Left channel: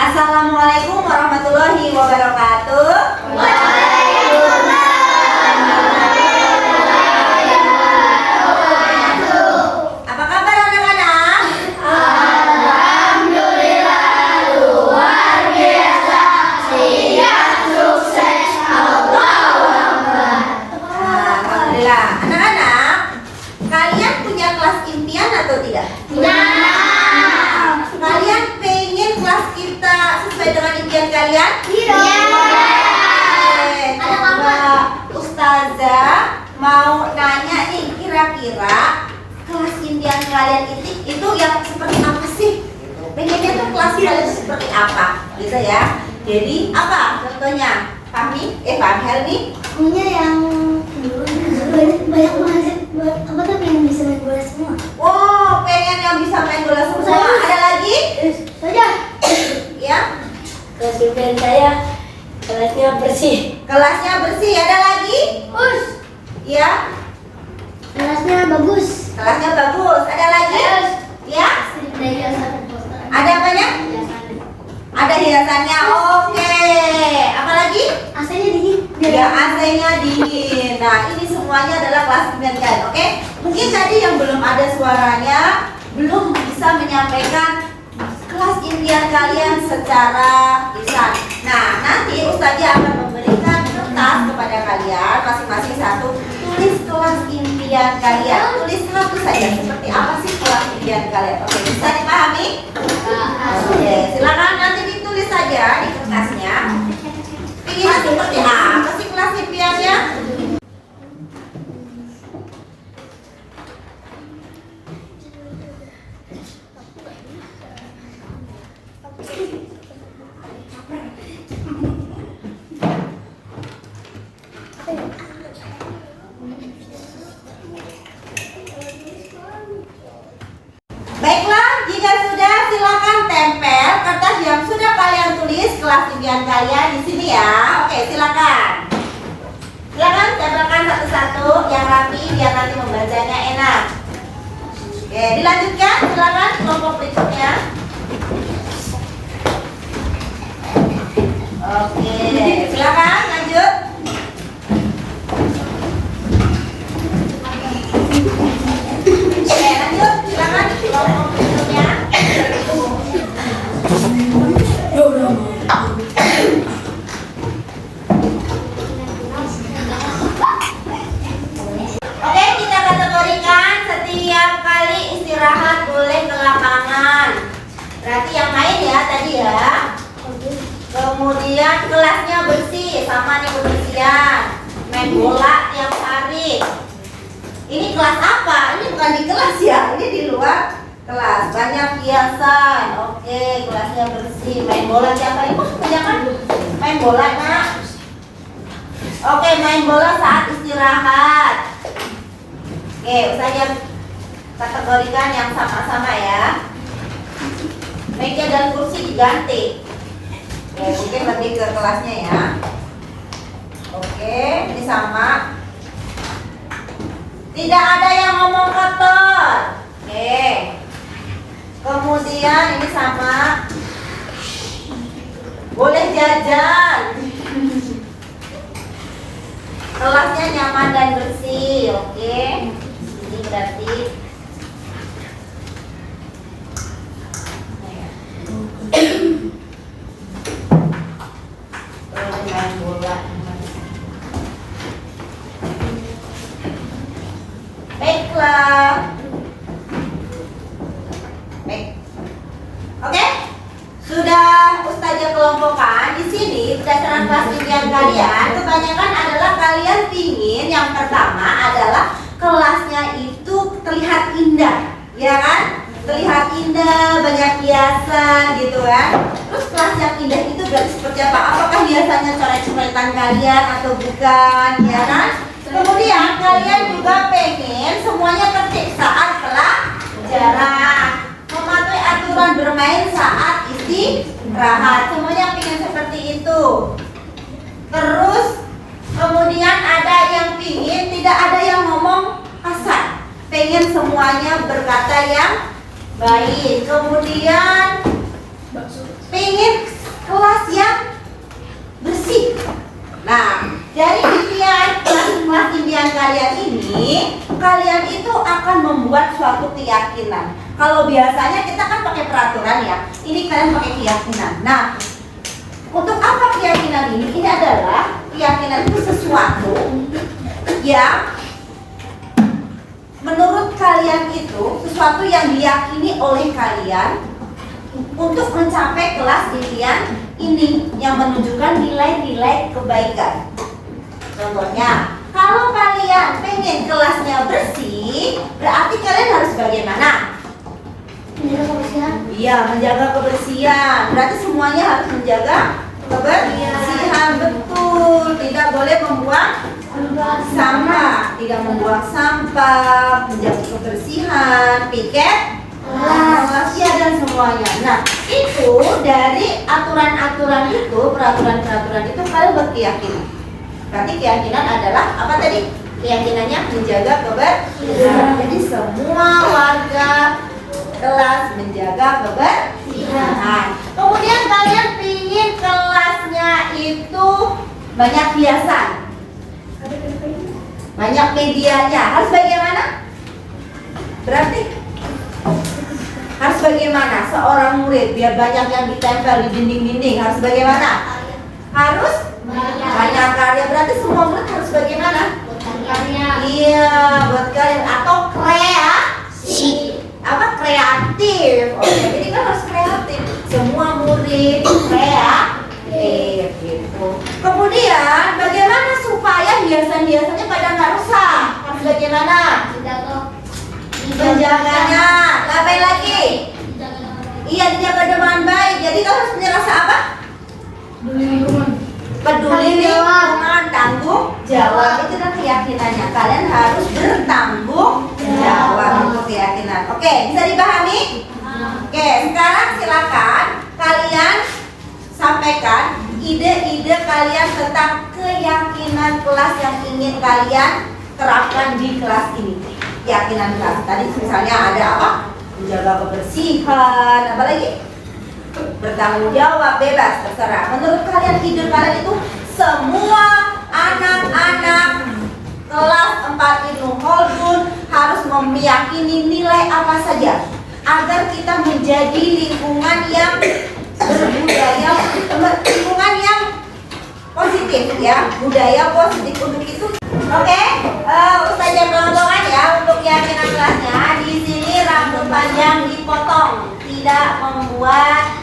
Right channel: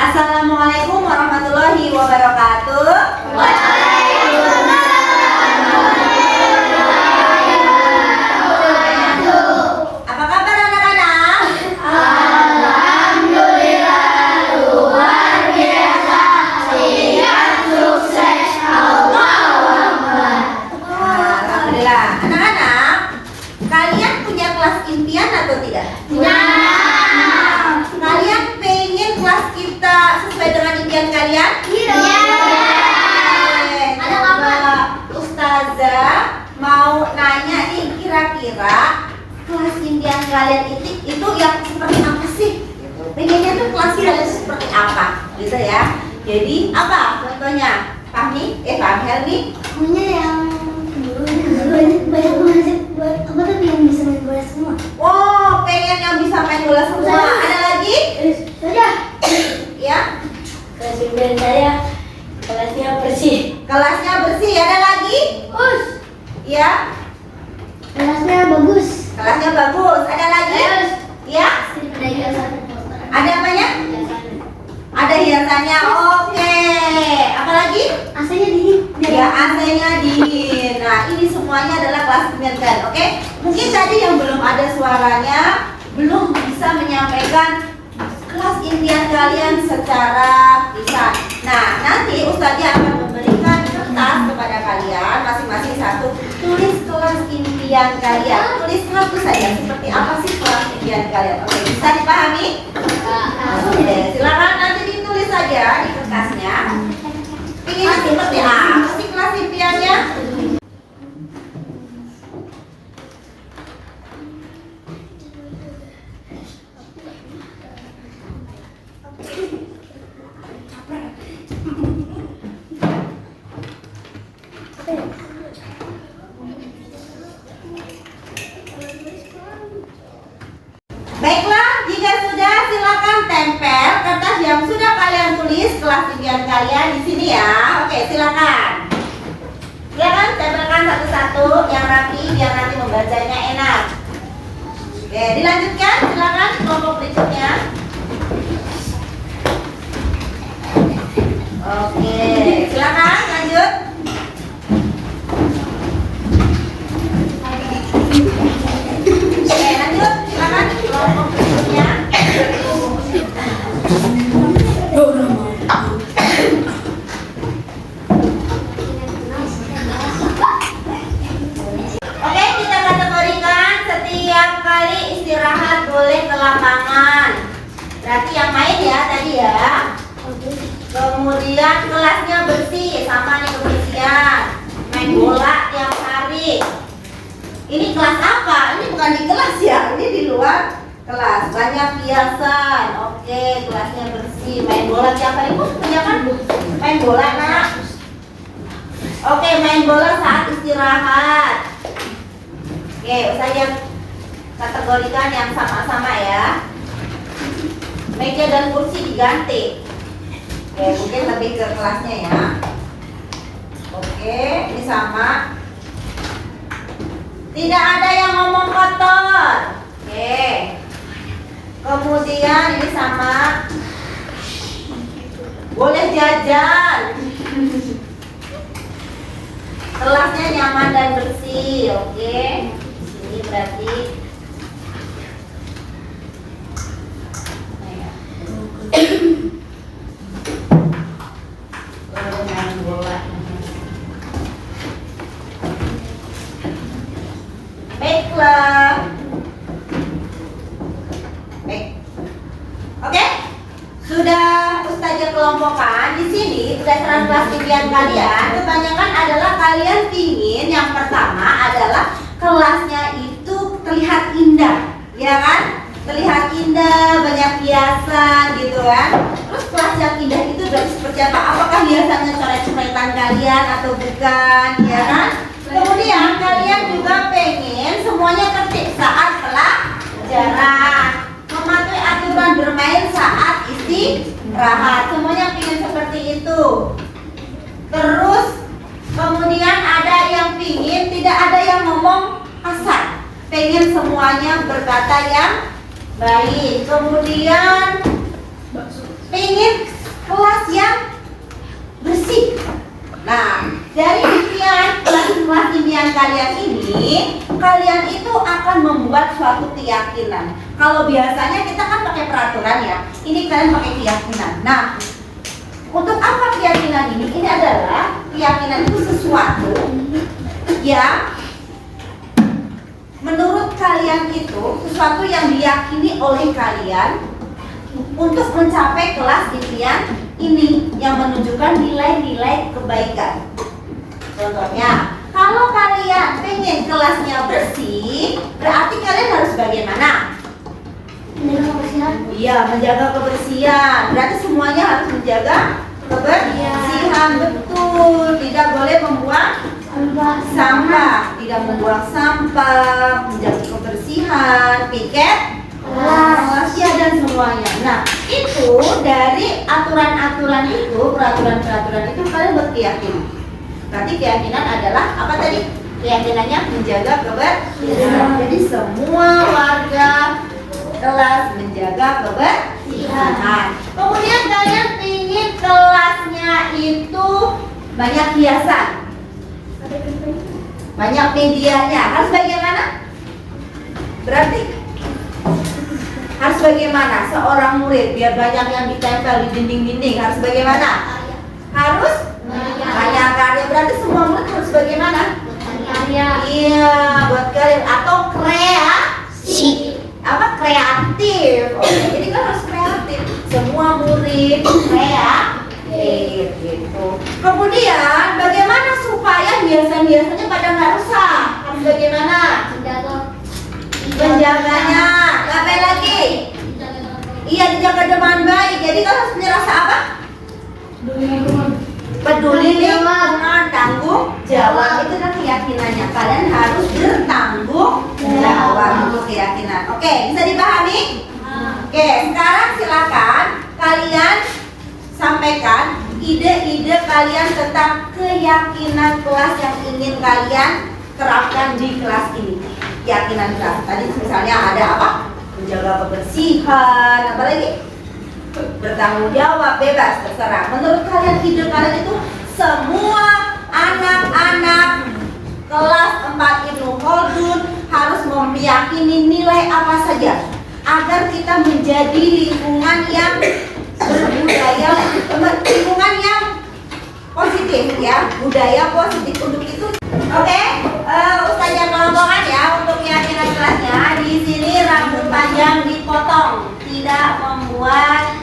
Assalamualaikum warahmatullahi wabarakatuh. Apa kabar anak-anak? Alhamdulillah luar biasa. Siap sukses. Allahu Akbar. Alhamdulillah. Anak-anak, kalian punya kelas impian atau tidak? Kalian pengen kelas kita sesuai dengan impian kalian? Coba Ustazah mau nanya nih, kira-kira kelas impian kalian itu yang seperti apa sih? Pengennya tuh kelas kalian itu seperti apa? Gitu ya. Jadi apa contohnya? Fahmi? Helmi? Punya yang banyak apa tuh yang bisa main bola semua. Oh, pengen yang bisa main bola semua. Ada lagi? Saja. Ya. Kelas impian saya kelasnya bersih. Kelasnya bersih. Ada lagi? Us. Ya. Kelasnya bagus. Kelasnya bagus. Ada lagi? Ya. Ada hiasan poster. Ada apanya? Ada hiasannya. Oke. Apa lagi? AC-nya dingin. Ya, AC-nya dingin. Nah, ini semuanya adalah kelas impian kalian. Oke. Mungkin tadi yang belum ada suaranya, belum bisa menyampaikan kelas impian kalian secara lisan. Nah, nanti Ustazah akan memberikan kertas kepada kalian masing-masing satu. Tulis kelas impian kalian. Tulis satu saja. Seperti apa sih kelas impian kalian? Oke, bisa dipahami? Oke, silakan nanti ditulis saja di kertasnya. Ingin seperti apa sih kelas impiannya? Baiklah, jika sudah silakan tempel kertas yang sudah kalian tulis kelas impian kalian di sini ya. Oke, silakan. Silakan tempelkan satu-satu yang rapi biar nanti membacanya enak. Oke, dilanjutkan. Silakan kelompok berikutnya. Oke, silakan lanjut. Oke, lanjut. Silakan kelompok berikutnya. Oke, kita kategorikan setiap kali istirahat boleh ke lapangan. Berarti yang main ya tadi ya. Kemudian kelasnya bersih, sama nih kebersihan. Main bola tiap hari. Ini kelas apa? Ini bukan di kelas ya, ini di luar kelas. Banyak hiasan. Oke, kelasnya bersih. Main bola tiap hari. Kebanyakan main bola, Nak. Oke, main bola saat istirahat. Oke, Ustazah kategorikan yang sama-sama ya. Meja dan kursi diganti. Oke, mungkin lebih ke kelasnya ya. Oke, ini sama. Tidak ada yang ngomong kotor. Oke. Kemudian ini sama. Boleh jajan. Kelasnya nyaman dan bersih. Oke. Ini berarti boleh main bola. Baiklah. Baik. Oke. Sudah Ustazah kelompokkan di sini berdasarkan kelas impian kalian. Kebanyakan adalah kalian pingin yang pertama adalah kelasnya itu terlihat indah, ya kan? Terlihat indah, banyak hiasan gitu kan. Terus kelas yang indah itu berarti seperti apa? Apakah hiasannya coret-coretan kalian atau bukan, ya kan? Kemudian kalian juga pengen semuanya tertib saat pelajaran, mematuhi aturan bermain saat istirahat. Semuanya pengen seperti itu. Terus kemudian ada yang pingin tidak ada yang ngomong kasar, pengen semuanya berkata yang baik. Kemudian pengen dari kelas impian kalian ini, kalian itu akan membuat suatu keyakinan. Kalau biasanya kita kan pakai peraturan ya, ini kalian pakai keyakinan. Nah, untuk apa keyakinan ini? Ini adalah keyakinan itu sesuatu yang menurut kalian itu sesuatu yang diyakini oleh kalian untuk mencapai kelas impian ini yang menunjukkan nilai-nilai kebaikan. Contohnya, kalau kalian pengen kelasnya bersih, berarti kalian harus bagaimana? Iya, menjaga kebersihan. Berarti semuanya harus menjaga kebersihan, betul. Tidak boleh membuang sampah, tidak membuang sampah, menjaga kebersihan, piket rahasia dan semuanya. Nah, itu dari aturan-aturan itu, peraturan-peraturan itu kalian berkeyakinan. Berarti keyakinan adalah apa tadi? Keyakinannya menjaga kebersihan. Jadi semua warga kelas menjaga kebersihan. Kemudian kalian ingin kelasnya itu banyak hiasan, banyak medianya. Harus bagaimana? Berarti harus bagaimana seorang murid biar banyak yang ditempel di dinding-dinding? Harus bagaimana? Harus banyak karya. Berarti semua murid harus bagaimana? Iya, buat kalian atau kreatif. Oke, jadi kan harus kreatif. Semua murid kreatif gitu. Kemudian bagaimana supaya hiasan-hiasannya pada nggak rusak? Harus bagaimana? Menjaganya. Ngapain lagi? Iya, dijaga dengan baik. Jadi kan harus punya rasa apa? Peduli lingkungan, tanggung jawab. Itu kan keyakinannya. Kalian harus bertanggung jawab. Itu keyakinan. Oke, bisa dipahami? Oke, sekarang silakan kalian sampaikan ide-ide kalian tentang keyakinan kelas yang ingin kalian terapkan di kelas ini. Keyakinan kelas tadi misalnya ada apa? Menjaga kebersihan, apa lagi? Bertanggung jawab, bebas, terserah. Menurut kalian ide kalian itu semua anak-anak kelas 4 Ibnu Khaldun harus meyakini nilai apa saja agar kita menjadi lingkungan yang berbudaya, lingkungan yang positif ya, budaya positif. Untuk itu, oke, Ustazah kelompokan ya untuk keyakinan kelasnya. Di sini rambut panjang dipotong, tidak membuat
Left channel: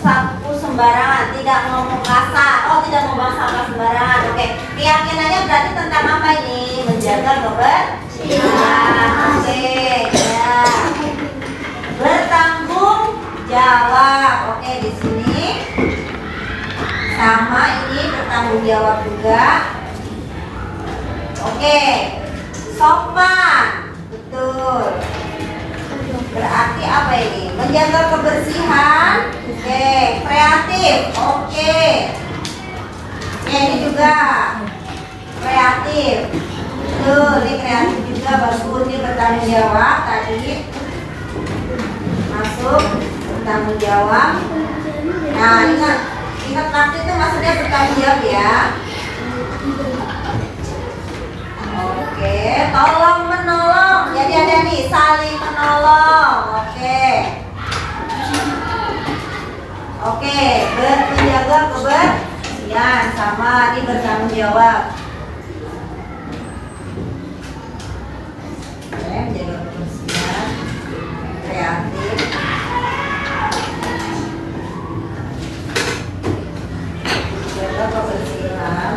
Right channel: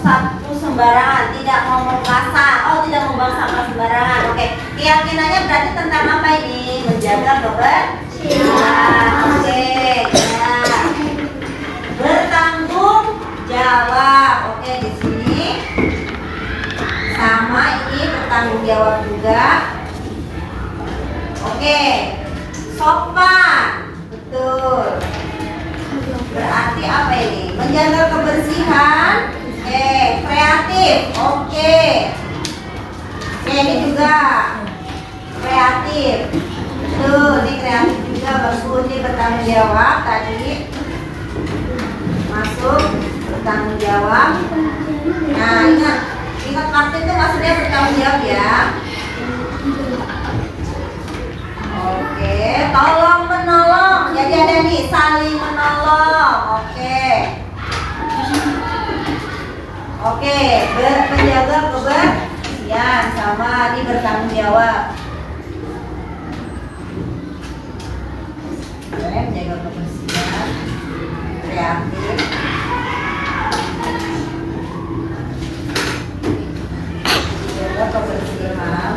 sapu sembarangan, tidak ngomong kasar, tidak membuang sampah sembarangan. Oke, keyakinannya berarti tentang apa ini? Menjaga kebersihan. Oke, ya. Bertanggung jawab. Oke, di sini sama ini bertanggung jawab juga. Oke, sopan, betul. Berarti apa ini? Menjaga kebersihan. Oke, kreatif. Oke. Ini juga kreatif. Tuh, ini kreatif juga bagus. Ini bertanggung jawab tadi. Masuk bertanggung jawab. Nah, ingat praktik itu maksudnya bertanggung jawab ya. Oke, tolong menolong. Jadi ada nih saling menolong. Oke, menjaga kebersihan sama ini bertanggung jawab. Oke, menjaga kebersihan, kreatif. Menjaga kebersihan.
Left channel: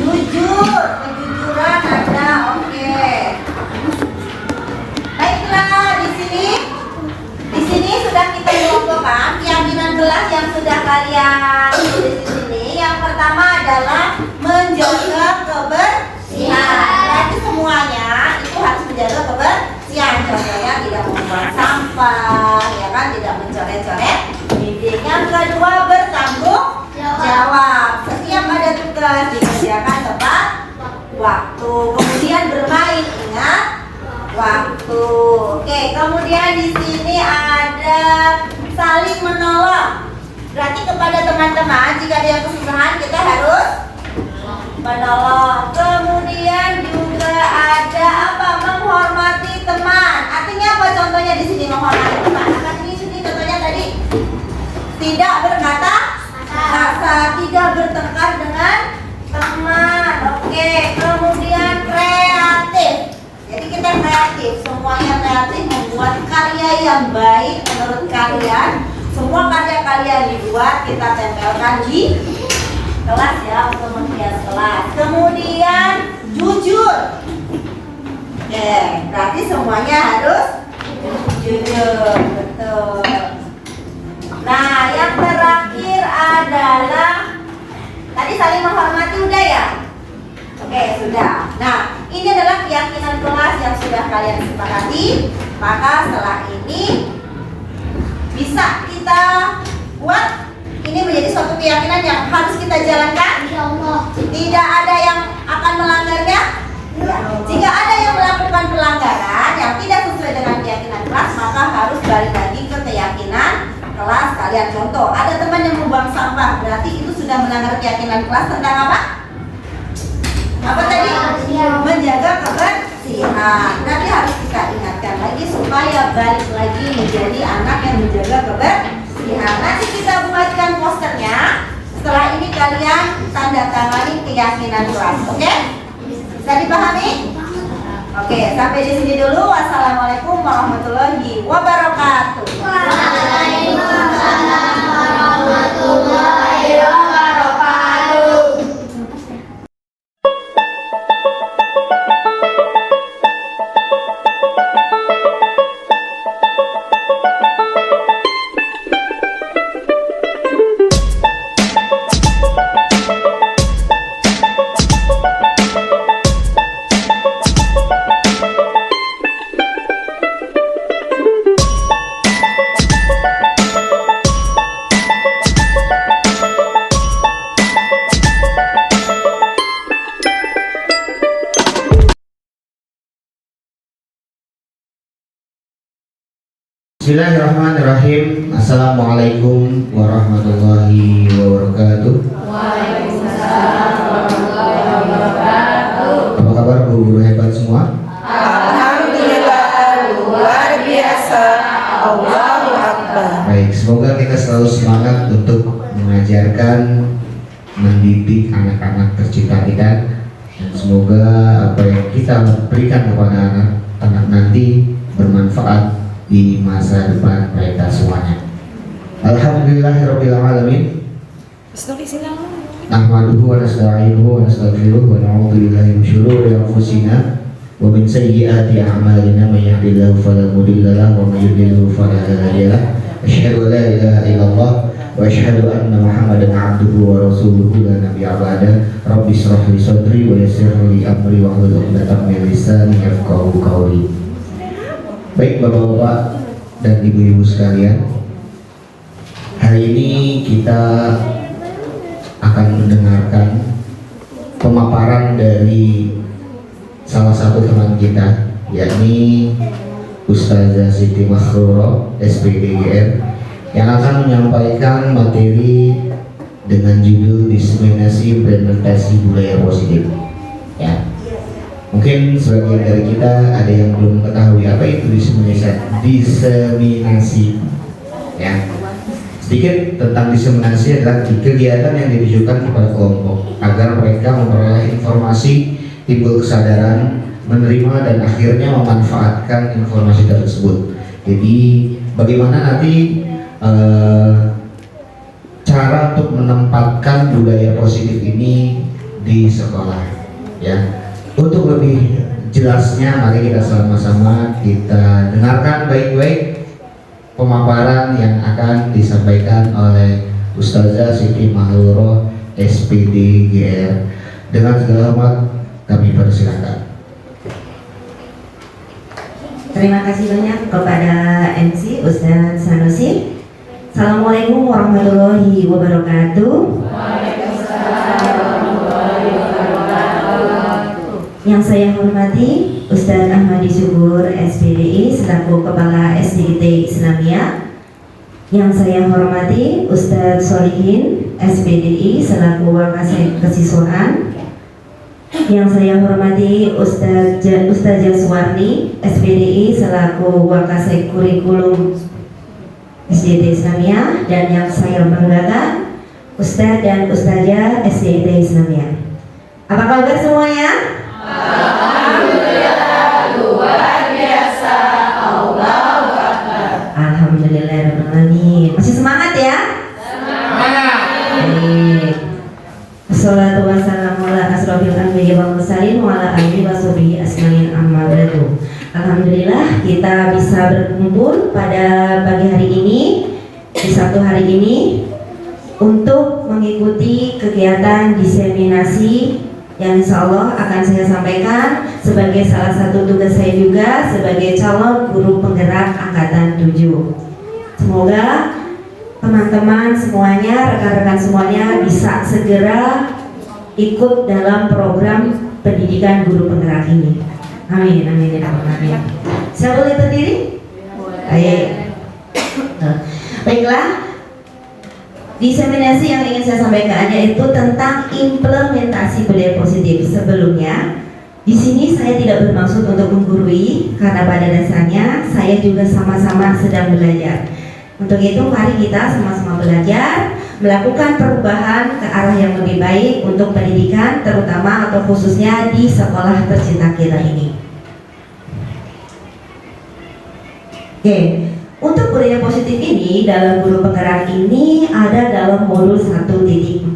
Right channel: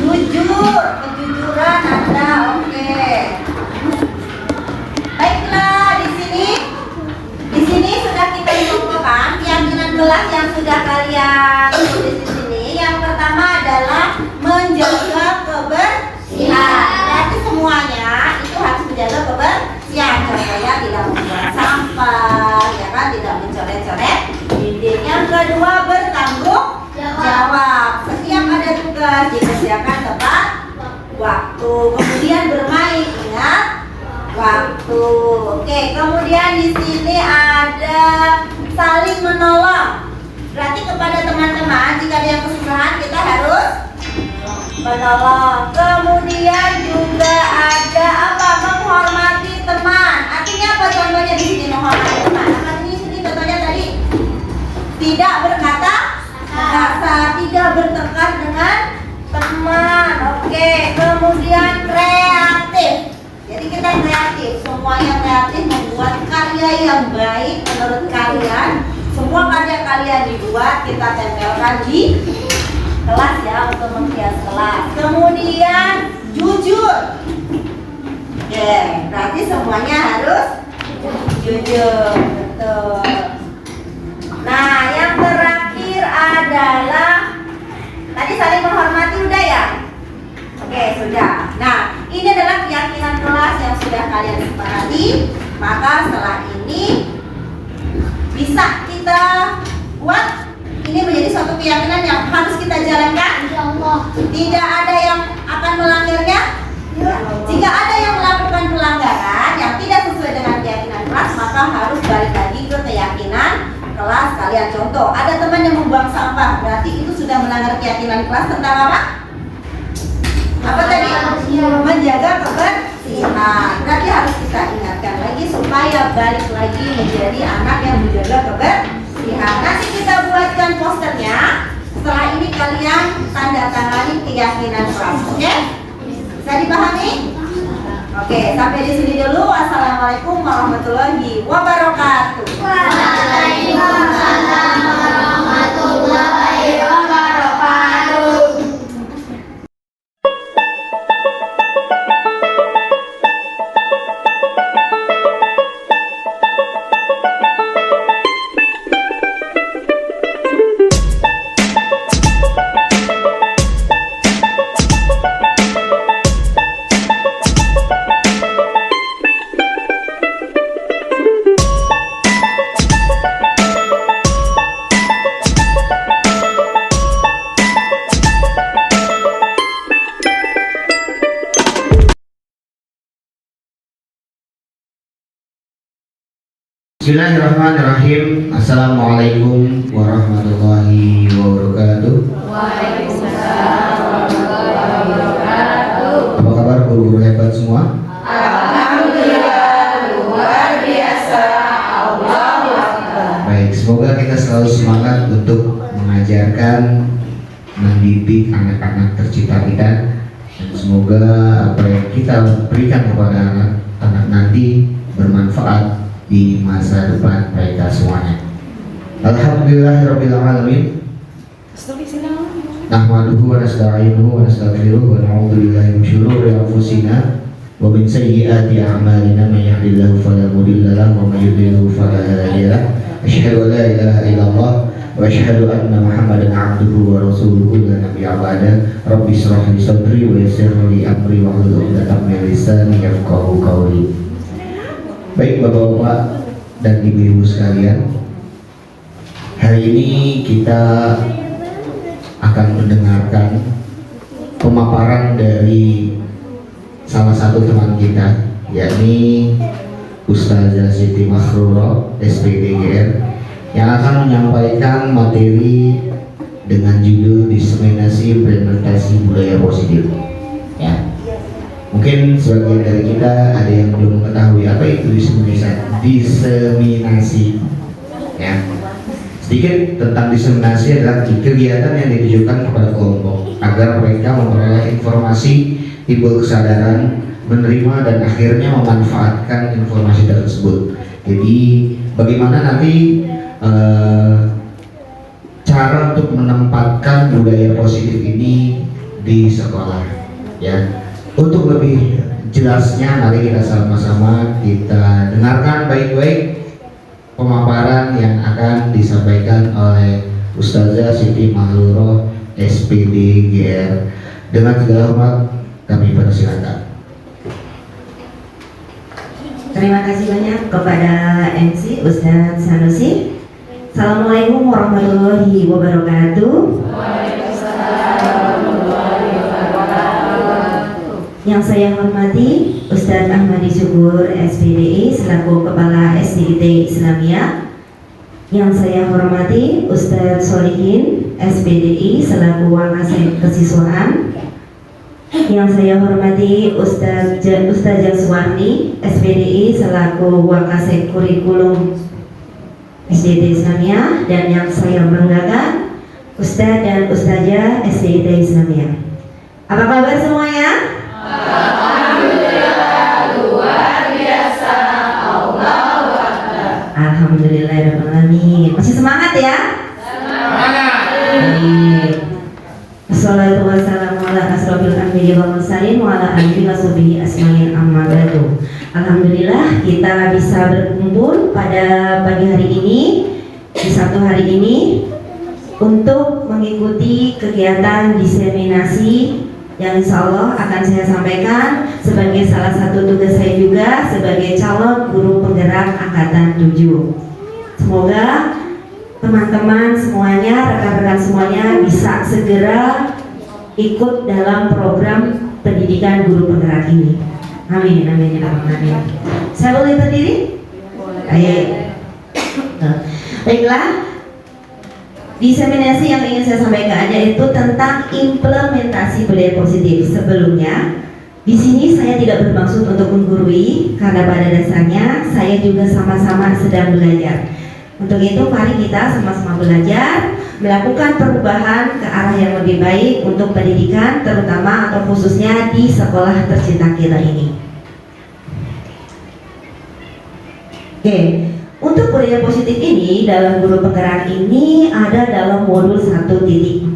Jujur, kejujuran ada. Oke. Baiklah, di sini sudah kita kelompokkan keyakinan kelas yang sudah kalian tulis di sini. Yang pertama adalah menjaga kebersihan. Berarti semuanya itu harus menjaga kebersihan. Contohnya tidak membuang sampah, ya kan, tidak mencoret-coret dinding. Yang kedua, bertanggung jawab. Setiap ada tugas dikerjakan tepat waktu. Kemudian bermain, ingat waktu. Oke, kemudian di sini ada saling menolong. Berarti kepada teman-teman jika ada yang kesusahan kita harus menolong. Kemudian juga ada apa? Menghormati teman. Artinya apa contohnya di sini menghormati teman? Apa di sini contohnya tadi? Tidak berkata kasar, tidak bertengkar dengan teman. Oke, kemudian kreatif. Jadi kita kreatif, semuanya kreatif membuat karya yang baik menurut kalian. Semua karya kalian dibuat, kita tempelkan di kelas ya untuk menghias kelas. Kemudian jujur. Oke, berarti semuanya harus jujur, betul. Nah, yang terakhir adalah tadi saling menghormati udah ya? Oke, sudah. Nah, ini adalah keyakinan kelas yang sudah kalian sepakati. Maka setelah ini bisa kita buat ini menjadi suatu keyakinan yang harus kita jalankan. Tidak ada yang akan melanggarnya. Jika ada yang melakukan pelanggaran yang tidak sesuai dengan keyakinan kelas, maka harus balik lagi ke keyakinan kelas kalian. Contoh, ada teman yang membuang sampah, berarti itu sudah melanggar keyakinan kelas tentang apa? Apa tadi? Menjaga kebersihan. Nanti harus kita ingatkan lagi supaya balik lagi menjadi anak yang menjaga kebersihan. Nanti kita buatkan posternya. Setelah ini kalian tanda tangani keyakinan kelas. Oke? Bisa dipahami? Oke, sampai di sini dulu. Wassalamualaikum warahmatullahi wabarakatuh. Waalaikumsalam warahmatullahi wabarakatuh. Bismillahirrahmanirrahim. Assalamualaikum warahmatullahi wabarakatuh. Waalaikumsalam warahmatullahi wabarakatuh. Apa kabar guru hebat semua? Alhamdulillah, luar biasa. Allahu Akbar. Baik, semoga kita selalu semangat untuk mengajarkan, mendidik anak-anak tercinta kita, dan semoga apa yang kita berikan kepada anak-anak nanti bermanfaat di masa depan mereka semuanya. Alhamdulillahirabbil alamin. Nahmaduhu wa nasta'inuhu wa nastaghfiruh wa na'udzu billahi min syururi anfusina wa min sayyiati a'malina may yahdihillahu fala mudilla lahu wa may yudlil fala hadiya lahu. Asyhadu an la ilaha illallah wa asyhadu anna Muhammadan 'abduhu wa rasuluhu la nabiyya ba'da. Rabbi shrah li sadri wa yassir li amri wa hlul 'uqdatam min lisani yafqahu qawli. Baik Bapak-bapak dan Ibu-ibu sekalian, hari ini kita akan mendengarkan pemaparan dari salah satu teman kita, yakni Ustazah Siti Mahrurah SPDGR, yang akan menyampaikan materi dengan judul diseminasi implementasi budaya positif. Ya. Mungkin sebagian dari kita ada yang belum mengetahui apa itu diseminasi. Ya. Sedikit tentang diseminasi adalah kegiatan yang ditujukan kepada kelompok agar mereka memperoleh informasi, timbul kesadaran, menerima dan akhirnya memanfaatkan informasi tersebut. Jadi bagaimana nanti cara untuk menempatkan budaya positif ini di sekolah, ya. Untuk lebih jelasnya, mari kita sama-sama kita dengarkan baik-baik pemaparan yang akan disampaikan oleh Ustazah Siti Mahrurah SPDGR. Dengan segala hormat kami persilakan. Terima kasih banyak kepada MC Ustadz Sanusi. Assalamualaikum warahmatullahi wabarakatuh. Yang saya hormati Ustadz Ahmadi Syukur SPDI selaku Kepala SDGT Islamiyah. Yang saya hormati Ustadz Solihin SPDI selaku Wakasek Kesiswaan. Yang saya hormati Ustazah Suwarni SPDI selaku Wakasek Kurikulum SDGT Islamiyah, dan yang saya banggakan Ustadz dan Ustazah SDGT Islamiyah. Apa kabar semuanya? Alhamdulillah, luar biasa. Allahu Akbar. Alhamdulillahirrahmanirrahim. Masih semangat ya? Semangat. Baik. Assalatu wassalamu ala asrofil anbiya'i wal mursalin wa ala alihi wa sahbihi asma'in amma ba'du. Alhamdulillah kita bisa berkumpul pada pagi hari ini, di satu hari ini, untuk mengikuti kegiatan diseminasi yang insya Allah akan saya sampaikan sebagai salah satu tugas saya juga sebagai calon guru penggerak angkatan 7. Semoga teman-teman semuanya, rekan-rekan semuanya bisa segera ikut dalam program pendidikan guru penggerak ini. Amin, amin, amin. Saya boleh berdiri? Baik. Baiklah. Diseminasi yang ingin saya sampaikan yaitu tentang implementasi budaya positif. Sebelumnya, di sini saya tidak bermaksud untuk menggurui karena pada dasarnya saya juga sama-sama sedang belajar. Untuk itu, mari kita sama-sama belajar melakukan perubahan ke arah yang lebih baik untuk pendidikan, terutama atau khususnya di sekolah tercinta kita ini. Oke. Untuk budaya positif ini dalam guru penggerak ini ada dalam modul 1.4.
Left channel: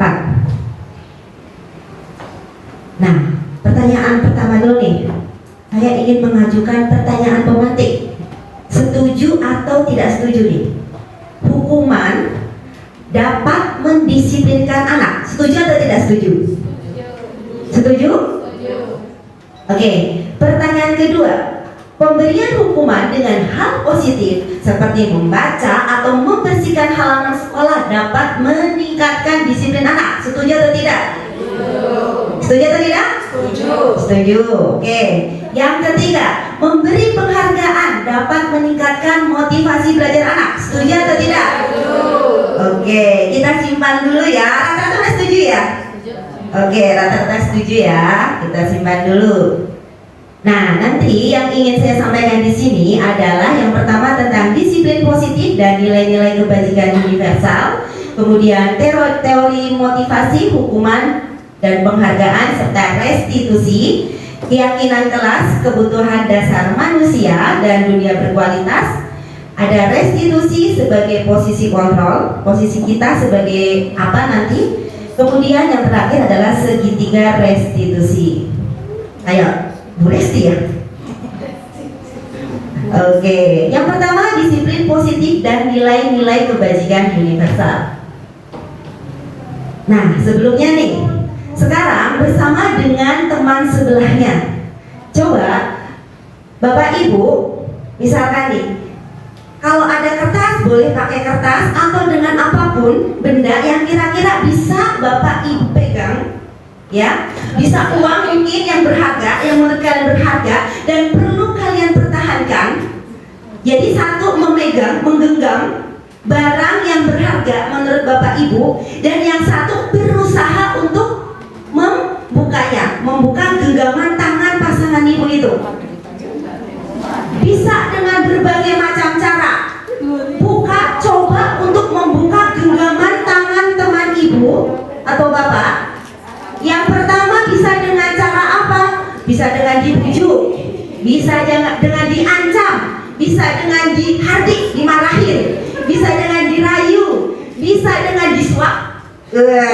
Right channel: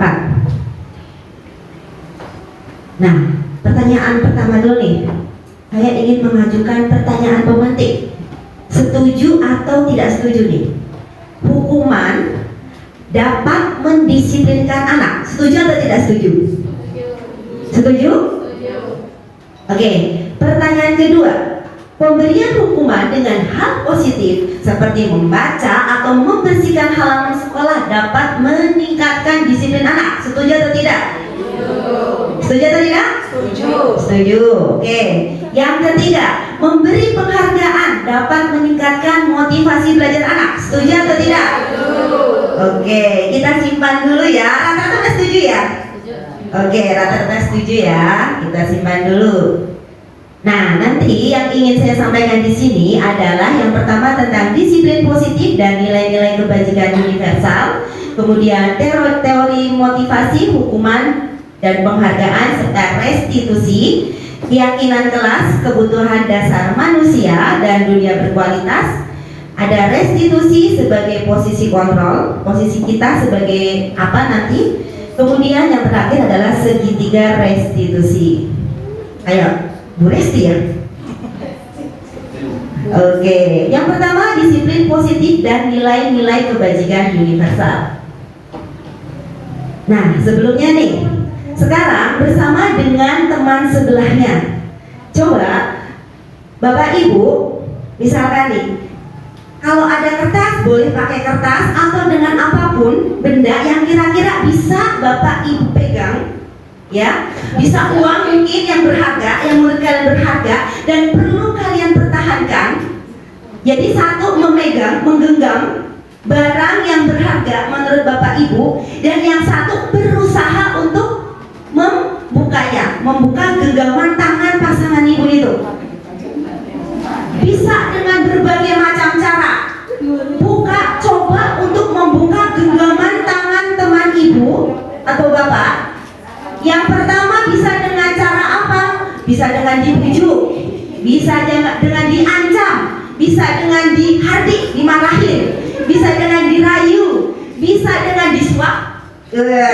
Nah, pertanyaan pertama dulu nih. Saya ingin mengajukan pertanyaan pemantik. Setuju atau tidak setuju nih? Hukuman dapat mendisiplinkan anak. Setuju atau tidak setuju? Setuju? Oke, pertanyaan kedua. Pemberian hukuman dengan hal positif seperti membaca atau membersihkan halaman sekolah dapat meningkatkan disiplin anak. Setuju atau tidak? Setuju atau tidak? Setuju. Setuju. Oke. Yang ketiga, memberi penghargaan dapat meningkatkan motivasi belajar anak. Setuju atau tidak? Setuju. Oke, kita simpan dulu ya. Rata-rata setuju ya? Oke, rata-rata setuju ya. Kita simpan dulu. Nah, nanti yang ingin saya sampaikan di sini adalah yang pertama tentang disiplin positif dan nilai-nilai kebajikan universal, kemudian teori motivasi, hukuman dan penghargaan serta restitusi, keyakinan kelas, kebutuhan dasar manusia dan dunia berkualitas. Ada restitusi sebagai posisi kontrol, posisi kita sebagai apa nanti. Kemudian yang terakhir adalah segitiga restitusi. Ayo, Bu Resti ya. Oke, yang pertama disiplin positif dan nilai-nilai kebajikan universal. Nah, sebelumnya nih, sekarang bersama dengan teman sebelahnya, coba Bapak Ibu, misalkan nih, kalau ada kertas boleh pakai kertas atau dengan apapun benda yang kira-kira bisa Bapak Ibu pegang. Ya, bisa uang mungkin yang berharga, yang menurut kalian berharga dan perlu kalian pertahankan. Jadi satu memegang, menggenggam barang yang berharga menurut Bapak Ibu, dan yang satu berusaha untuk membukanya, membuka genggaman tangan pasangan ibu itu. Bisa dengan berbagai macam cara. Buka, coba untuk membuka genggaman tangan teman ibu atau bapak. Yang pertama bisa dengan cara apa? Bisa dengan dibujuk, bisa dengan diancam, bisa dengan dihardik, dimarahin, bisa dengan dirayu, bisa dengan disuap.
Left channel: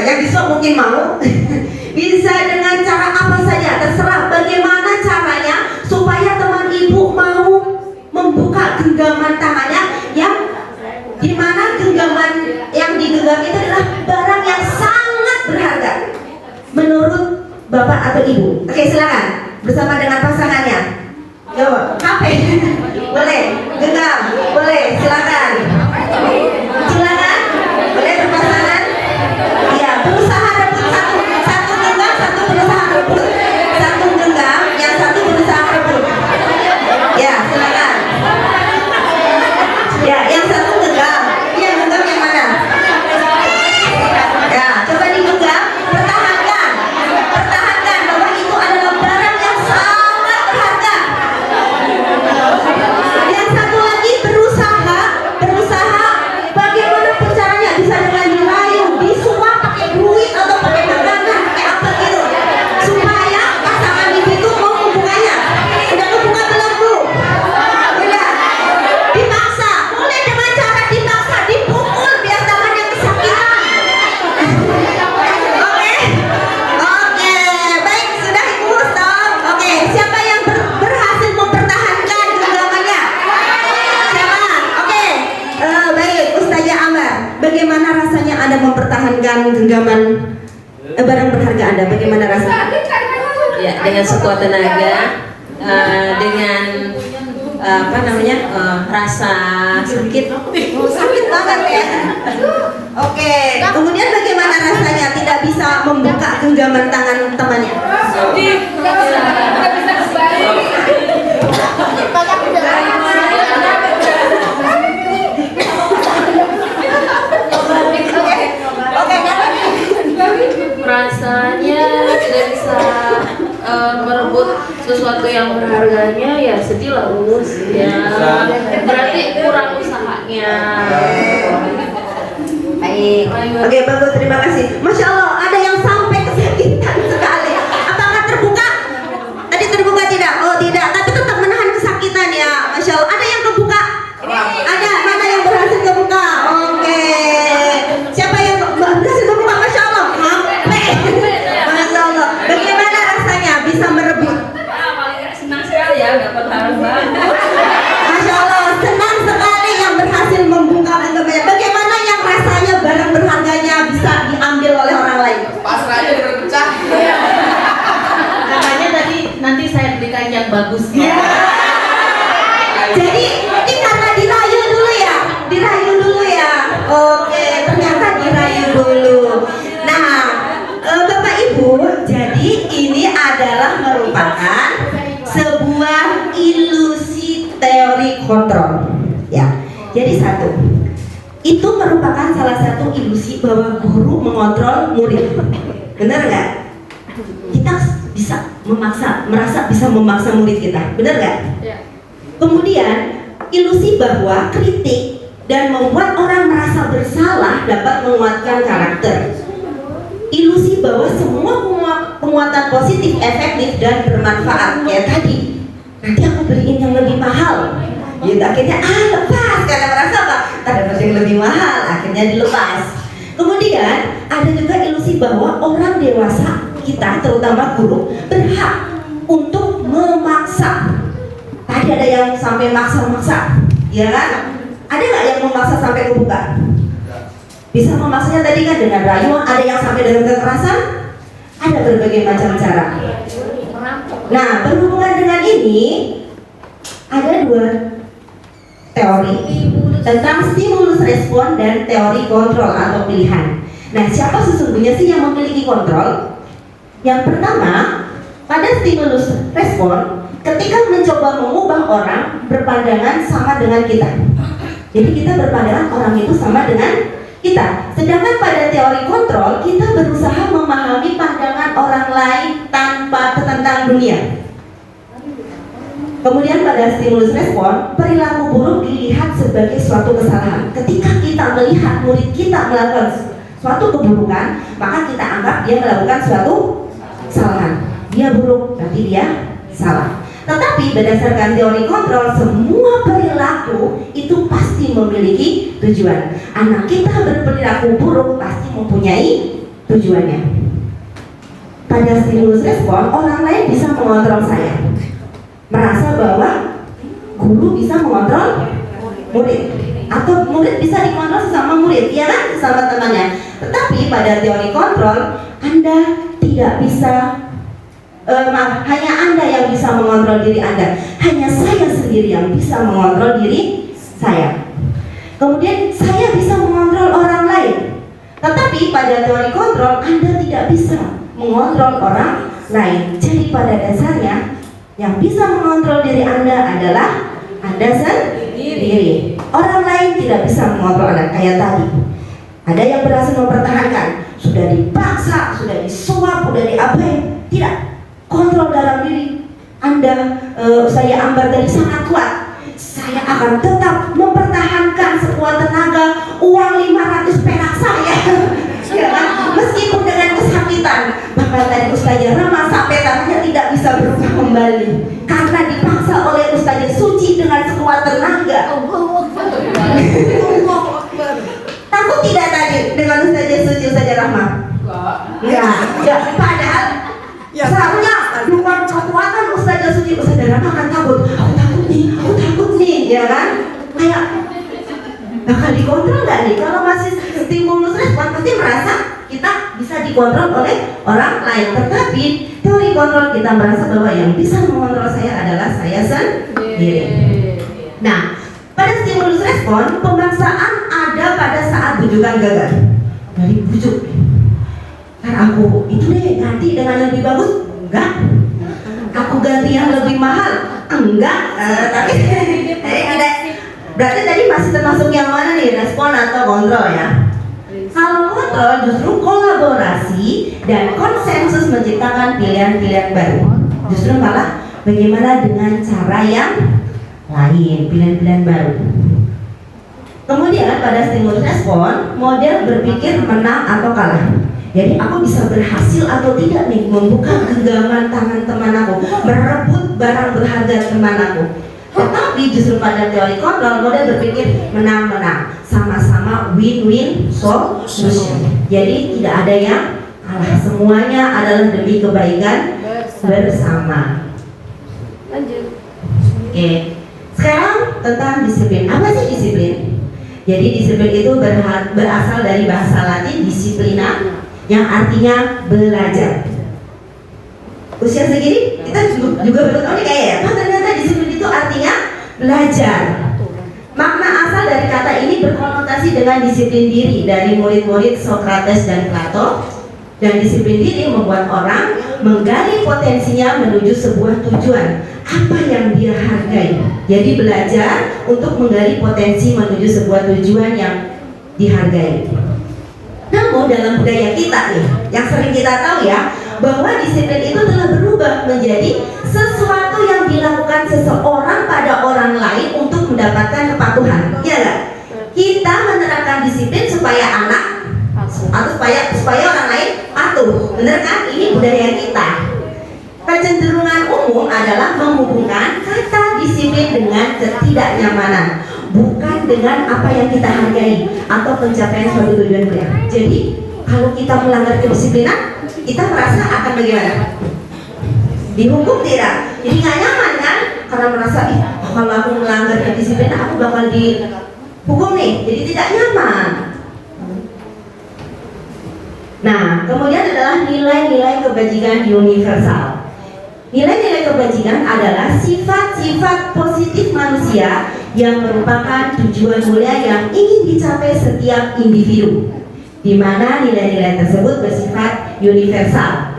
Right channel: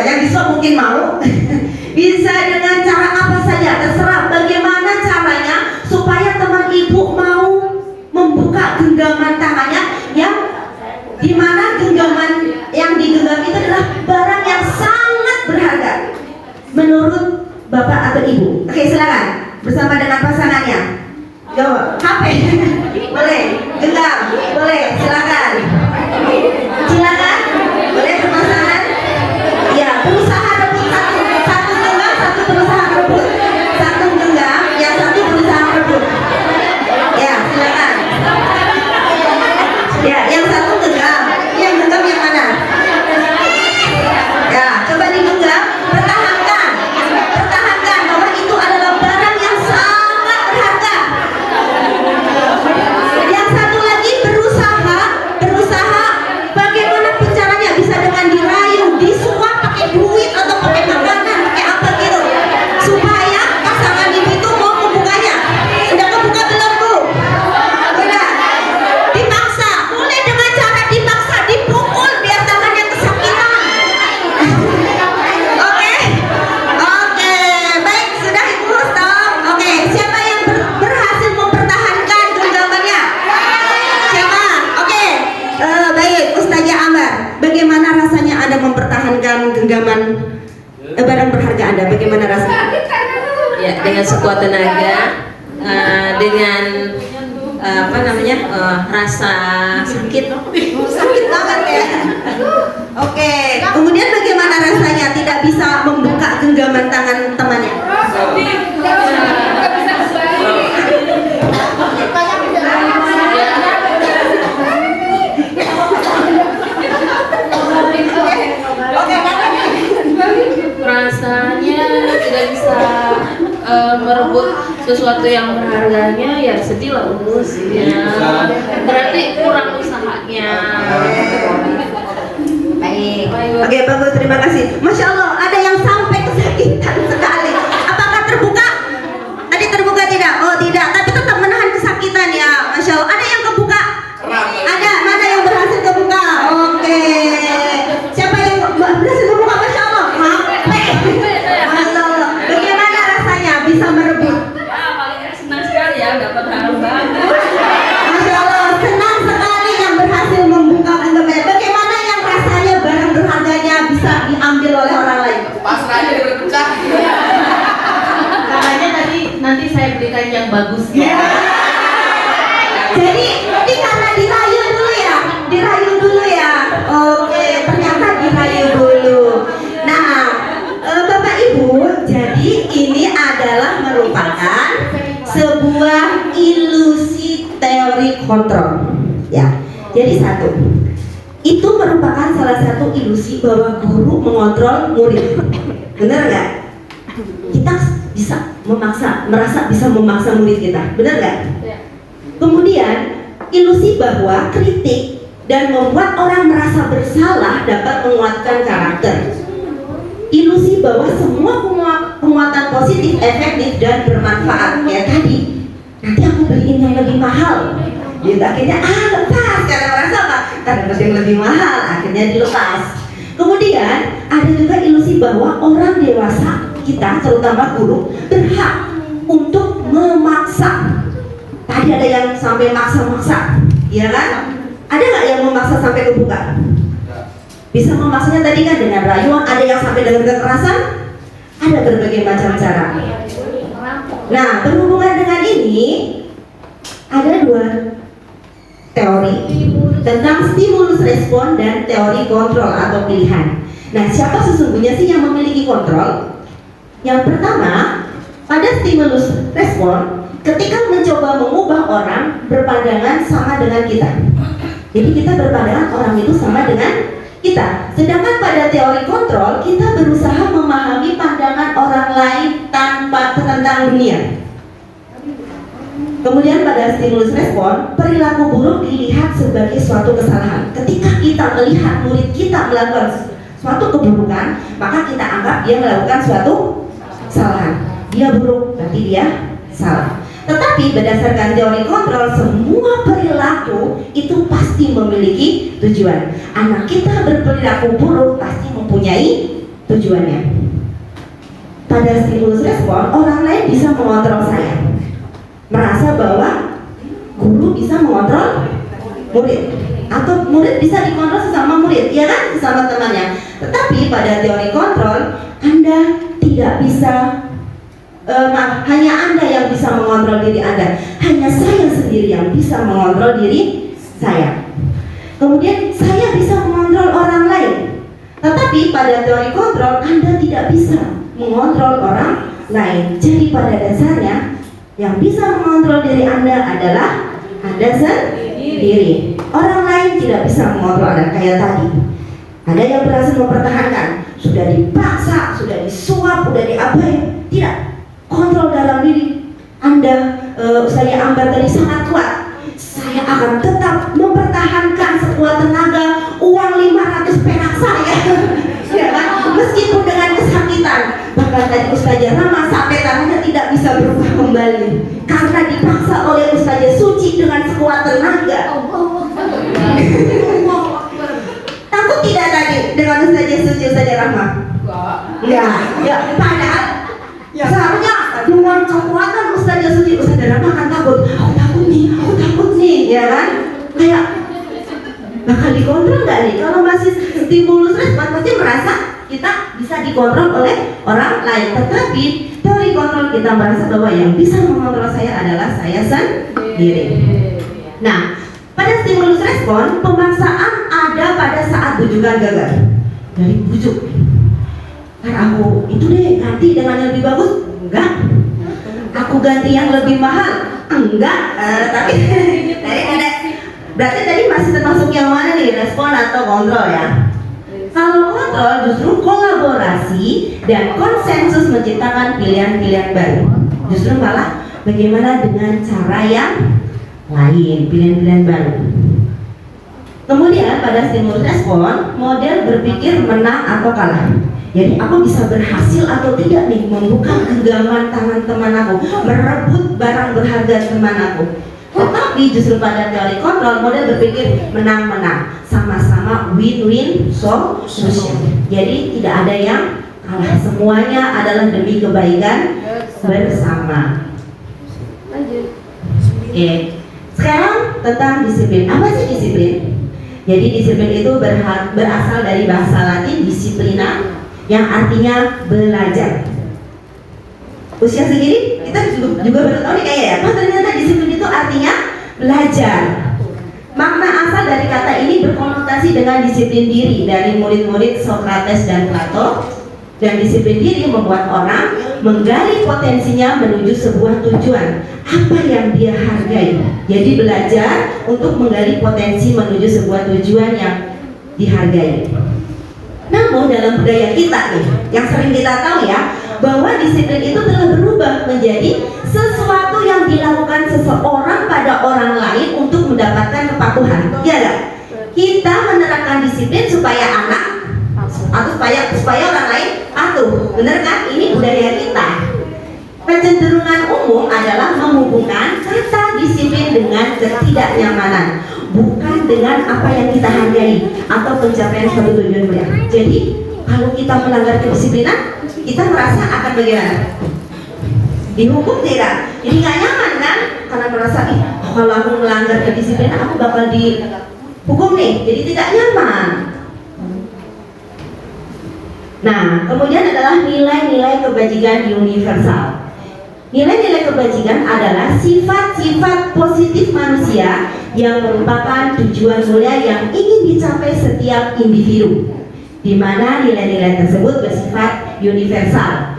Yang disuap mungkin mau. Bisa dengan cara apa saja, terserah bagaimana caranya supaya teman ibu mau membuka genggaman tangannya, yang dimana genggaman yang digenggam itu adalah barang yang sangat berharga menurut bapak atau ibu. Oke, silakan bersama dengan pasangannya. Jawab. HP. Boleh. Genggam. Boleh. Silakan. Silakan. Boleh berpasangan. Ya, berusaha rebut satu genggam, satu berusaha rebut. Satu genggam, yang satu berusaha rebut. Ya, silakan. Ya, yang satu genggam. Yang genggam yang mana? Ya, coba digenggam. Pertahankan. Pertahankan bahwa itu adalah barang yang sangat berharga. Yang satu lagi berusaha bagaimana caranya bisa dengan dirayu, disuap pakai duit atau pakai makanan, pakai apa gitu, supaya pasangan ibu itu mau membukanya. Udah kebuka belum Bu? Udah. Dipaksa, boleh dengan cara dipaksa, dipukul biar tangannya kesakitan. Oke, baik sudah Ibu stop. Oke, siapa yang berhasil mempertahankan genggamannya? Siapa? Oke, baik Ustazah Ambar, bagaimana rasanya Anda mempertahankan genggaman barang berharga Anda? Bagaimana rasanya? Ya, dengan sekuat tenaga, dengan rasa sakit. Sakit banget ya. Oke, kemudian bagaimana rasanya tidak bisa membuka genggaman tangan temannya? Rasanya tidak bisa merebut sesuatu yang berharganya, ya sedih lah Us. Ya, berarti kurang usahanya. Baik. Oke, bagus, terima kasih. Masya Allah, ada yang sampai kesakitan sekali. Apakah terbuka? Tadi terbuka tidak? Oh tidak, tapi tetap menahan kesakitan ya. Masya Allah, ada yang kebuka? Ada, mana yang berhasil kebuka? Oke. Siapa yang berhasil kebuka? Masya Allah, sampai. Masya Allah, bagaimana rasanya bisa merebut? Paling senang sekali ya, dapat harum banget. Masya Allah, senang sekali yang berhasil membuka genggamannya. Bagaimana yang rasanya barang berharganya bisa diambil oleh orang lain? Pasrah aja daripada pecah. Makanya tadi nanti saya belikan yang bagus. Ya. Jadi ini karena dirayu dulu ya, dirayu dulu ya. Oke, ternyata dirayu dulu. Nah, Bapak Ibu, jadi ini adalah merupakan sebuah ilusi teori kontrol. Ya, jadi satu, itu merupakan salah satu ilusi bahwa guru mengontrol murid. Benar nggak? Kita bisa merasa bisa memaksa murid kita, benar nggak? Kemudian ilusi bahwa kritik dan membuat orang merasa bersalah dapat menguatkan karakter. Ilusi bahwa semua penguatan positif efektif dan bermanfaat. Kayak tadi, nanti aku beliin yang lebih mahal. Ya akhirnya lepas, karena merasa apa? Ntar dapat yang lebih mahal, akhirnya dilepas. Kemudian ada juga ilusi bahwa orang dewasa, kita terutama guru, berhak untuk memaksa. Tadi ada yang sampai maksa-maksa, ya kan? Ada nggak yang memaksa sampai kebuka? Bisa memaksanya tadi kan dengan rayuan, ada yang sampai dengan kekerasan, ada berbagai macam cara. Nah, berhubungan dengan ini, ada dua teori tentang stimulus respon dan teori kontrol atau pilihan. Nah, siapa sesungguhnya sih yang memiliki kontrol? Yang pertama, pada stimulus respon, ketika mencoba mengubah orang berpandangan sama dengan kita. Jadi kita berpandangan orang itu sama dengan kita. Sedangkan pada teori kontrol, kita berusaha memahami pandangan orang lain tanpa tentang dunia. Kemudian pada stimulus respon, perilaku buruk dilihat sebagai suatu kesalahan. Ketika kita melihat murid kita melakukan suatu keburukan, maka kita anggap dia melakukan suatu kesalahan. Dia buruk, berarti dia salah. Tetapi berdasarkan teori kontrol, semua perilaku itu pasti memiliki tujuan. Anak kita berperilaku buruk pasti mempunyai tujuannya. Pada stimulus respon, orang lain bisa mengontrol saya. Merasa bahwa guru bisa mengontrol murid, atau murid bisa dikontrol sesama murid, ya kan, sesama temannya. Tetapi pada teori kontrol, Anda tidak bisa hanya Anda yang bisa mengontrol diri Anda. Hanya saya sendiri yang bisa mengontrol diri saya. Kemudian saya bisa mengontrol orang lain. Tetapi pada teori kontrol Anda tidak bisa mengontrol orang lain. Jadi pada dasarnya yang bisa mengontrol diri Anda adalah Anda sendiri. Orang lain tidak bisa mengontrol Anda. Kayak tadi, ada yang berhasil mempertahankan, sudah dipaksa, sudah disuap, sudah diapain, tidak kontrol dalam diri Anda. Saya Ambar tadi sangat kuat. Saya akan tetap mempertahankan sekuat tenaga uang 500 perak saya. Ya kan? Meskipun dengan kesakitan. Bahkan tadi Ustazah Rama sampai tangannya tidak bisa berubah kembali karena dipaksa oleh Ustazah Suci dengan sekuat tenaga. Takut tidak tadi dengan Ustazah Suci, Ustazah Rama? Enggak. Ya, padahal seharusnya dengan kekuatan Ustazah Suci, Ustazah Rama akan takut. Aku takut nih, ya kan? Kayak bakal dikontrol nggak nih? Kalau masih stimulus respon pasti merasa kita bisa dikontrol oleh orang lain. Tetapi teori kontrol kita merasa bahwa yang bisa mengontrol saya adalah saya sendiri. Nah, pada stimulus respon pemaksaan ada pada saat bujukan gagal. Dari bujuk, aku itu deh ganti dengan yang lebih bagus, enggak. Aku ganti yang lebih mahal, enggak. Tapi tadi ada, berarti tadi masih termasuk yang mana nih, respon atau kontrol ya? Kalau kontrol justru kolaborasi dan konsensus menciptakan pilihan-pilihan baru. Justru malah bagaimana dengan cara yang lain, pilihan-pilihan baru. Kemudian pada stimulus respon, model berpikir menang atau kalah. Jadi aku bisa berhasil atau tidak nih membuka genggaman tangan teman aku, merebut barang berharga teman aku. Tetapi justru pada teori kontrol, model berpikir menang-menang, sama-sama win-win solution. Jadi tidak ada yang kalah, semuanya adalah demi kebaikan bersama. Lanjut. Oke, sekarang tentang disiplin. Apa sih disiplin? Jadi disiplin itu berasal dari bahasa Latin disiplina, yang artinya belajar. Usia segini kita juga baru tahu nih kayak ya, kan ternyata disiplin itu artinya belajar. Makna asal dari kata ini berkonotasi dengan disiplin diri dari murid-murid Socrates dan Plato. Dan disiplin diri membuat orang menggali potensinya menuju sebuah tujuan, apa yang dia hargai. Jadi belajar untuk menggali potensi menuju sebuah tujuan yang dihargai. Namun dalam budaya kita nih, yang sering kita tahu ya, bahwa disiplin itu telah berubah menjadi sesuatu yang dilakukan seseorang pada orang lain untuk mendapatkan kepatuhan. Iya nggak? Kita menerapkan disiplin supaya anak atau supaya orang lain patuh. Bener kan? Ini budaya kita. Kecenderungan umum adalah menghubungkan kata disiplin dengan ketidaknyamanan, bukan dengan apa yang kita hargai atau pencapaian suatu tujuan mulia. Jadi kalau kita melanggar kedisiplinan, kita merasa akan bagaimana? Dihukum tidak? Jadi nggak nyaman kan? Karena merasa kalau aku melanggar kedisiplinan aku bakal dihukum nih. Jadi tidak nyaman. Nah, kemudian adalah nilai-nilai kebajikan universal. Nilai-nilai kebajikan adalah sifat-sifat positif manusia yang merupakan tujuan mulia yang ingin dicapai setiap individu, di mana nilai-nilai tersebut bersifat universal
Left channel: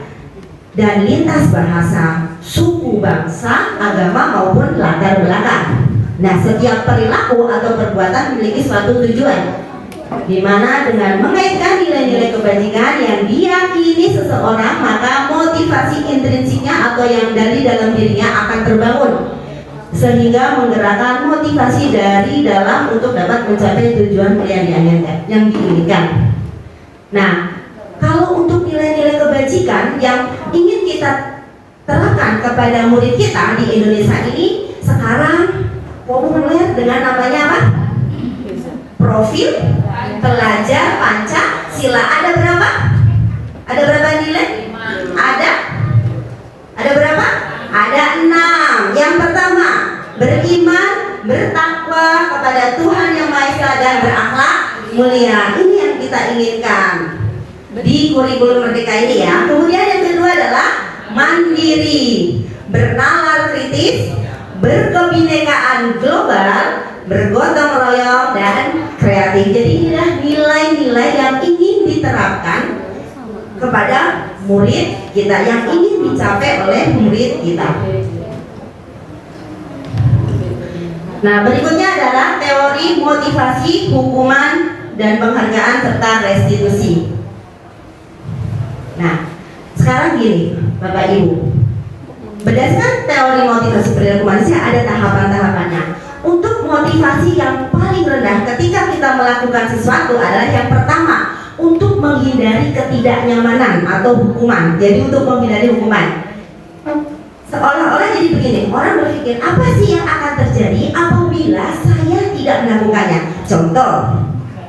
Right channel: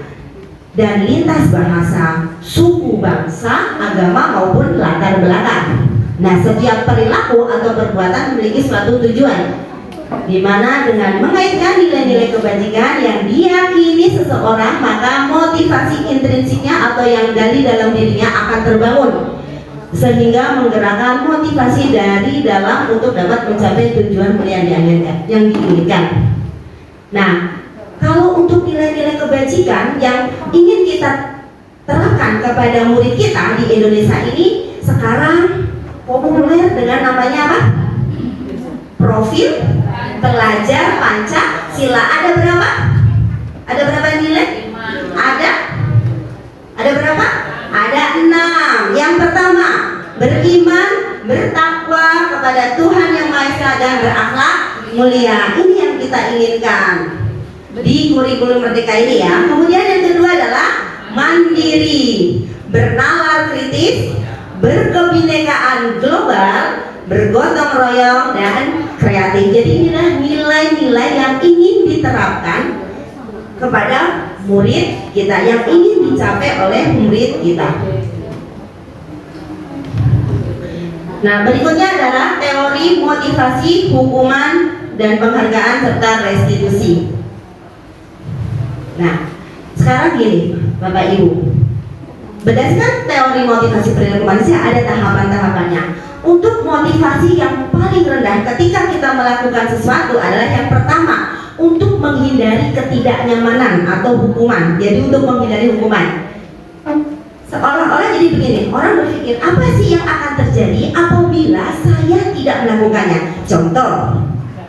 dan lintas bahasa, suku, bangsa, agama maupun latar belakang. Nah, setiap perilaku atau perbuatan memiliki suatu tujuan, di mana dengan mengaitkan nilai-nilai kebajikan yang diyakini seseorang, maka motivasi intrinsiknya atau yang dari dalam dirinya akan terbangun, sehingga menggerakkan motivasi dari dalam untuk dapat mencapai tujuan mulia yang diinginkan. Nah, kalau untuk nilai-nilai kebajikan yang ingin kita terapkan kepada murid kita di Indonesia ini sekarang populer dengan namanya apa? Profil pelajar Pancasila. Ada berapa? Ada berapa nilai? Ada berapa? Ada 6. Yang pertama, beriman, bertakwa kepada Tuhan Yang Maha Esa dan berakhlak mulia. Ini yang kita inginkan di kurikulum Merdeka ini ya. Kemudian yang kedua adalah mandiri, bernalar kritis, berkebinekaan global, bergotong royong, dan kreatif. Jadi inilah nilai-nilai yang ingin diterapkan kepada murid kita, yang ingin dicapai oleh murid kita. Nah, berikutnya adalah teori motivasi, hukuman, dan penghargaan serta restitusi. Nah, sekarang gini, Bapak Ibu, berdasarkan teori motivasi perilaku manusia ada tahapan-tahapannya. Untuk motivasi yang paling rendah ketika kita melakukan sesuatu adalah yang pertama, untuk menghindari ketidaknyamanan atau hukuman. Jadi untuk menghindari hukuman, seolah-olah jadi begini, orang berpikir apa sih yang akan terjadi apabila saya tidak melakukannya. Contoh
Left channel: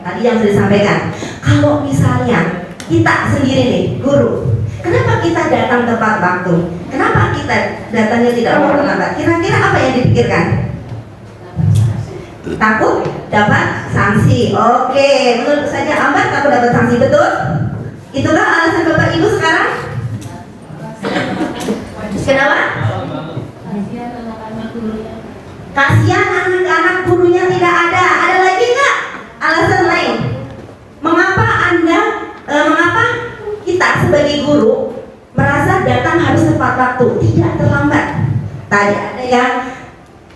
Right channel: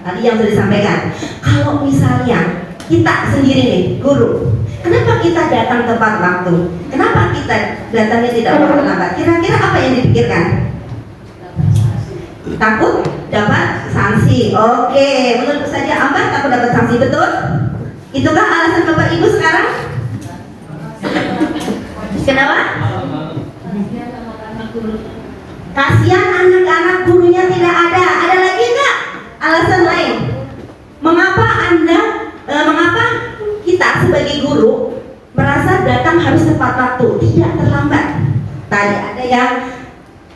tadi yang sudah disampaikan, kalau misalnya kita sendiri nih, guru, kenapa kita datang tepat waktu? Kenapa kita datangnya tidak terlambat? Kira-kira apa yang dipikirkan? Takut dapat sanksi. Oke, menurut saja Ambar takut dapat sanksi, betul? Itukah alasan Bapak Ibu sekarang? Kenapa? Kasihan anak-anak gurunya tidak ada. Ada lagi nggak alasan lain? Mengapa mengapa kita sebagai guru merasa datang harus tepat waktu, tidak terlambat? Tadi ada yang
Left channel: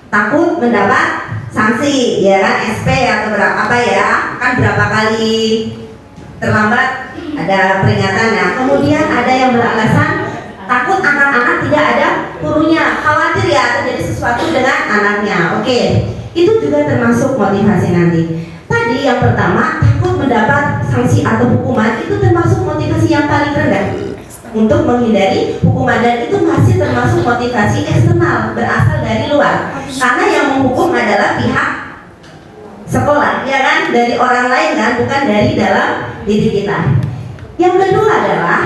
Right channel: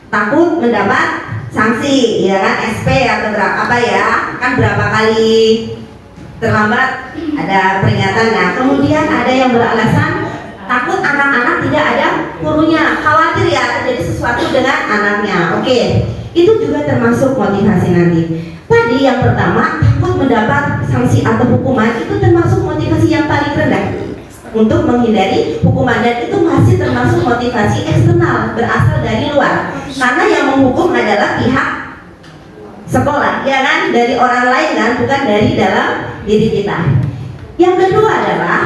takut mendapat sanksi, ya kan, SP atau berapa apa ya, kan berapa kali terlambat ada peringatan. Nah, kemudian ada yang beralasan takut anak-anak tidak ada gurunya, khawatir ya terjadi sesuatu dengan anaknya. Oke, itu juga termasuk motivasi nanti. Tadi yang pertama, takut mendapat sanksi atau hukuman, itu termasuk motivasi yang paling rendah untuk menghindari hukuman, dan itu masih termasuk motivasi eksternal, berasal dari luar, karena yang menghukum adalah pihak sekolah, ya kan, dari orang lain kan, bukan dari dalam diri kita. Yang kedua adalah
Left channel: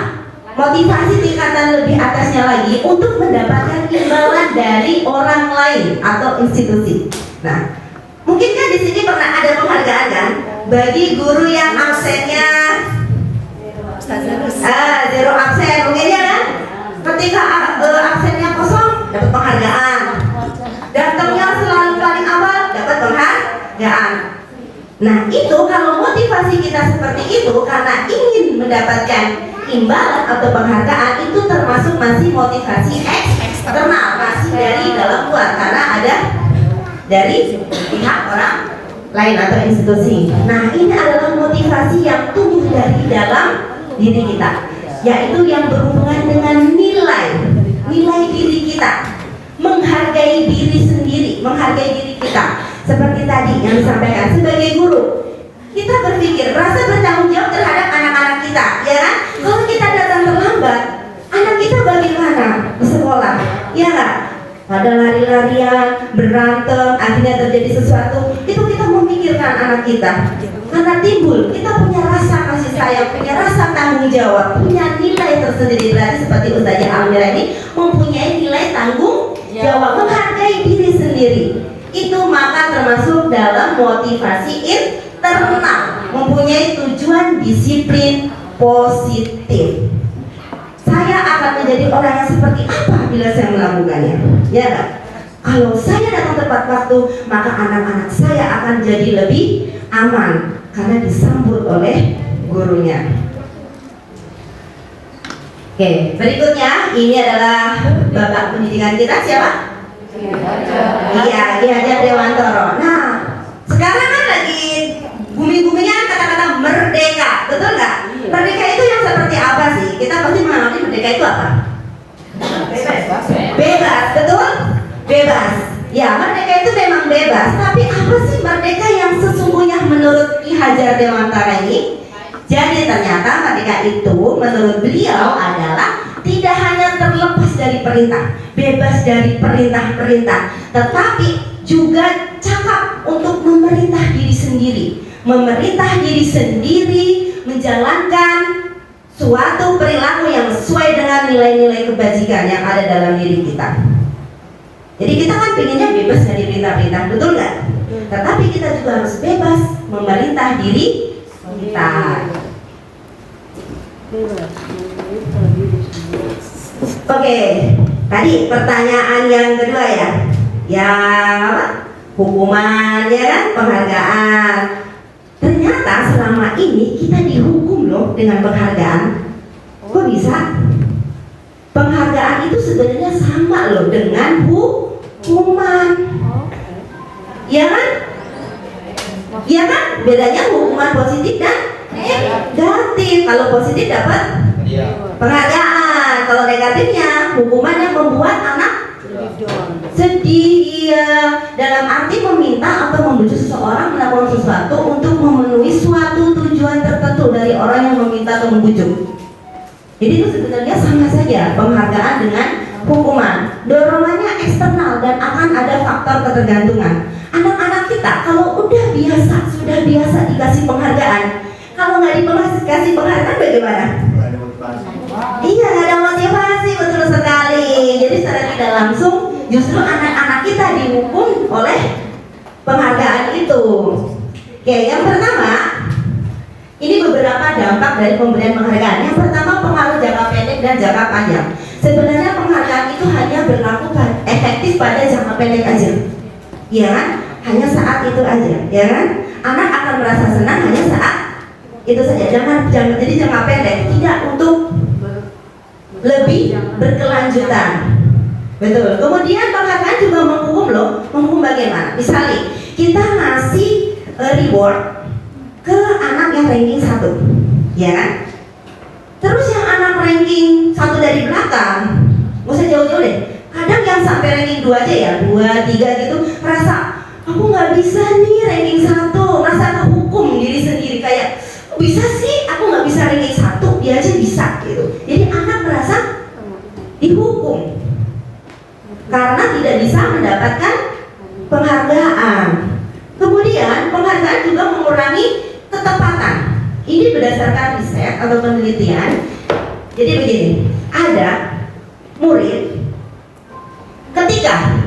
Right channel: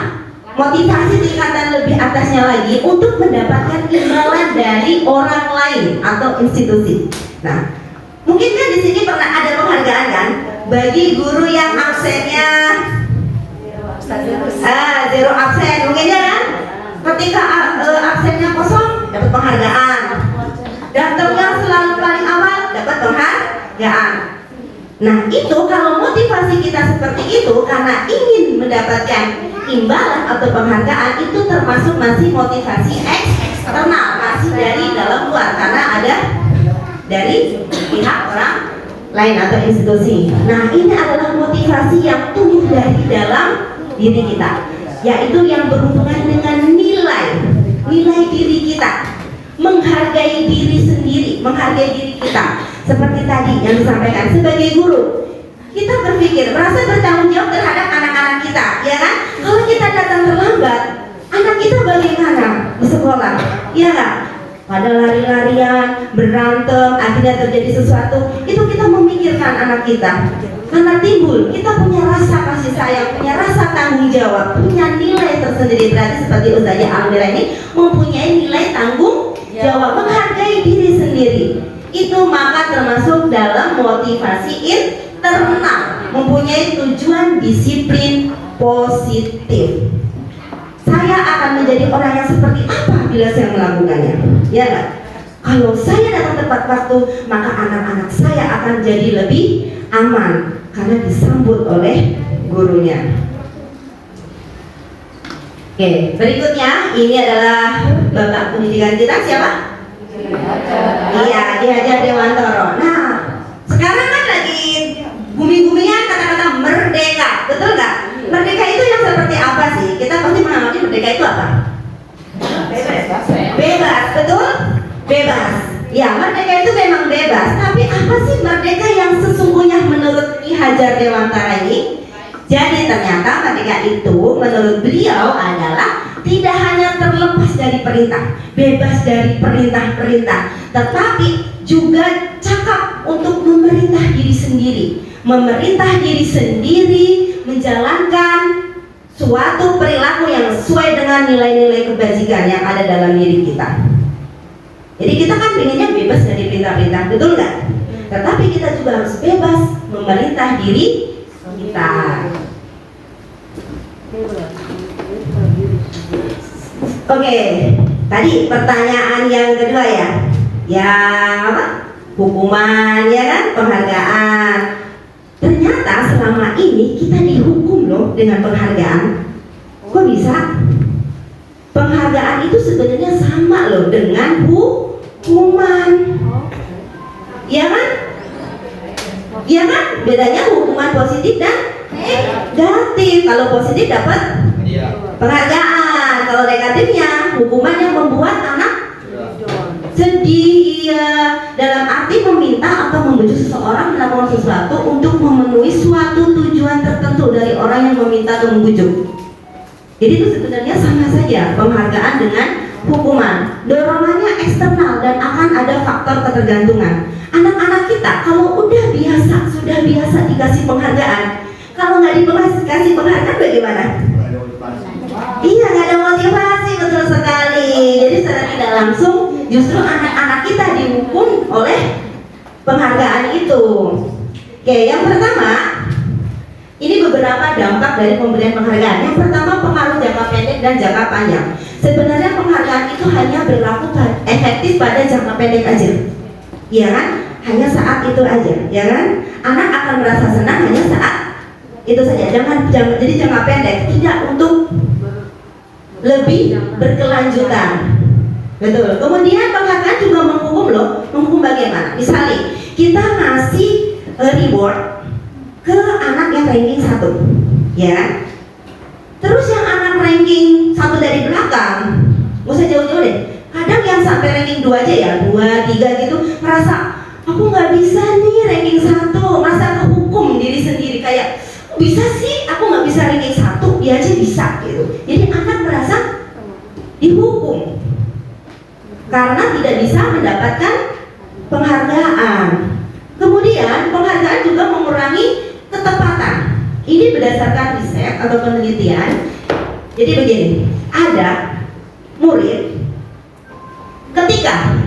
motivasi tingkatan lebih atasnya lagi untuk mendapatkan imbalan dari orang lain atau institusi. Nah, mungkin kan di sini pernah ada penghargaan kan bagi guru yang absennya zero absen, mungkin ya kan? Ketika absennya kosong dapat penghargaan, datangnya selalu paling awal dapat penghargaan. Nah, itu kalau motivasi kita seperti itu karena ingin mendapatkan imbalan atau penghargaan, itu termasuk masih motivasi eksternal, masih dari dalam luar, karena ada dari pihak orang lain atau institusi. Nah, ini adalah motivasi yang tumbuh dari dalam diri kita, yaitu yang berhubungan dengan nilai diri kita, menghargai diri sendiri, menghargai diri kita. Seperti tadi yang disampaikan, sebagai guru kita berpikir, merasa bertanggung jawab terhadap anak-anak kita, ya kan? Kalau kita datang terlambat, anak kita bagaimana di sekolah, ya kan? Pada lari-larian, berantem, akhirnya terjadi sesuatu, itu kita memikirkan anak kita. Karena timbul, kita punya rasa kasih sayang, punya rasa tanggung jawab, punya nilai tersendiri. Berarti seperti Ustazah Almira ini mempunyai nilai tanggung jawab, menghargai diri sendiri. Itu maka termasuk dalam motivasi internal, mempunyai tujuan disiplin positif. Saya akan menjadi orang yang seperti apa bila saya melakukannya, ya kan? Kalau saya datang tepat waktu, maka anak-anak saya akan jadi lebih aman karena disambut oleh gurunya. Oke, berikutnya ini adalah Bapak pendidikan kita, siapa? Iya, Ki Hajar Dewantoro. Nah, sekarang kan lagi booming-boomingnya kata-kata merdeka, betul nggak? Merdeka itu yang seperti apa sih? Kita pasti mengamati merdeka itu apa? Bebas, betul? Bebas. Ya, merdeka itu memang bebas. Tapi apa sih merdeka yang sesungguhnya menurut Ki Hajar Dewantara ini? Jadi ternyata merdeka itu menurut beliau adalah tidak hanya terlepas dari perintah, bebas dari perintah-perintah, tetapi juga cakap untuk memerintah diri sendiri. Memerintah diri sendiri, menjalankan suatu perilaku yang sesuai dengan nilai-nilai kebajikan yang ada dalam diri kita. Jadi kita kan pengennya bebas dari perintah-perintah, betul nggak? Tetapi kita juga harus bebas memerintah diri kita. Oke, tadi pertanyaan yang kedua ya. Yang apa? Hukuman ya kan, penghargaan. Ternyata selama ini kita dihukum loh dengan penghargaan. Kok bisa? Penghargaan itu sebenarnya sama loh dengan hukuman. Ya kan? Ya kan? Bedanya hukuman positif dan negatif. Kalau positif dapat penghargaan. Kalau negatifnya hukuman yang membuat anak sedih ya. Dalam arti meminta atau membujuk seseorang melakukan sesuatu untuk memenuhi suatu tujuan tertentu dari orang yang meminta atau membujuk. Jadi itu sebenarnya sama saja penghargaan dengan hukuman. Dorongannya eksternal dan akan ada faktor ketergantungan. Anak-anak kita kalau sudah biasa dikasih penghargaan, kalau nggak dikasih penghargaan bagaimana? Iya, nggak ada motivasi, betul sekali. Jadi secara tidak langsung justru anak-anak kita dihukum oleh penghargaan itu. Oke, yang pertama, ini beberapa dampak dari pemberian penghargaan. Yang pertama, pengaruh jangka pendek dan jangka panjang. Sebenarnya penghargaan itu hanya berlaku efektif pada jangka pendek aja, ya kan? Hanya saat itu aja, ya kan? Anak akan merasa senang hanya saat itu saja. Jadi jangka pendek, tidak untuk lebih berkelanjutan. Betul. Kemudian penghargaan juga menghukum loh. Menghukum bagaimana? Misalnya kita ngasih reward ke anak yang ranking 1, ya kan? Terus yang anak ranking 1 dari belakang, nggak usah jauh-jauh deh. Kadang yang sampai ranking 2 aja ya, 2, 3 gitu, merasa aku nggak bisa nih ranking 1, merasa kehukum diri sendiri kayak bisa sih aku nggak bisa ranking 1, dia aja bisa gitu. Jadi anak merasa dihukum karena tidak bisa mendapatkan penghargaan. Kemudian penghargaan juga mengurangi ketepatan. Ini berdasarkan riset atau penelitian. Jadi begini, ada murid ketika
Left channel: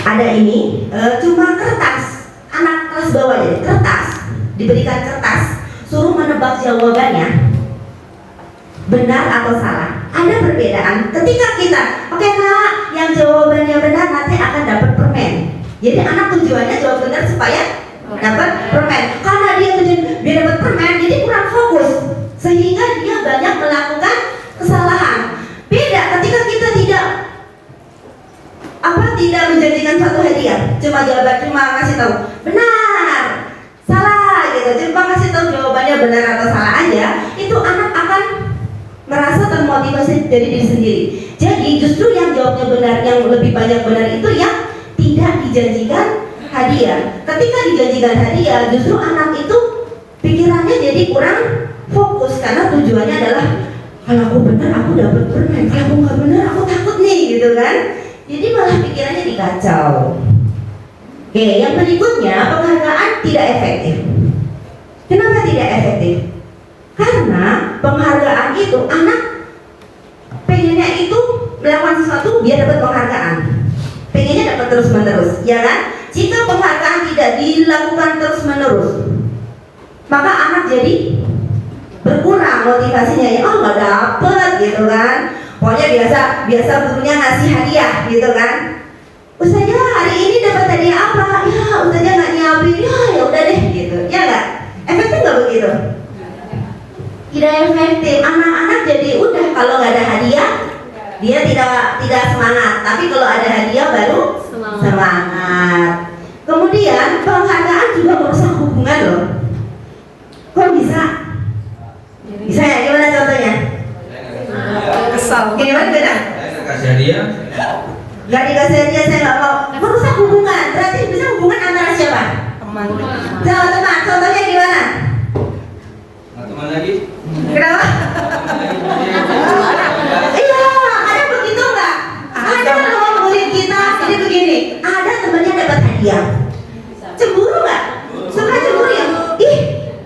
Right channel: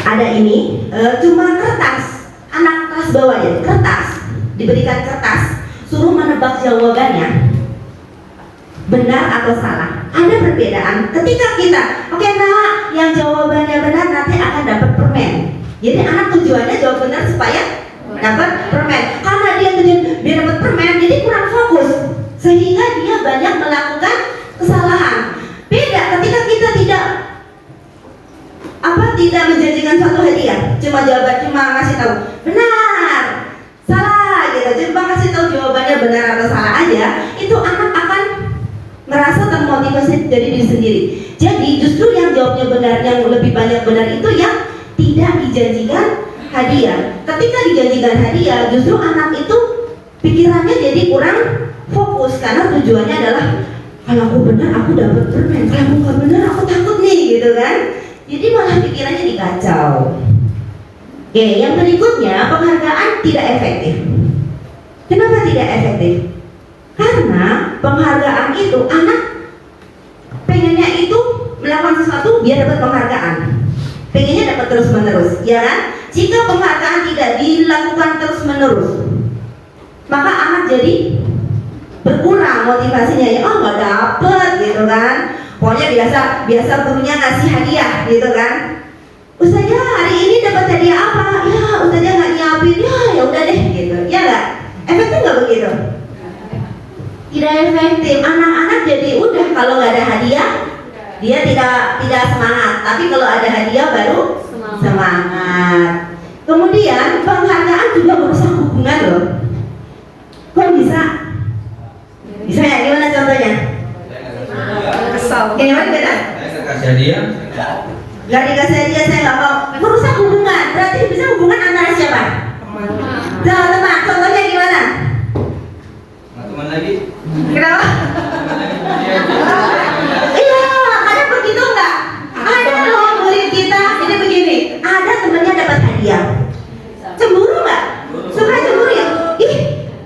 ada ini cuma kertas, anak kelas bawah ya, kertas, diberikan kertas, suruh menebak jawabannya benar atau salah. Ada perbedaan ketika kita, oke nak, yang jawabannya benar nanti akan dapat permen. Jadi anak tujuannya jawab benar supaya dapat permen. Karena dia tujuan biar dapat permen, jadi kurang fokus sehingga dia banyak melakukan kesalahan. Beda ketika kita tidak menjanjikan suatu hadiah, cuma ngasih tahu benar, salah gitu, cuma kasih tahu jawabannya benar atau salah aja, itu anak akan merasa termotivasi dari diri sendiri. Jadi justru yang jawabnya benar, yang lebih banyak benar itu yang tidak dijanjikan hadiah. Ketika dijanjikan hadiah, justru anak itu pikirannya jadi kurang fokus karena tujuannya adalah kalau aku benar aku dapat permen, kalau aku nggak benar aku takut nih, gitu kan? Jadi malah pikirannya dikacau. Oke, yang berikutnya penghargaan tidak efektif. Kenapa tidak efektif? Karena penghargaan itu anak pengennya itu melakukan sesuatu biar dapat penghargaan, pengennya dapat terus menerus, ya kan? Jika penghargaan tidak dilakukan terus menerus, maka anak jadi berkurang motivasinya, ya oh nggak dapet gitu kan. Pokoknya biasa gurunya ngasih hadiah gitu kan. Ustazah hari ini dapat hadiah apa? Ya ustazah nggak nyiapin, ya udah deh gitu, ya nggak? Efektif nggak begitu? Tidak efektif. Anak-anak jadi udah kalau nggak ada hadiah dia tidak semangat, tapi kalau ada hadiah baru semangat. Kemudian penghargaan juga merusak hubungan loh. Kok bisa? Bisa ya? Gimana contohnya? Kesal. Gimana beda? Kasih hadiah. Nggak dikasih hadiah saya nggak mau. Merusak hubungan. Berarti bisa hubungan antara siapa? Teman. Sama teman. Contohnya gimana? Teman lagi. Kenapa? Iya, kadang begitu nggak? Ada loh murid kita, ini begini. Ada temannya dapat hadiah. Cemburu nggak? Suka cemburu ya? Ih,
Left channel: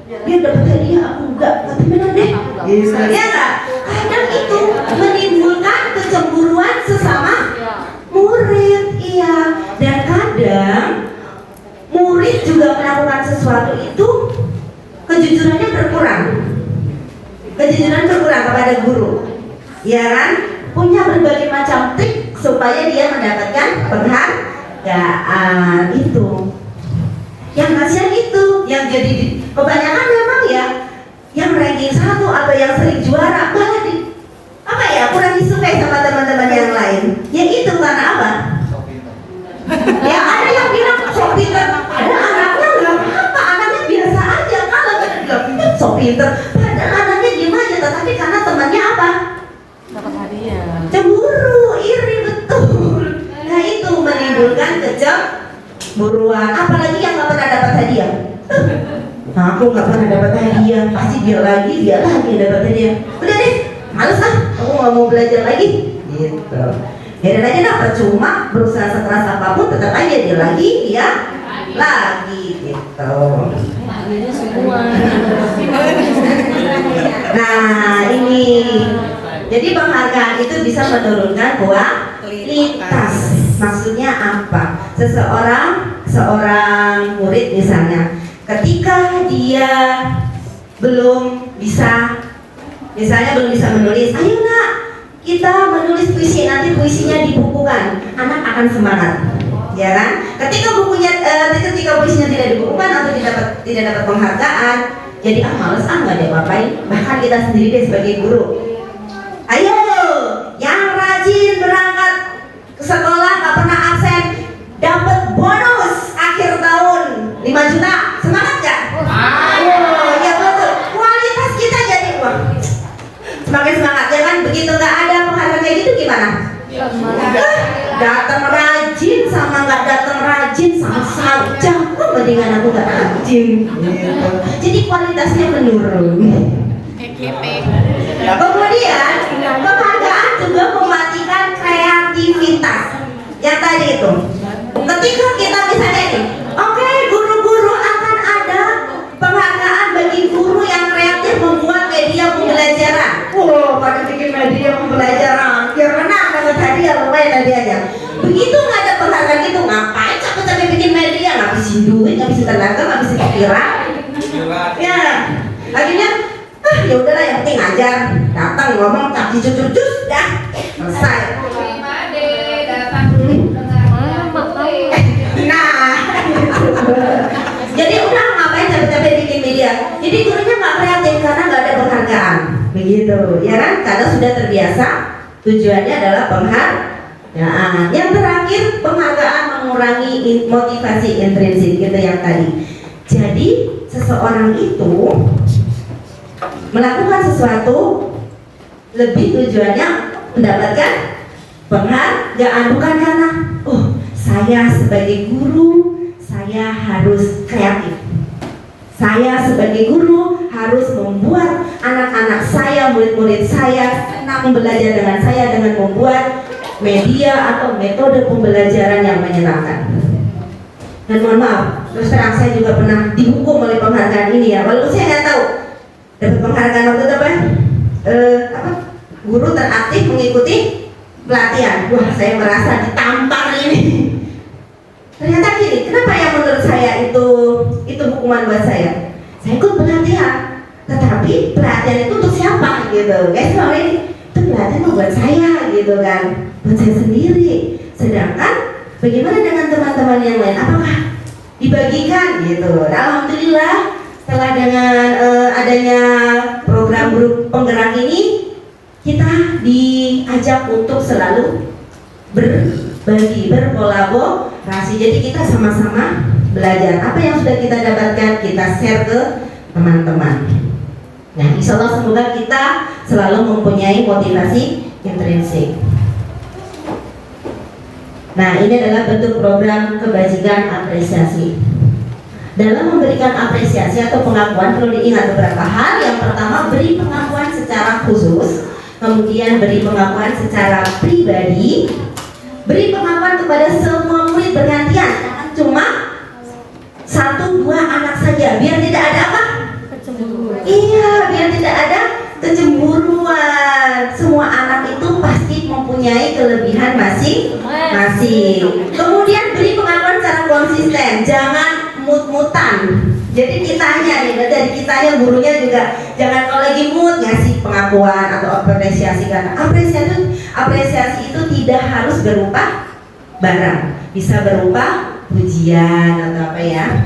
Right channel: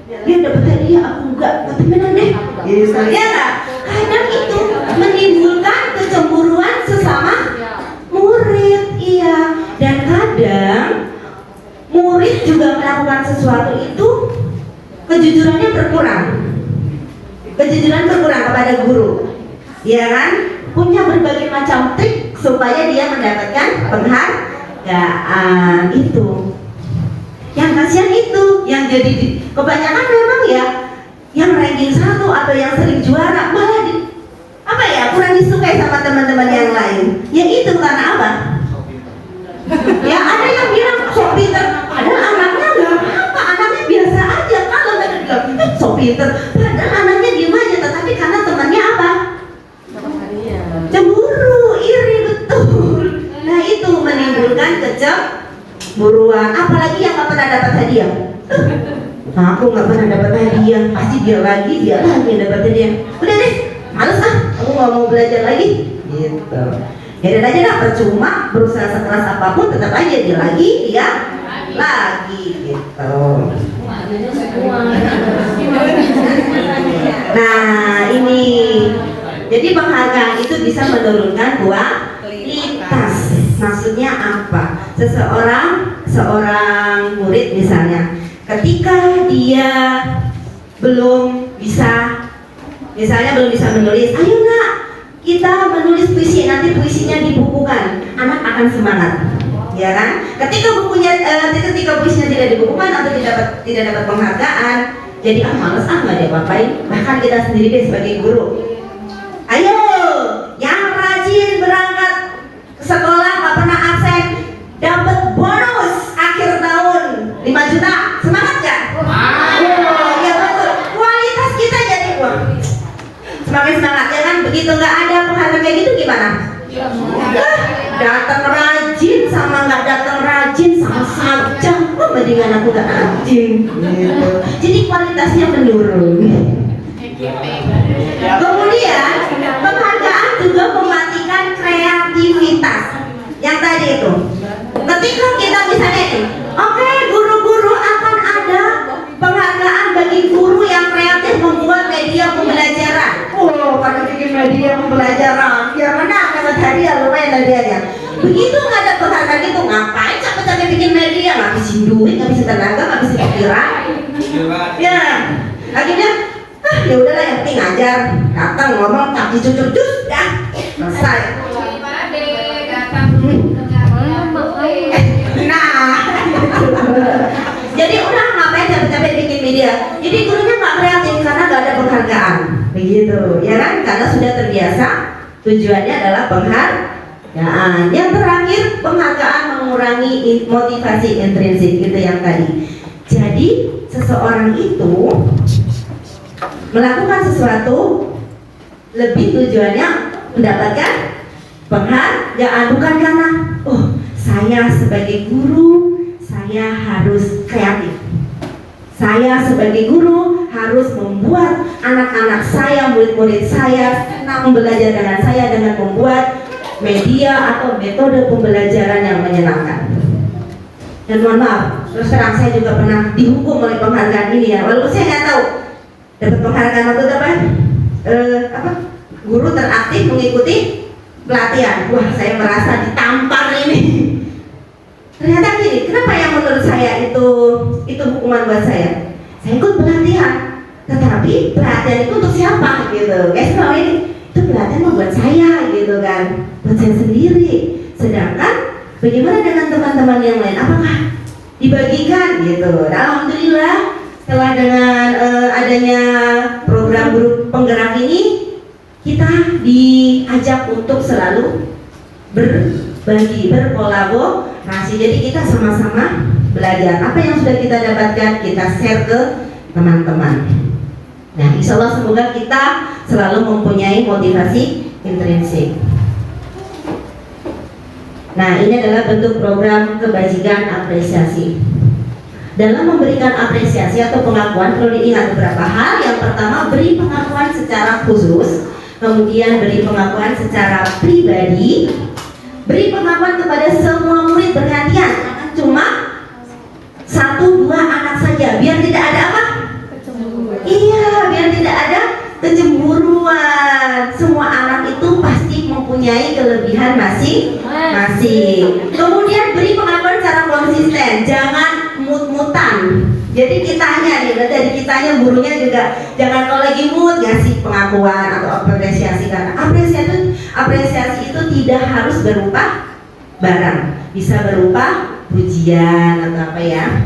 dia dapat hadiah, aku enggak. Ketemenan deh. Iya nggak? Kadang itu menimbulkan kecemburuan sesama murid, iya. Dan kadang murid juga melakukan sesuatu itu kejujurannya berkurang. Kejujuran berkurang kepada guru. ya kan? Punya berbagai macam trik supaya dia mendapatkan penghargaan itu. Yang kasihan itu, yang jadi kebanyakan memang ya yang ranking 1 atau yang sering juara malah kurang disukai sama teman-teman yang lain. Ya itu karena apa? Ya ada yang bilang sok pinter, padahal anaknya nggak apa, anaknya biasa aja. Kalau mereka bilang sok pinter, padahal anaknya diem aja, tetapi karena temannya apa? Cemburu, iri, betul. Nah itu menimbulkan kecemburuan. Apalagi yang nggak pernah dapat hadiah. Aku nggak pernah dapat hadiah, pasti dia lagi yang dapat hadiah. Udah deh, males aku nggak mau belajar lagi. Gitu. Ya udah aja lah, percuma berusaha sekeras apapun tetap aja dia lagi gitu. Nah ini, jadi penghargaan itu bisa menurunkan kualitas. Maksudnya apa? Seorang murid misalnya, ketika dia belum bisa menulis, ayo nak kita menulis puisi, nanti puisinya dibukukan, anak akan semangat, ya kan? Ketika puisinya tidak dibukukan atau tidak dapat penghargaan, jadi males nggak ada apa-apain. Bahkan kita sendiri sebagai guru, ayo yang rajin berangkat ke sekolah nggak pernah absen dapat bonus akhir tahun 5 juta, semangat gak? Oh ya betul, kualitas kita jadi semakin semangat ya kan. Begitu nggak ada penghargaan kayak gitu gimana? Datang rajin sama nggak datang rajin sama saja, kok mendingan aku nggak rajin gitu. Jadi kualitasnya menurun. Kemudian penghargaan juga mematikan kreativitas yang tadi itu. Ketika kita misalnya nih, oke, guru-guru akan ada penghargaan bagi guru yang kreatif membuat media pembelajaran. Pada bikin media pembelajaran, biar menang dapat hadiah, lumayan hadiahnya. Begitu nggak ada penghargaan itu, ngapain capek-capek bikin media? Ngabisin duit, ngabisin tenaga, ngabisin pikiran. Ya, akhirnya ya udahlah, yang penting ngajar, datang ngomong, kaki cucur-cucur, dah selesai. Nah, jadi udah ngapain capek-capek bikin media? Jadi gurunya nggak kreatif karena nggak ada penghargaan, begitu, ya kan? Karena sudah terbiasa, tujuannya adalah penghargaan. Yang terakhir, penghargaan mengurangi motivasi intrinsik, gitu yang tadi. Jadi seseorang itu melakukan sesuatu lebih tujuannya mendapatkan penghargaan, bukan karena saya sebagai guru saya harus kreatif, saya sebagai guru harus membuat anak-anak saya, murid-murid saya senang belajar dengan saya dengan membuat media atau metode pembelajaran yang menyenangkan. Dan mohon maaf, terus terang saya juga pernah dihukum oleh penghargaan ini ya, walaupun saya nggak tahu dapat penghargaan waktu itu apa guru teraktif mengikuti pelatihan. Wah, saya merasa ditampar ini. Ternyata gini, kenapa yang menurut saya itu hukuman buat saya? Saya ikut pelatihan, tetapi pelatihan itu untuk siapa gitu? Guys, kalau ini itu pelatihan buat saya gitu kan, buat saya sendiri. Sedangkan bagaimana dengan teman-teman yang lain? Apakah dibagikan gitu? Alhamdulillah, setelah dengan adanya program guru penggerak ini, kita diajak untuk selalu berbagi, berkolaborasi. Jadi kita sama-sama belajar. Apa yang sudah kita dapatkan, kita share ke teman-teman. Nah, insya Allah semoga kita selalu mempunyai motivasi intrinsik. Nah, ini adalah bentuk program kebajikan apresiasi. Dalam memberikan apresiasi atau pengakuan perlu diingat beberapa hal. Yang pertama, beri pengakuan secara khusus. Kemudian beri pengakuan secara pribadi. Beri pengakuan kepada semua murid bergantian, jangan cuma 1-2 anak saja, biar tidak ada apa? Iya, biar tidak ada kecemburuan. Semua anak itu pasti mempunyai kelebihan masing-masing. Kemudian beri pengakuan secara konsisten, jangan mut-mutan. Jadi kitanya nih, dari kitanya gurunya juga jangan kalau lagi mood ngasih pengakuan atau apresiasi, karena apresiasi itu tidak harus berupa barang, bisa berupa pujian atau apa ya.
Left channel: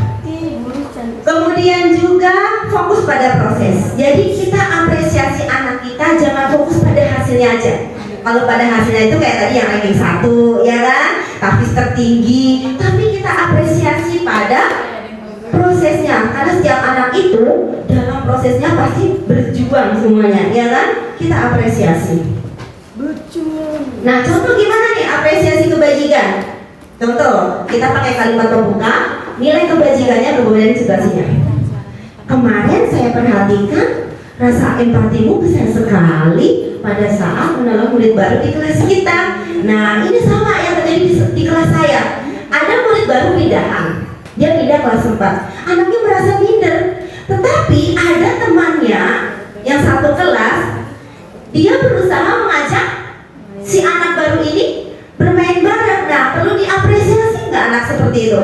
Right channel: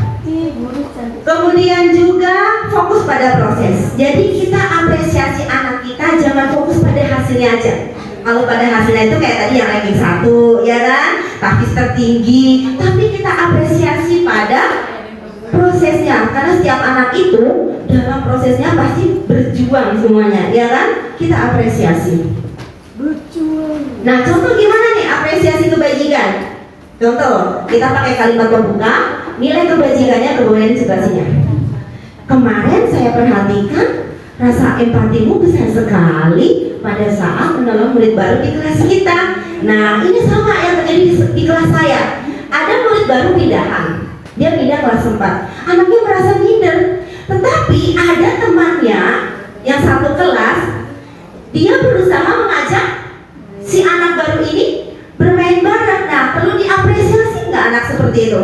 Kemudian juga fokus pada proses. Jadi kita apresiasi anak kita, jangan fokus pada hasilnya aja. Kalau pada hasilnya itu kayak tadi yang ranking 1 ya kan, tahfiz tertinggi, tapi kita apresiasi pada prosesnya, karena setiap anak itu dalam prosesnya pasti berjuang semuanya, ya kan? Kita apresiasi. Nah, contoh gimana nih apresiasi kebajikan? Contoh, kita pakai kalimat pembuka, nilai kebajikannya kemudian situasinya. Kemarin saya perhatikan rasa empatimu besar sekali pada saat menolong murid baru di kelas kita. Nah, ini sama yang terjadi di kelas saya. Ada murid baru pindahan, dia pindah kelas 4. Anaknya merasa minder, tetapi ada temannya yang satu kelas, dia berusaha mengajak si anak baru ini bermain bareng. Nah, perlu diapresiasi nggak anak seperti itu?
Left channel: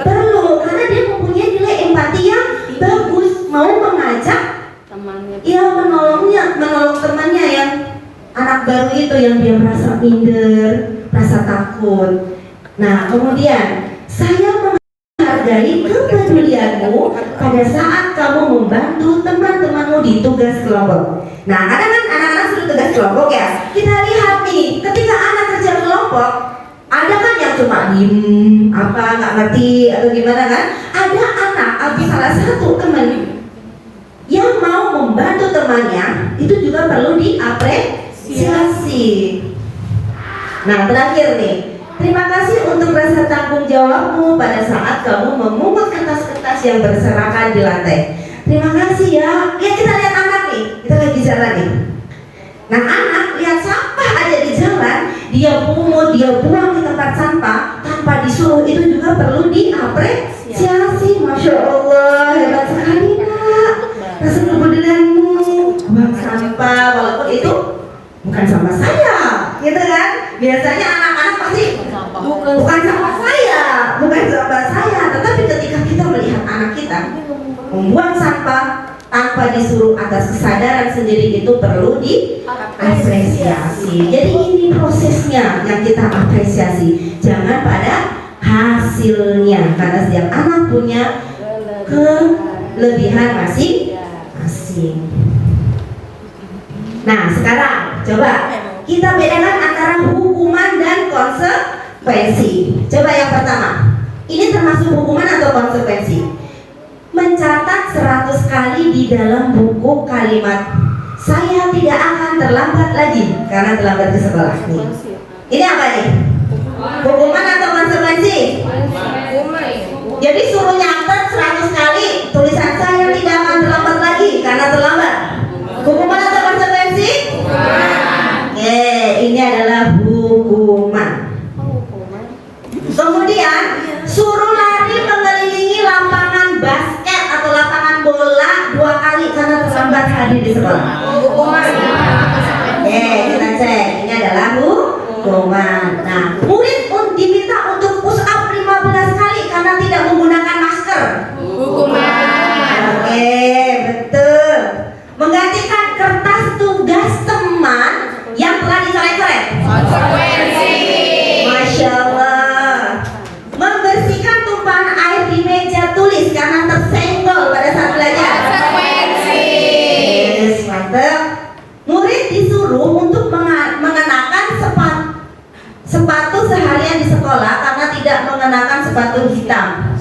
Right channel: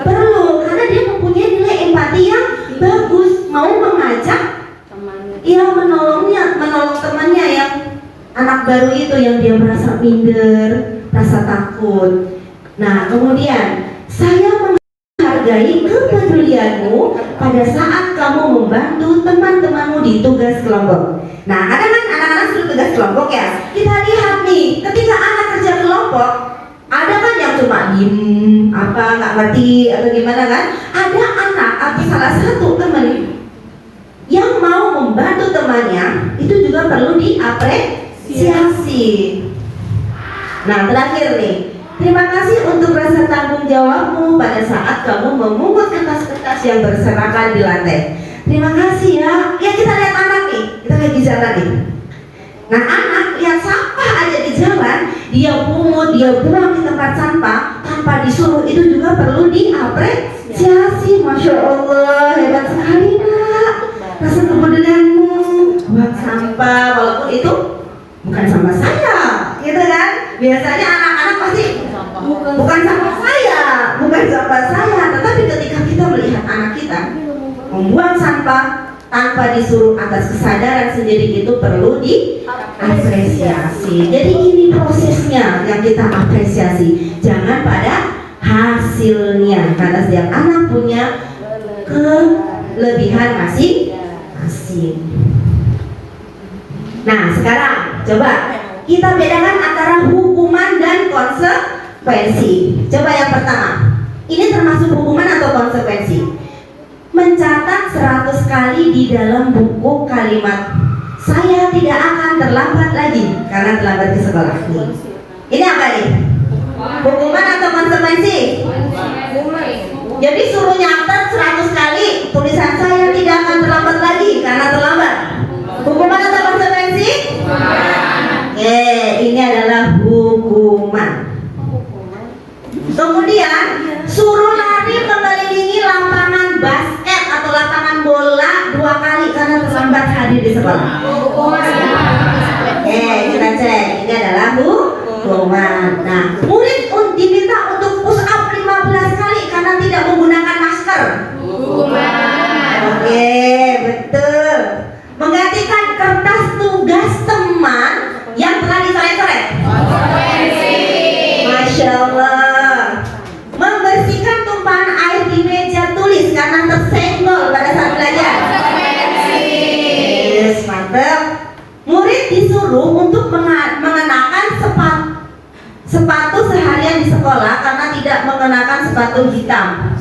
Perlu, karena dia mempunyai nilai empati yang bagus, mau mengajak, ya menolong temannya yang anak baru itu yang dia merasa minder, merasa takut. Nah, kemudian saya menghargai kepedulianmu pada saat kamu membantu teman-temanmu di tugas kelompok. Nah, kadang kan anak-anak suruh tugas kelompok ya. Kita lihat nih, ketika anak kerja kelompok, ada kan yang cuma diem, nggak ngerti atau gimana kan? Ada anak atau salah satu teman yang mau membantu temannya, itu juga perlu diapresiasi. Nah, terakhir nih, terima kasih untuk rasa tanggung jawabmu pada saat kamu memungut kertas-kertas yang berserakan di lantai. Terima kasih ya. Ya, kita lihat anak nih, kita lagi jalan nih. Nah, anak lihat sampah ada di jalan, dia pungut, dia buang di tempat sampah tanpa disuruh, itu juga perlu diapresiasi. Masya Allah, hebat sekali nak, rasa kepedulianmu. Buang sampah walaupun itu bukan sama saya, gitu kan? Biasanya anak-anak pasti bukan sama saya, tetapi ketika kita melihat anak kita membuang sampah tanpa disuruh atas kesadaran sendiri, itu perlu diapresiasi. Jadi ini prosesnya yang kita apresiasi, jangan pada hasilnya, karena setiap anak punya kelebihan masing-masing. Nah, sekarang coba kita bedakan antara hukuman dan konsekuensi. Coba yang pertama, ini termasuk hukuman atau konsekuensi? Mencatat 100 kali di dalam buku kalimat saya tidak akan terlambat lagi karena terlambat ke sekolah nih. Ini apa nih? Hukuman atau konsekuensi? Jadi suruh nyatet 100 kali tulisan saya tidak akan terlambat lagi karena terlambat. Hukuman atau konsekuensi? Ini adalah hukuman. Kemudian suruh lari mengelilingi lapangan basket atau lapangan bola 2 kali karena terlambat hadir di sekolah. Hukuman. Kita cek, ini adalah hukuman. Nah, murid diminta untuk push up 15 kali karena tidak menggunakan masker. Hukuman. Betul. Menggantikan kertas tugas teman yang telah dicoret-coret. Konsekuensi. Masya Allah. Membersihkan tumpahan air di meja tulis karena tersenggol pada saat belajar. Konsekuensi. Yes, mantap. Murid disuruh untuk mengenakan sepatu seharian di sekolah karena tidak mengenakan sepatu hitam.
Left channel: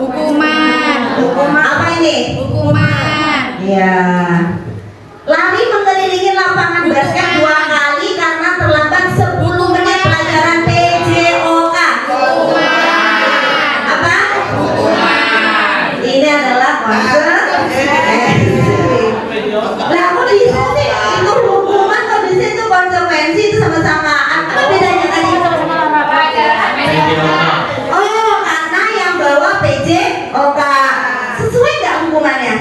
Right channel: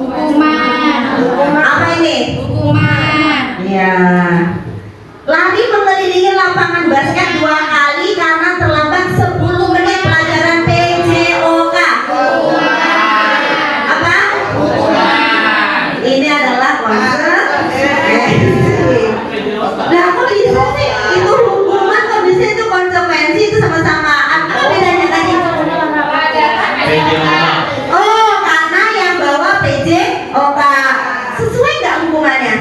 Hukuman. Apa ini? Hukuman. Ya. Lari mengelilingi lapangan basket 2 kali karena terlambat 10 menit pelajaran PJOK. Apa? Ini adalah konsekuensi. Nah, kok bisa sih itu hukuman, kok bisa itu konsekuensi, itu sama-sama. Apa bedanya tadi? Oh, karena yang bawa PJOK. Sesuai nggak hukumannya?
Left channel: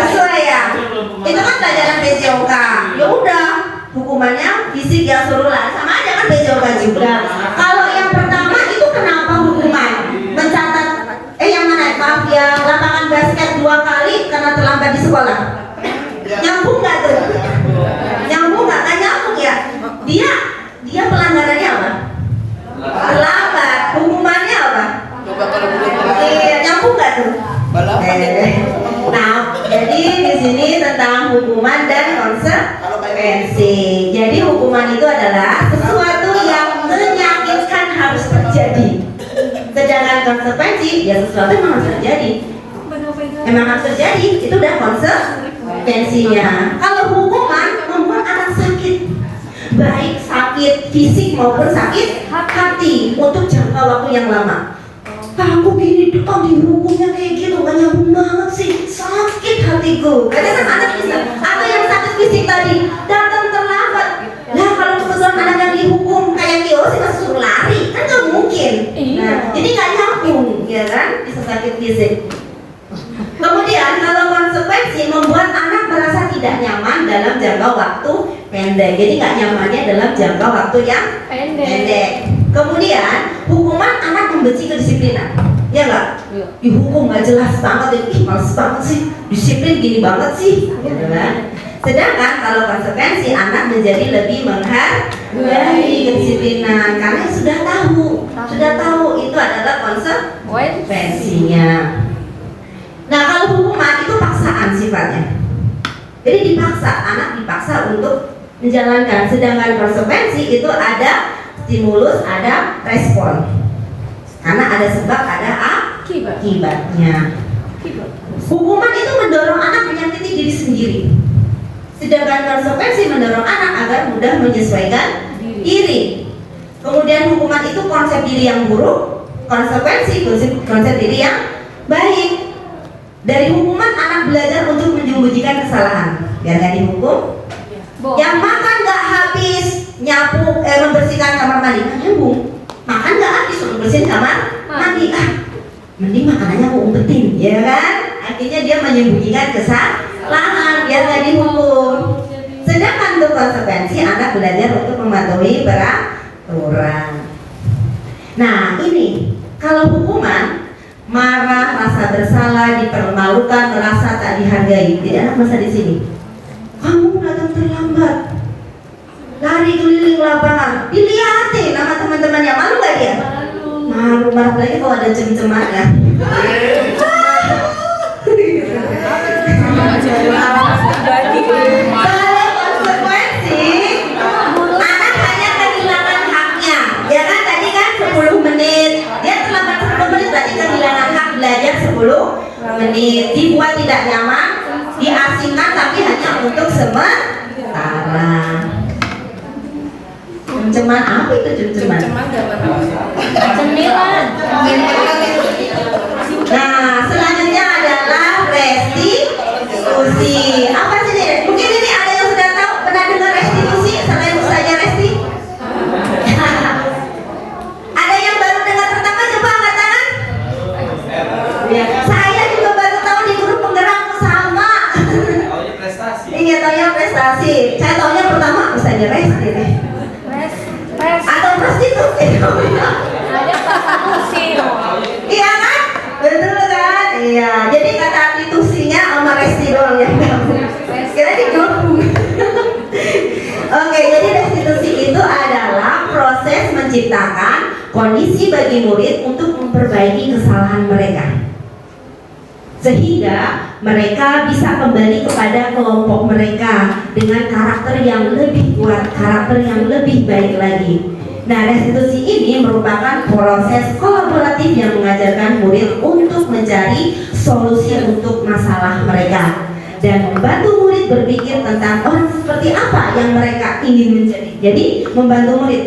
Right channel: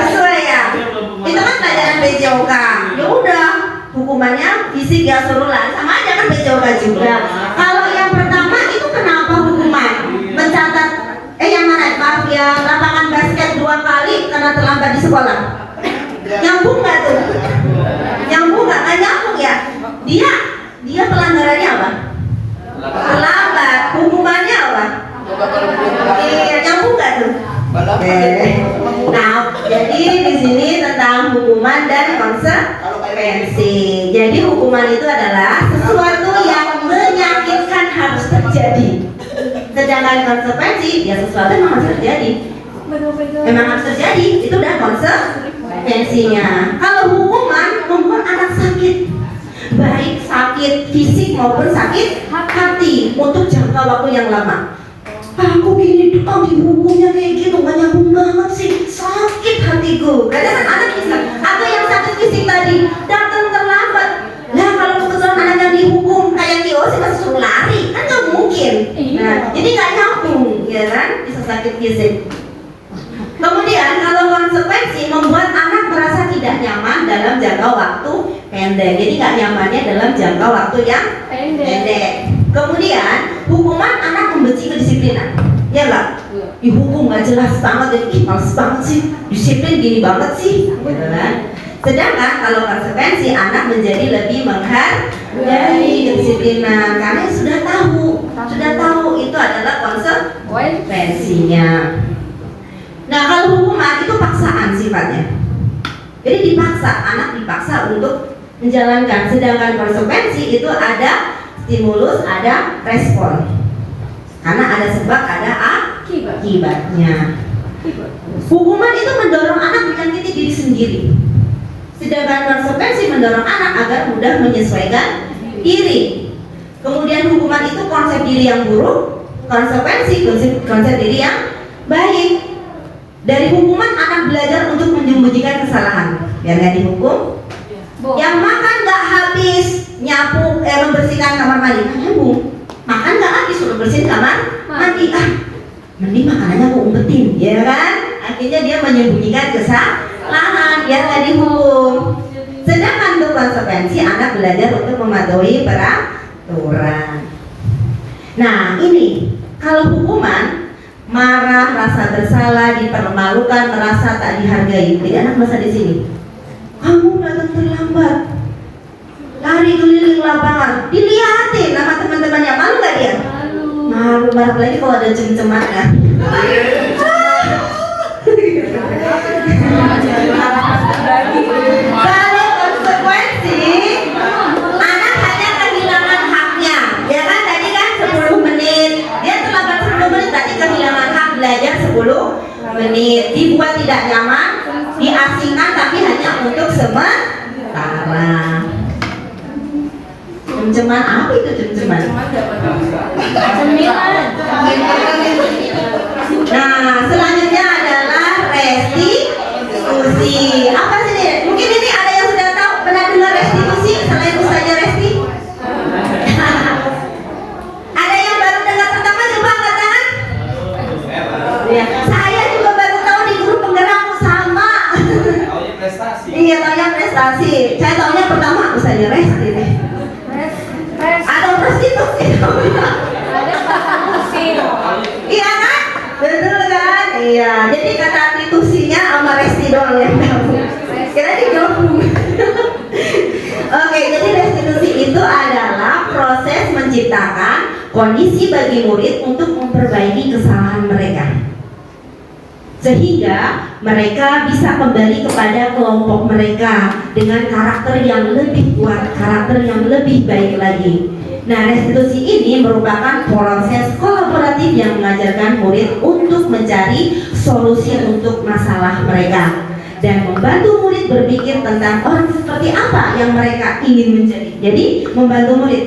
Sesuai ya. Itu kan pelajaran PJOK. Ya udah, hukumannya fisik ya suruh lari, sama aja kan PJOK juga. Kalau yang pertama itu kenapa hukuman? Mencatat yang mana? Maaf ya, sekolah? Nyambung nggak tuh? Nyambung nggak nyambung ya? Dia pelanggarannya apa? Terlambat. Hukumannya apa? Iya, nyambung nggak tuh? Nah, jadi di sini tentang hukuman dan konsekuensi. Jadi hukuman itu adalah sesuatu yang menyakitkan harus terjadi. Sedangkan konsekuensi ya sesuatu yang harus terjadi. Memang harus terjadi, itu udah konsekuensinya. Kalau hukuman membuat anak sakit, baik sakit fisik maupun sakit hati untuk jangka waktu yang lama. Aku gini dihukumnya kayak gitu, gak nyambung banget sih, sakit hatiku. Kadang kan anak bisa, atau yang sakit fisik tadi datang terlambat. Nah kalau kebetulan anak yang dihukum kayak Tio sih masih suruh lari, kan gak mungkin. Nah jadi gak nyambung, ya kan, bisa sakit fisik. Kemudian kalau konsekuensi membuat anak merasa tidak nyaman dalam jangka waktu pendek. Jadi gak nyamannya dalam jangka waktu yang pendek. Kemudian hukuman anak membenci kedisiplinan, ya nggak? Dihukum nggak jelas banget, jadi males banget sih, disiplin gini banget sih, gitu kan? Sedangkan kalau konsekuensi anak menjadi lebih menghargai kedisiplinan karena sudah tahu itu adalah konsekuensinya. Nah kalau hukuman itu paksaan sifatnya, jadi anak dipaksa untuk menjalankan, sedangkan konsekuensi itu ada stimulus, ada respon. Karena ada sebab, ada akibatnya. Hukuman itu mendorong anak menyakiti diri sendiri. Sedangkan konsekuensi mendorong anak agar mudah menyesuaikan diri. Kemudian hukuman itu konsep diri yang buruk, konsekuensi konsep diri yang baik. Dari hukuman anak belajar untuk menyembunyikan kesalahan. Biar nggak dihukum. Yang makan nggak habis nyapu, membersihkan kamar mandi, nyambung. Makan nggak habis suruh bersihin kamar mandi, mending makanannya aku umpetin, ya kan? Akhirnya dia menyembunyikan kesalahan biar nggak dihukum. Sedangkan untuk konsekuensi anak belajar untuk mematuhi peraturan. Nah ini kalau hukuman marah, rasa bersalah, dipermalukan, merasa tak dihargai. Jadi anak merasa di sini. Kamu datang terlambat, lari keliling lapangan, dilihatin sama teman-temannya, malu nggak dia? Malu, apalagi kalau ada cem-cemannya. Kalau konsekuensi, anak hanya kehilangan haknya, ya kan? Tadi kan 10 menit, dia terlambat 10 menit, tadi kehilangan hak belajar 10 menit, dibuat tidak nyaman, diasingkan tapi hanya untuk sementara. Cem-ceman apa itu cem-ceman? Cemilan. Nah, selanjutnya adalah restitusi. Apa sih ini? Mungkin ini ada yang sudah tahu, pernah dengar restitusi selain Ustazah Resti? Ada yang baru dengar pertama, coba angkat tangan. Ya, saya juga baru tahu di guru penggerakku sama. Iya, taunya prestasi. Saya taunya pertama Ustazah Resti nih. Atau prostitusi. Iya kan? Betul kan? Iya. Jadi kata restitusinya sama resti doang yang tahu. Kita digabung. Oke, jadi restitusi itu adalah proses menciptakan kondisi bagi murid untuk memperbaiki kesalahan mereka, sehingga mereka bisa kembali kepada kelompok mereka dengan karakter yang lebih kuat, karakter yang lebih baik lagi. Nah, restitusi ini merupakan proses kolaboratif yang mengajarkan murid untuk mencari solusi untuk masalah mereka dan membantu murid berpikir tentang orang seperti apa yang mereka ingin menjadi. Jadi, membantu murid.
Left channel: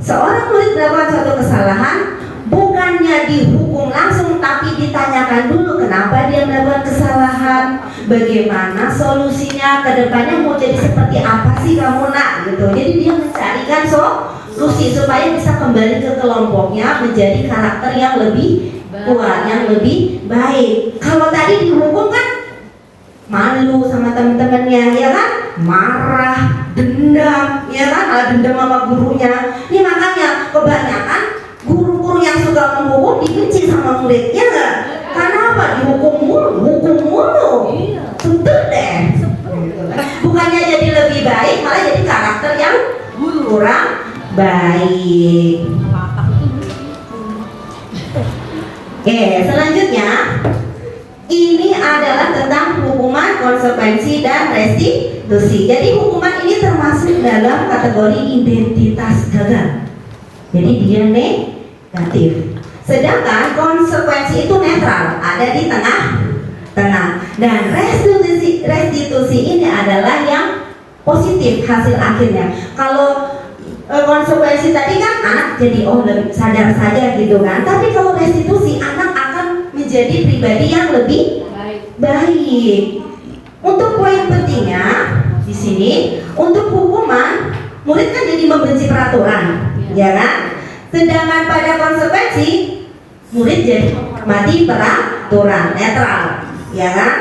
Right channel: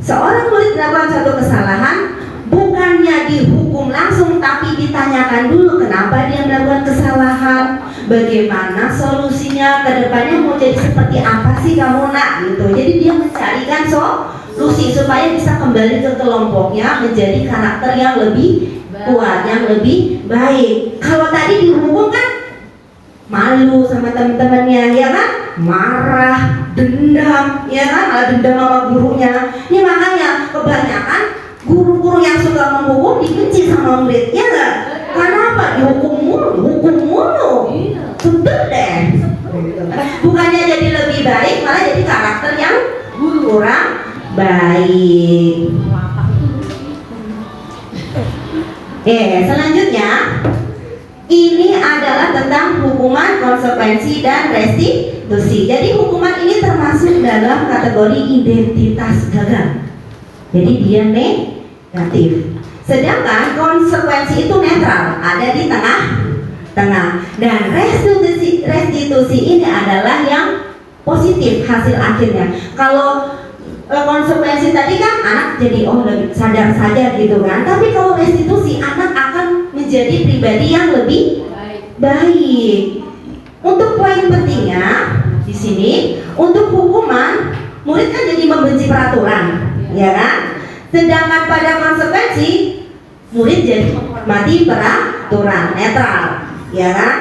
Seorang murid melakukan suatu kesalahan, bukannya dihukum langsung, tapi ditanyakan dulu kenapa dia melakukan kesalahan, bagaimana solusinya, ke depannya mau jadi seperti apa sih kamu nak, gitu. Jadi dia mencarikan solusi supaya bisa kembali ke kelompoknya menjadi karakter yang lebih kuat, yang lebih baik. Kalau tadi dihukum kan malu sama teman-temannya, ya kan, marah, dendam, ya kan, malah dendam sama gurunya. Ini makanya kebanyakan guru-guru yang suka menghukum dibenci sama murid, ya enggak? Karena apa? Dihukum mulu, hukum mulu. betul deh. Bukannya jadi lebih baik, malah jadi karakter yang kurang baik. Selanjutnya ini adalah tentang hukuman, konsekuensi, dan restitusi. Jadi hukuman ini termasuk dalam kategori identitas gagal. Jadi dia negatif. Sedangkan konsekuensi itu netral, ada di tengah-tengah. Dan restitusi ini adalah yang positif hasil akhirnya. Kalau konsekuensi tadi kan anak jadi lebih sadar saja gitu kan. Tapi kalau restitusi, anak akan menjadi pribadi yang lebih baik. Untuk poin pentingnya di sini, untuk hukuman, murid kan jadi membenci peraturan, ya kan? Sedangkan pada konsekuensi, murid jadi menghormati peraturan, netral, ya kan?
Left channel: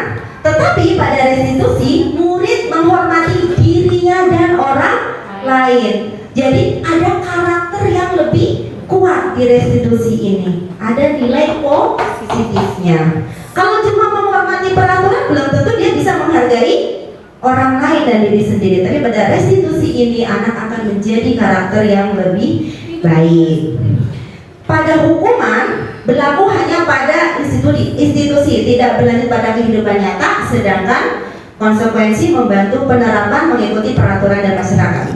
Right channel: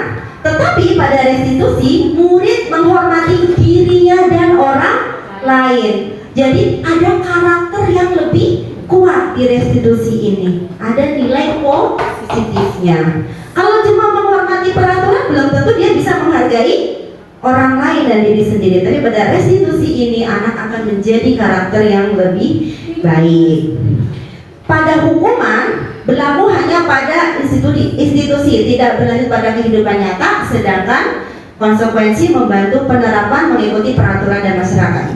Tetapi pada restitusi, murid menghormati dirinya dan orang lain. Jadi ada karakter yang lebih kuat di restitusi ini. Ada nilai positifnya. Kalau cuma menghormati peraturan, belum tentu dia bisa menghargai orang lain dan diri sendiri. Tapi pada restitusi ini, anak akan menjadi karakter yang lebih baik. Pada hukuman berlaku hanya pada institusi, tidak berlanjut pada kehidupan nyata. Sedangkan konsekuensi membantu penerapan mengikuti peraturan dan masyarakat.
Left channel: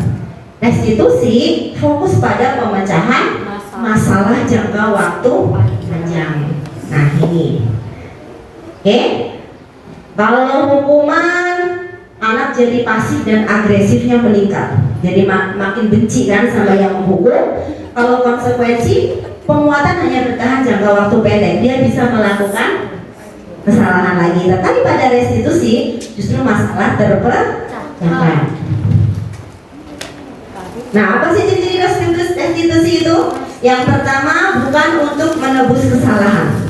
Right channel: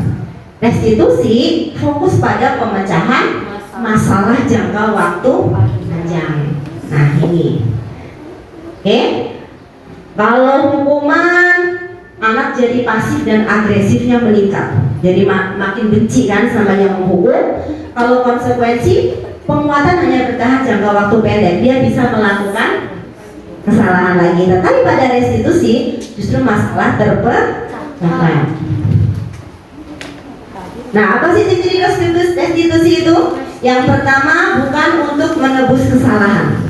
Restitusi fokus pada pemecahan masalah jangka waktu panjang. Nah ini, kalau hukuman, anak jadi pasif dan agresifnya meningkat. Jadi makin benci kan sama yang menghukum. Kalau konsekuensi, penguatan hanya bertahan jangka waktu pendek. Dia bisa melakukan kesalahan lagi. Tetapi pada restitusi justru masalah terpecahkan. Nah, apa sih ciri restitusi itu? Yang pertama, bukan untuk menebus kesalahan,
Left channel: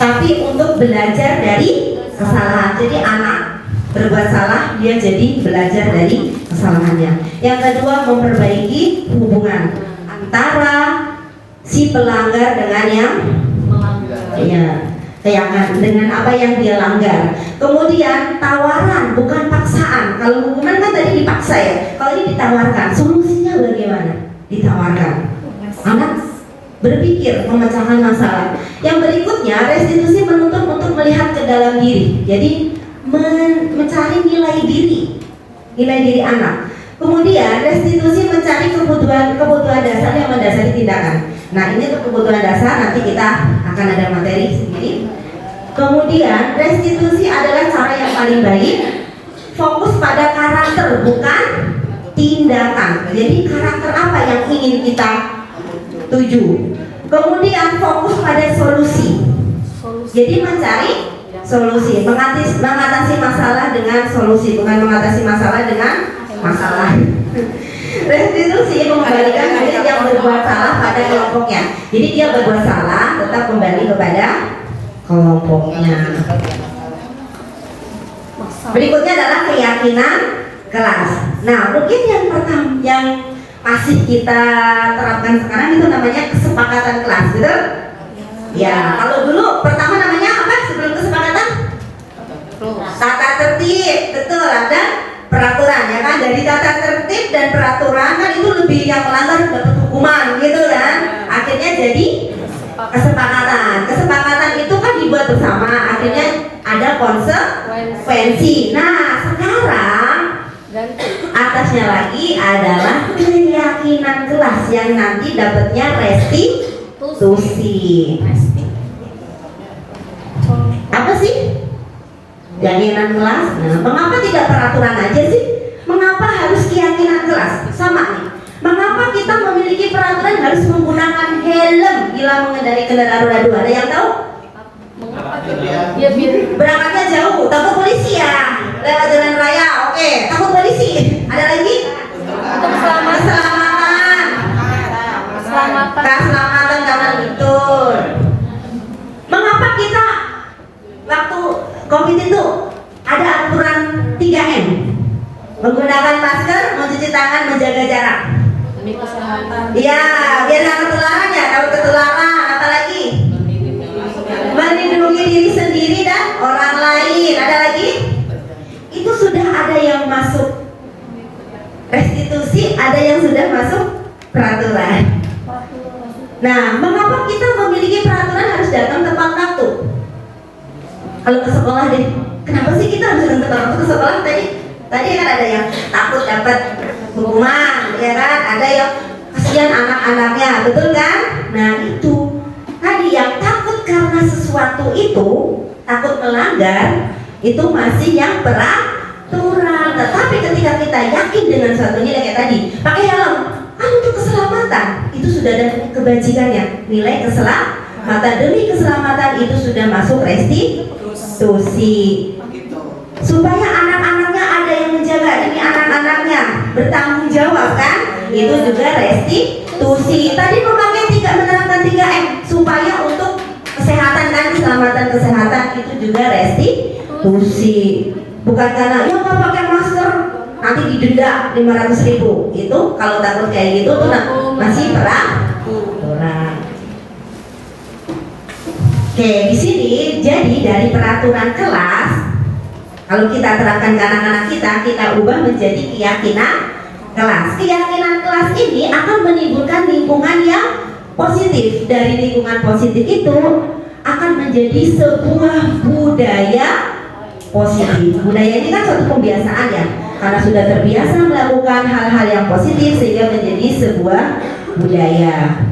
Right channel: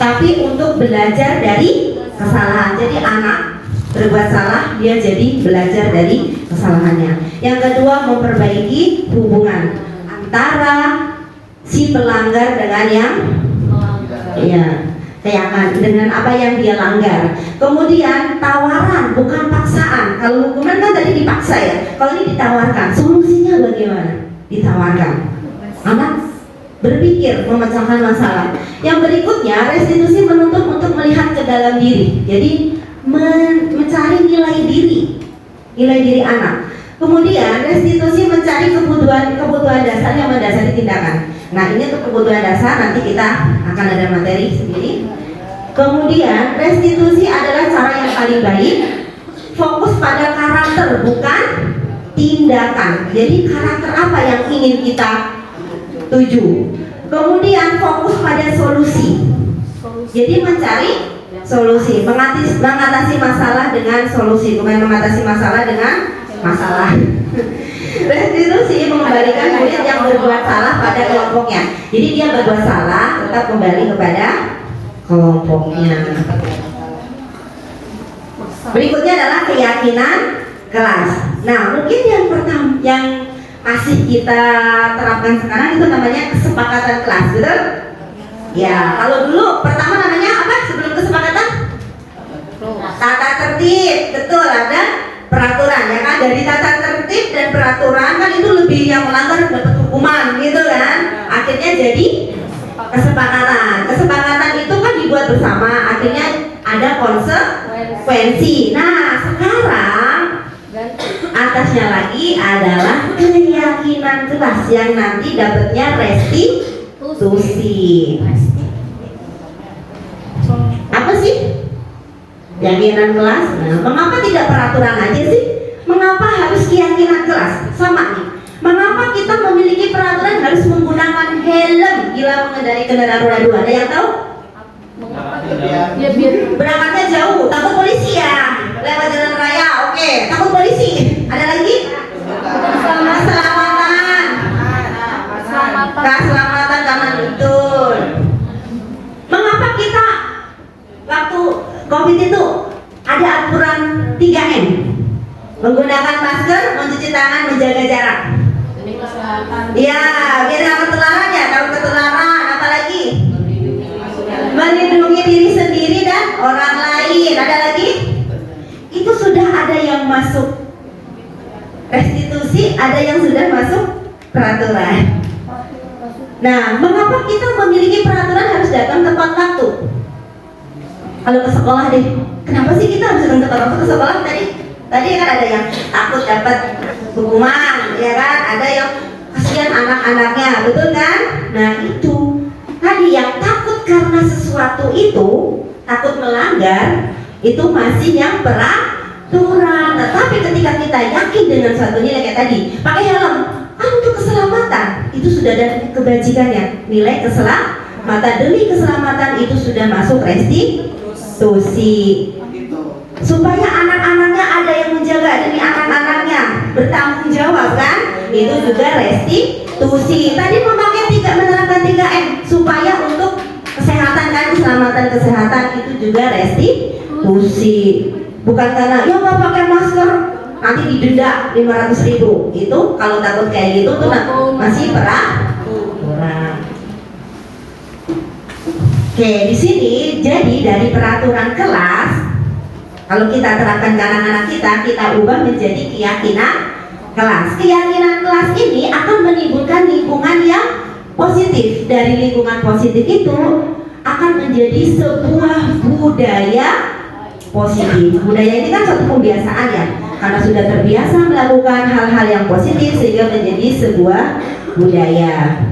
tapi untuk belajar dari kesalahan. Jadi anak berbuat salah, dia jadi belajar dari kesalahannya. Yang kedua, memperbaiki hubungan antara si pelanggar dengan yang dengan apa yang dia langgar. Kemudian tawaran, bukan paksaan. Kalau hukuman kan tadi dipaksa ya. Kalau ini ditawarkan, solusinya bagaimana? Ditawarkan. Anak berpikir memecahkan masalah. Yang berikutnya, restitusi menuntut untuk melihat ke dalam diri. Jadi mencari nilai diri anak. Kemudian restitusi mencari kebutuhan dasar yang mendasari tindakan. Nah ini untuk kebutuhan dasar, nanti kita akan ada materi sendiri. Kemudian restitusi adalah cara yang paling baik, fokus pada karakter bukan tindakan. Jadi karakter apa yang ingin kita tuju. Kemudian fokus pada solusi. Jadi mencari solusi, mengatasi masalah dengan solusi, bukan mengatasi masalah dengan masalah. Restitusi mengembalikan murid yang berbuat salah pada kelompoknya. Jadi dia berbuat salah, tetap kembali kepada kelompoknya. Berikutnya adalah keyakinan kelas. Nah, mungkin yang pertama yang masih kita terapkan sekarang itu namanya kesepakatan kelas, betul? Ya, kalau dulu pertama namanya apa sebelum kesepakatan? Tata tertib, betul, ada peraturan ya kan. Dari tata tertib dan peraturan kan itu lebih yang melanggar dapat hukuman gitu kan. Akhirnya jadi kesepakatan. Kesepakatan itu kan dibuat bersama, akhirnya ada konsekuensi. Nah, sekarang atasnya lagi adalah keyakinan kelas yang nanti dapatnya restitusi. Apa sih keyakinan kelas? Nah, mengapa tidak peraturan aja sih? Mengapa harus keyakinan kelas? Sama nih. Mengapa kita memiliki peraturan harus menggunakan helm bila mengendarai kendaraan roda 2? Ada yang tahu? Ya, berangkatnya jauh, takut polisi ya. Lewat jalan raya, oke, takut polisi. Ada lagi? Keselamatan karena betul. Mengapa kita waktu COVID itu ada aturan 3M? Menggunakan masker, mencuci tangan, menjaga jarak. Iya, biar nggak ketularan ya. Kalau ketularan, apa lagi? Melindungi diri sendiri dan orang lain. Ada lagi? ada yang sudah masuk peraturan. Nah, mengapa kita memiliki peraturan harus datang tepat waktu? Kalau ke sekolah deh, kenapa sih kita harus datang tepat waktu ke sekolah? Tadi kan ada yang takut dapat hukuman, ya kan? Ada yang kasihan anak-anaknya, betul kan? Nah itu tadi yang takut karena sesuatu itu, takut melanggar, itu masih yang peraturan. Tetapi ketika kita yakin dengan suatu nilai kayak tadi, pakai helm, kan untuk keselamatan, itu sudah ada kebajikannya. Nilai keselamatan, demi keselamatan itu sudah masuk restitusi. Supaya anak-anaknya ada yang menjaga, demi anak-anaknya bertanggung jawab kan, itu juga restitusi. Tadi menerapkan 3M supaya untuk kesehatan kan, keselamatan kesehatan itu juga restitusi. Bukan karena ya nggak pakai masker nanti didenda 500.000. Itu kalau takut kayak gitu tuh masih peraturan. Oke, di sini jadi dari peraturan kelas, kalau kita terapkan ke anak-anak kita ubah menjadi keyakinan kelas. Keyakinan kelas ini akan menimbulkan lingkungan yang positif. Dari lingkungan positif itu akan menjadi sebuah budaya positif. Budaya ini kan suatu kebiasaan ya, karena sudah terbiasa melakukan hal-hal yang positif sehingga menjadi sebuah budaya.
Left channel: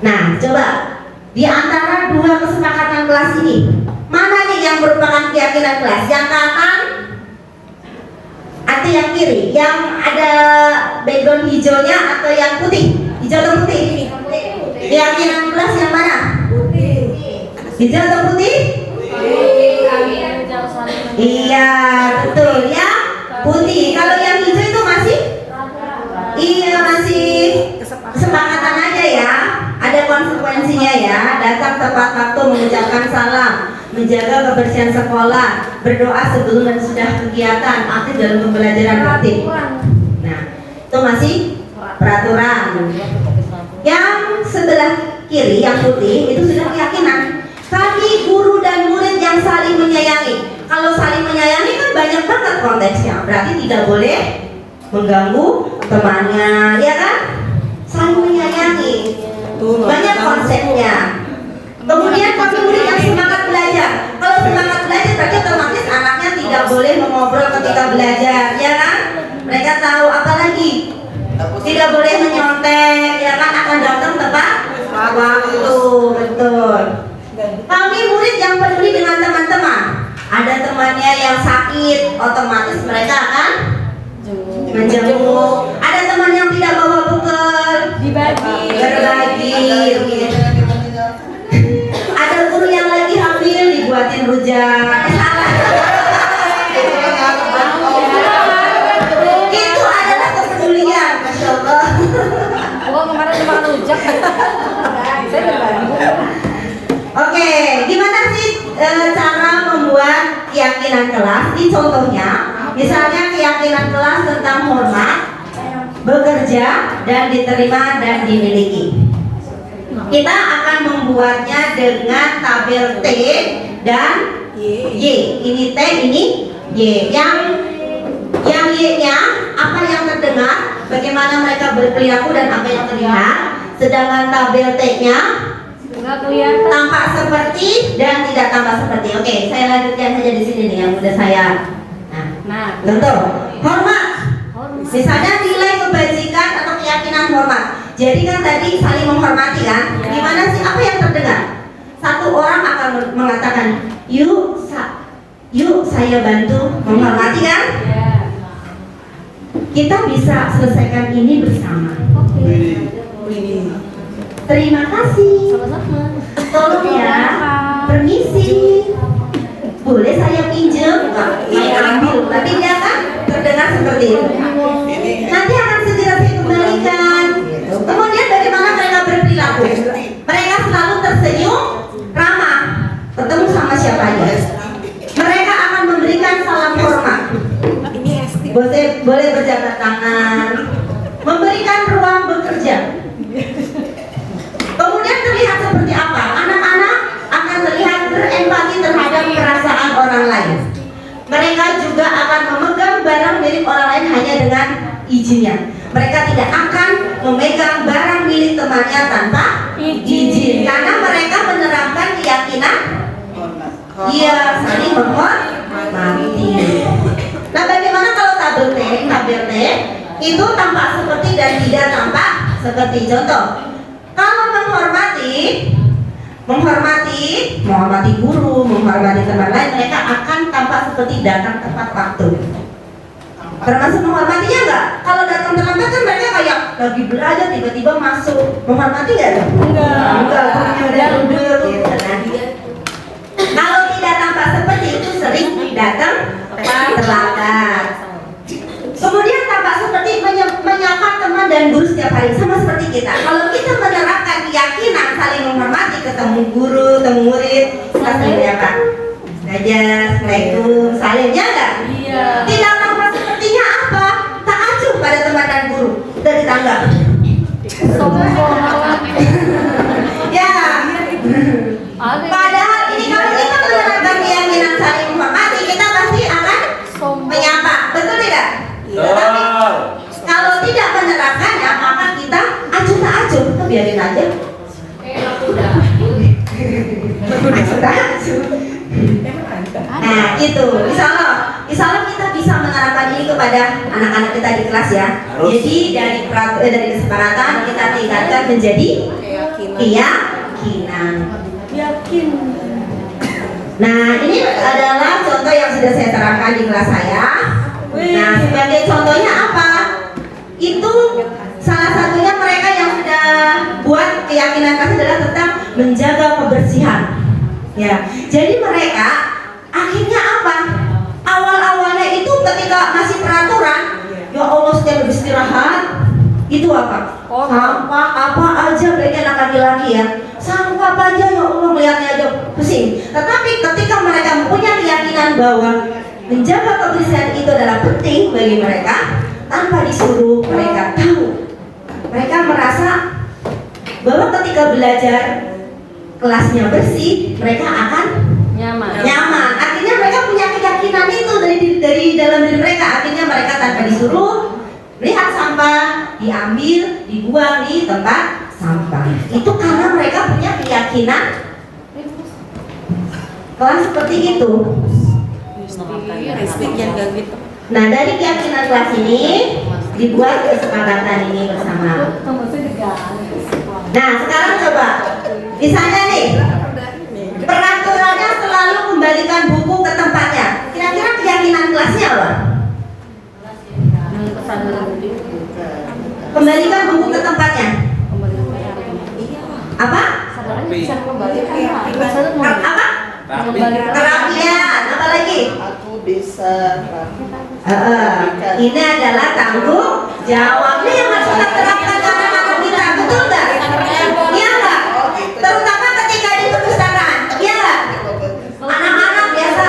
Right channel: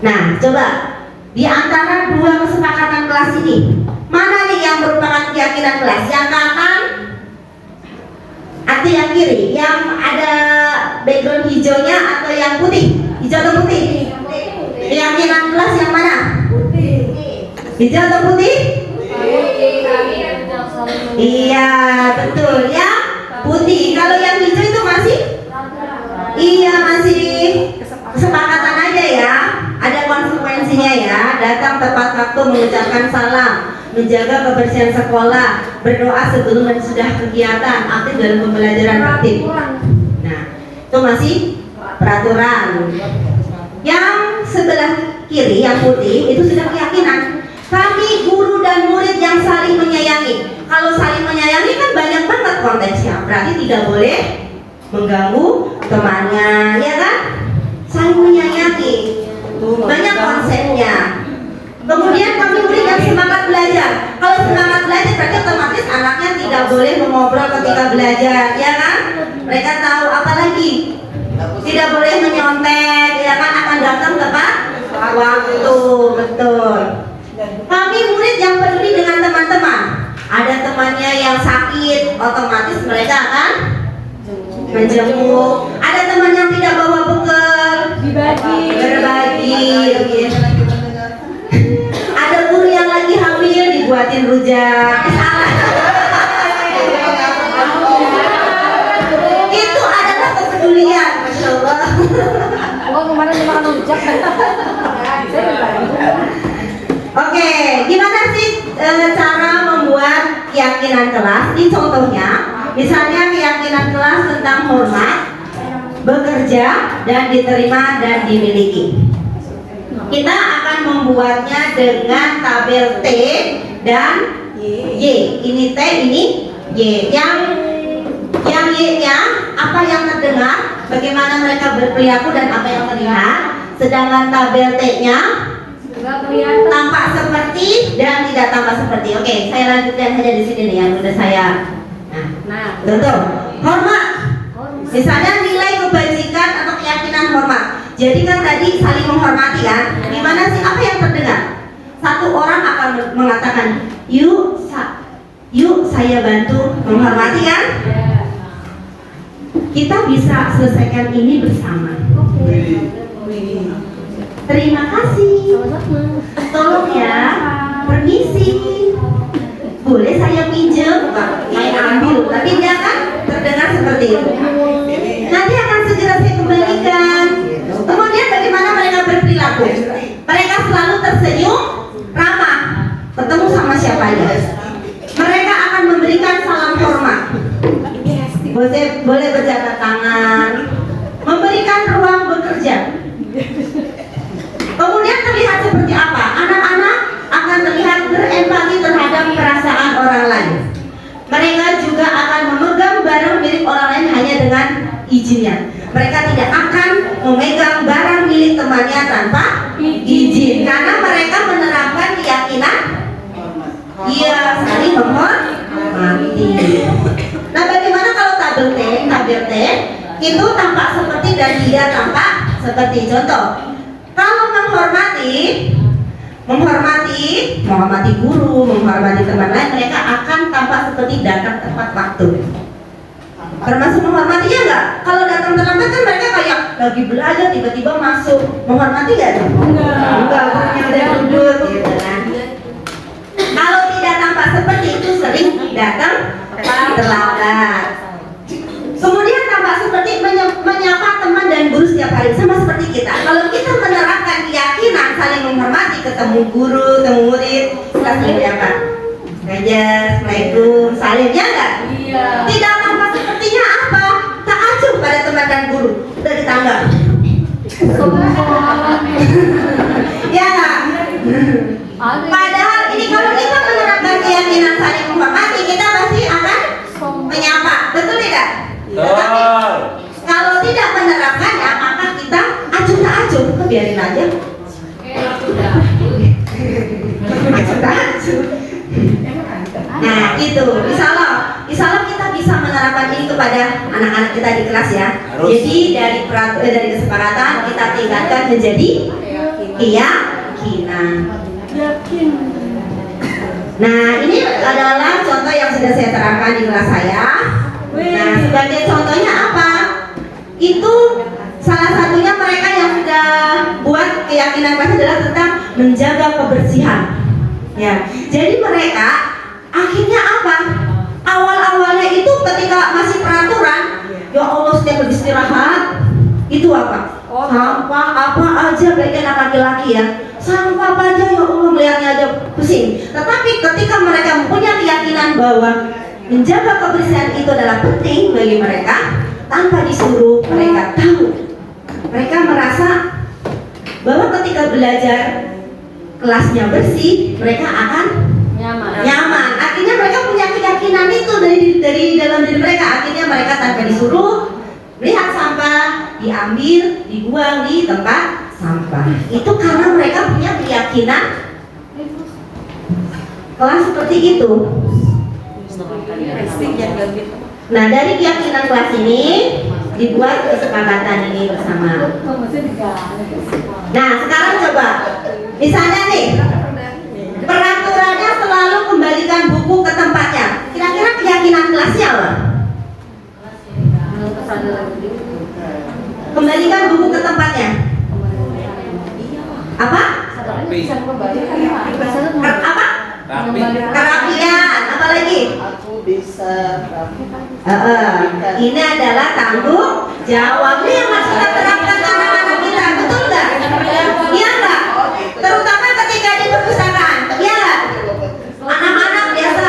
Nah, coba di antara dua kesepakatan kelas ini, mana nih yang merupakan keyakinan kelas? Yang kanan atau yang kiri? Yang ada background hijaunya atau yang putih? Hijau atau putih? Keyakinan kelas yang mana? Putih. Hijau atau putih? Iya, betul ya. Putih. Kalau yang hijau itu masih? Iya, masih kesepakatan aja ya. Ada konsekuensinya ya. Datang tepat waktu, mengucapkan salam, menjaga kebersihan sekolah, berdoa sebelum dan sudah kegiatan, aktif dalam pembelajaran aktif. Nah, itu masih peraturan. Yang sebelah kiri, yang putih, itu sudah keyakinan. Tapi guru dan murid yang saling menyayangi. Kalau saling menyayangi kan banyak banget konteksnya. Berarti tidak boleh mengganggu temannya, ya kan? Saling menyayangi. Banyak konsepnya. Kemudian kami murid yang semangat belajar. Kalau semangat belajar berarti otomatis anaknya tidak boleh mengobrol ketika belajar, ya kan? Mereka tahu apa lagi? Tidak boleh menyontek, ya kan? Akan datang tepat waktu, betul. Kami murid yang peduli dengan teman-teman. Ada temannya yang sakit, otomatis mereka akan menjenguk. Ada teman yang tidak bawa bekal, berbagi. Ada guru yang lagi hamil, dibuatin rujak. Itu adalah kepedulian, masya Allah. Oke, gimana sih cara membuat keyakinan kelas? Ini contohnya, misalnya keyakinan kelas tentang hormat, bekerja, dan diterima dan dimiliki. Kita akan membuatnya dengan tabel T dan Y. Ini T, ini Y. Yang Y-nya apa yang terdengar, bagaimana mereka berperilaku dan apa yang terlihat. Sedangkan tabel T-nya tampak seperti dan tidak tampak seperti. Oke, saya lanjutkan saja di sini nih yang sudah saya. Nah, contoh hormat. Misalnya nilai kebajikan atau keyakinan hormat. Jadi kan tadi saling menghormati kan? Gimana sih? Apa yang terdengar? Satu orang akan mengatakan, yuk saya bantu menghormati kan? Kita bisa selesaikan ini bersama. Terima kasih. Tolong ya. Permisi. Boleh saya pinjam? Main ambil. Tapi dia kan terdengar seperti itu. Nanti akan segera saya kembalikan. Kemudian bagaimana mereka berperilaku? Mereka selalu tersenyum, ramah, ketemu sama siapa aja. Mereka akan memberikan salam hormat. Boleh berjabat tangan, memberikan ruang bekerja. Kemudian terlihat seperti apa? Anak-anak akan terlihat berempati terhadap perasaan orang lain. Mereka juga akan memegang barang milik orang lain milik temannya tanpa izin karena mereka menerapkan keyakinan saling menghormati. Nah, bagaimana kalau tabir T itu tampak seperti dan tidak tampak seperti? Contoh, kalau menghormati guru, menghormati teman lain, mereka akan tampak seperti datang tepat waktu. Termasuk menghormatinya enggak? Kalau datang terlambat kan mereka kayak lagi belajar tiba-tiba masuk. Menghormati enggak? Enggak, udah duduk gitu kan. Kalau tidak tampak seperti itu sering datang terlambat. Kemudian tampak seperti menyapa teman dan guru setiap hari, sama seperti kita. Kalau kita menerapkan keyakinan saling menghormati, ketemu guru, ketemu murid, kita saling menyapa. Assalamualaikum, salimnya enggak? Iya. Tidak tampak sepertinya apa? Takjub pada teman dan guru dari tangga. Ya. Padahal ini kalau kita menerapkan keyakinan saling menghormati, kita pasti akan menyapa, betul tidak? Tetapi kalau tidak menerapkannya, maka kita acuh tak acuh, biarin aja. Nah, itu. Insya Allah kita bisa menerapkan ini kepada anak-anak kita di kelas ya. Jadi dari kesepakatan kita tingkatkan menjadi keyakinan. Nah, ini adalah contoh yang sudah saya terapkan di kelas saya. Nah, sebagai contohnya apa? Itu salah satunya mereka yang sudah buat keyakinan kelas adalah tentang menjaga kebersihan. Ya, jadi mereka akhirnya apa? Awal-awalnya itu ketika masih peraturan, ya Allah setiap beristirahat itu apa? Sampah apa aja bagi anak laki-laki ya. Sampah apa aja ya Allah melihatnya aja pusing. Tetapi ketika mereka mempunyai keyakinan bahwa menjaga kebersihan itu adalah penting bagi mereka, tanpa disuruh mereka tahu. Mereka merasa bahwa ketika belajar kelasnya bersih, mereka akan nyaman. Akhirnya mereka punya keyakinan itu dari dalam diri mereka. Akhirnya mereka tanpa disuruh lihat sampah, diambil, dibuang di tempat sampah. Itu karena mereka punya keyakinan kelas seperti itu. Nah, dari keyakinan kelas ini dibuat kesepakatan ini bersama. Nah, sekarang coba, misalnya nih, peraturannya selalu kembalikan buku ke tempatnya. Kira-kira keyakinan kelasnya apa? Kembalikan buku ke tempatnya. Apa? Apa? Kerapian. Apa lagi? Ini adalah tanggung jawabnya yang harus kita terapkan ke anak-anak kita, betul nggak? Iya nggak? Terutama ketika di perpustakaan, iya nggak? Anak-anak biasa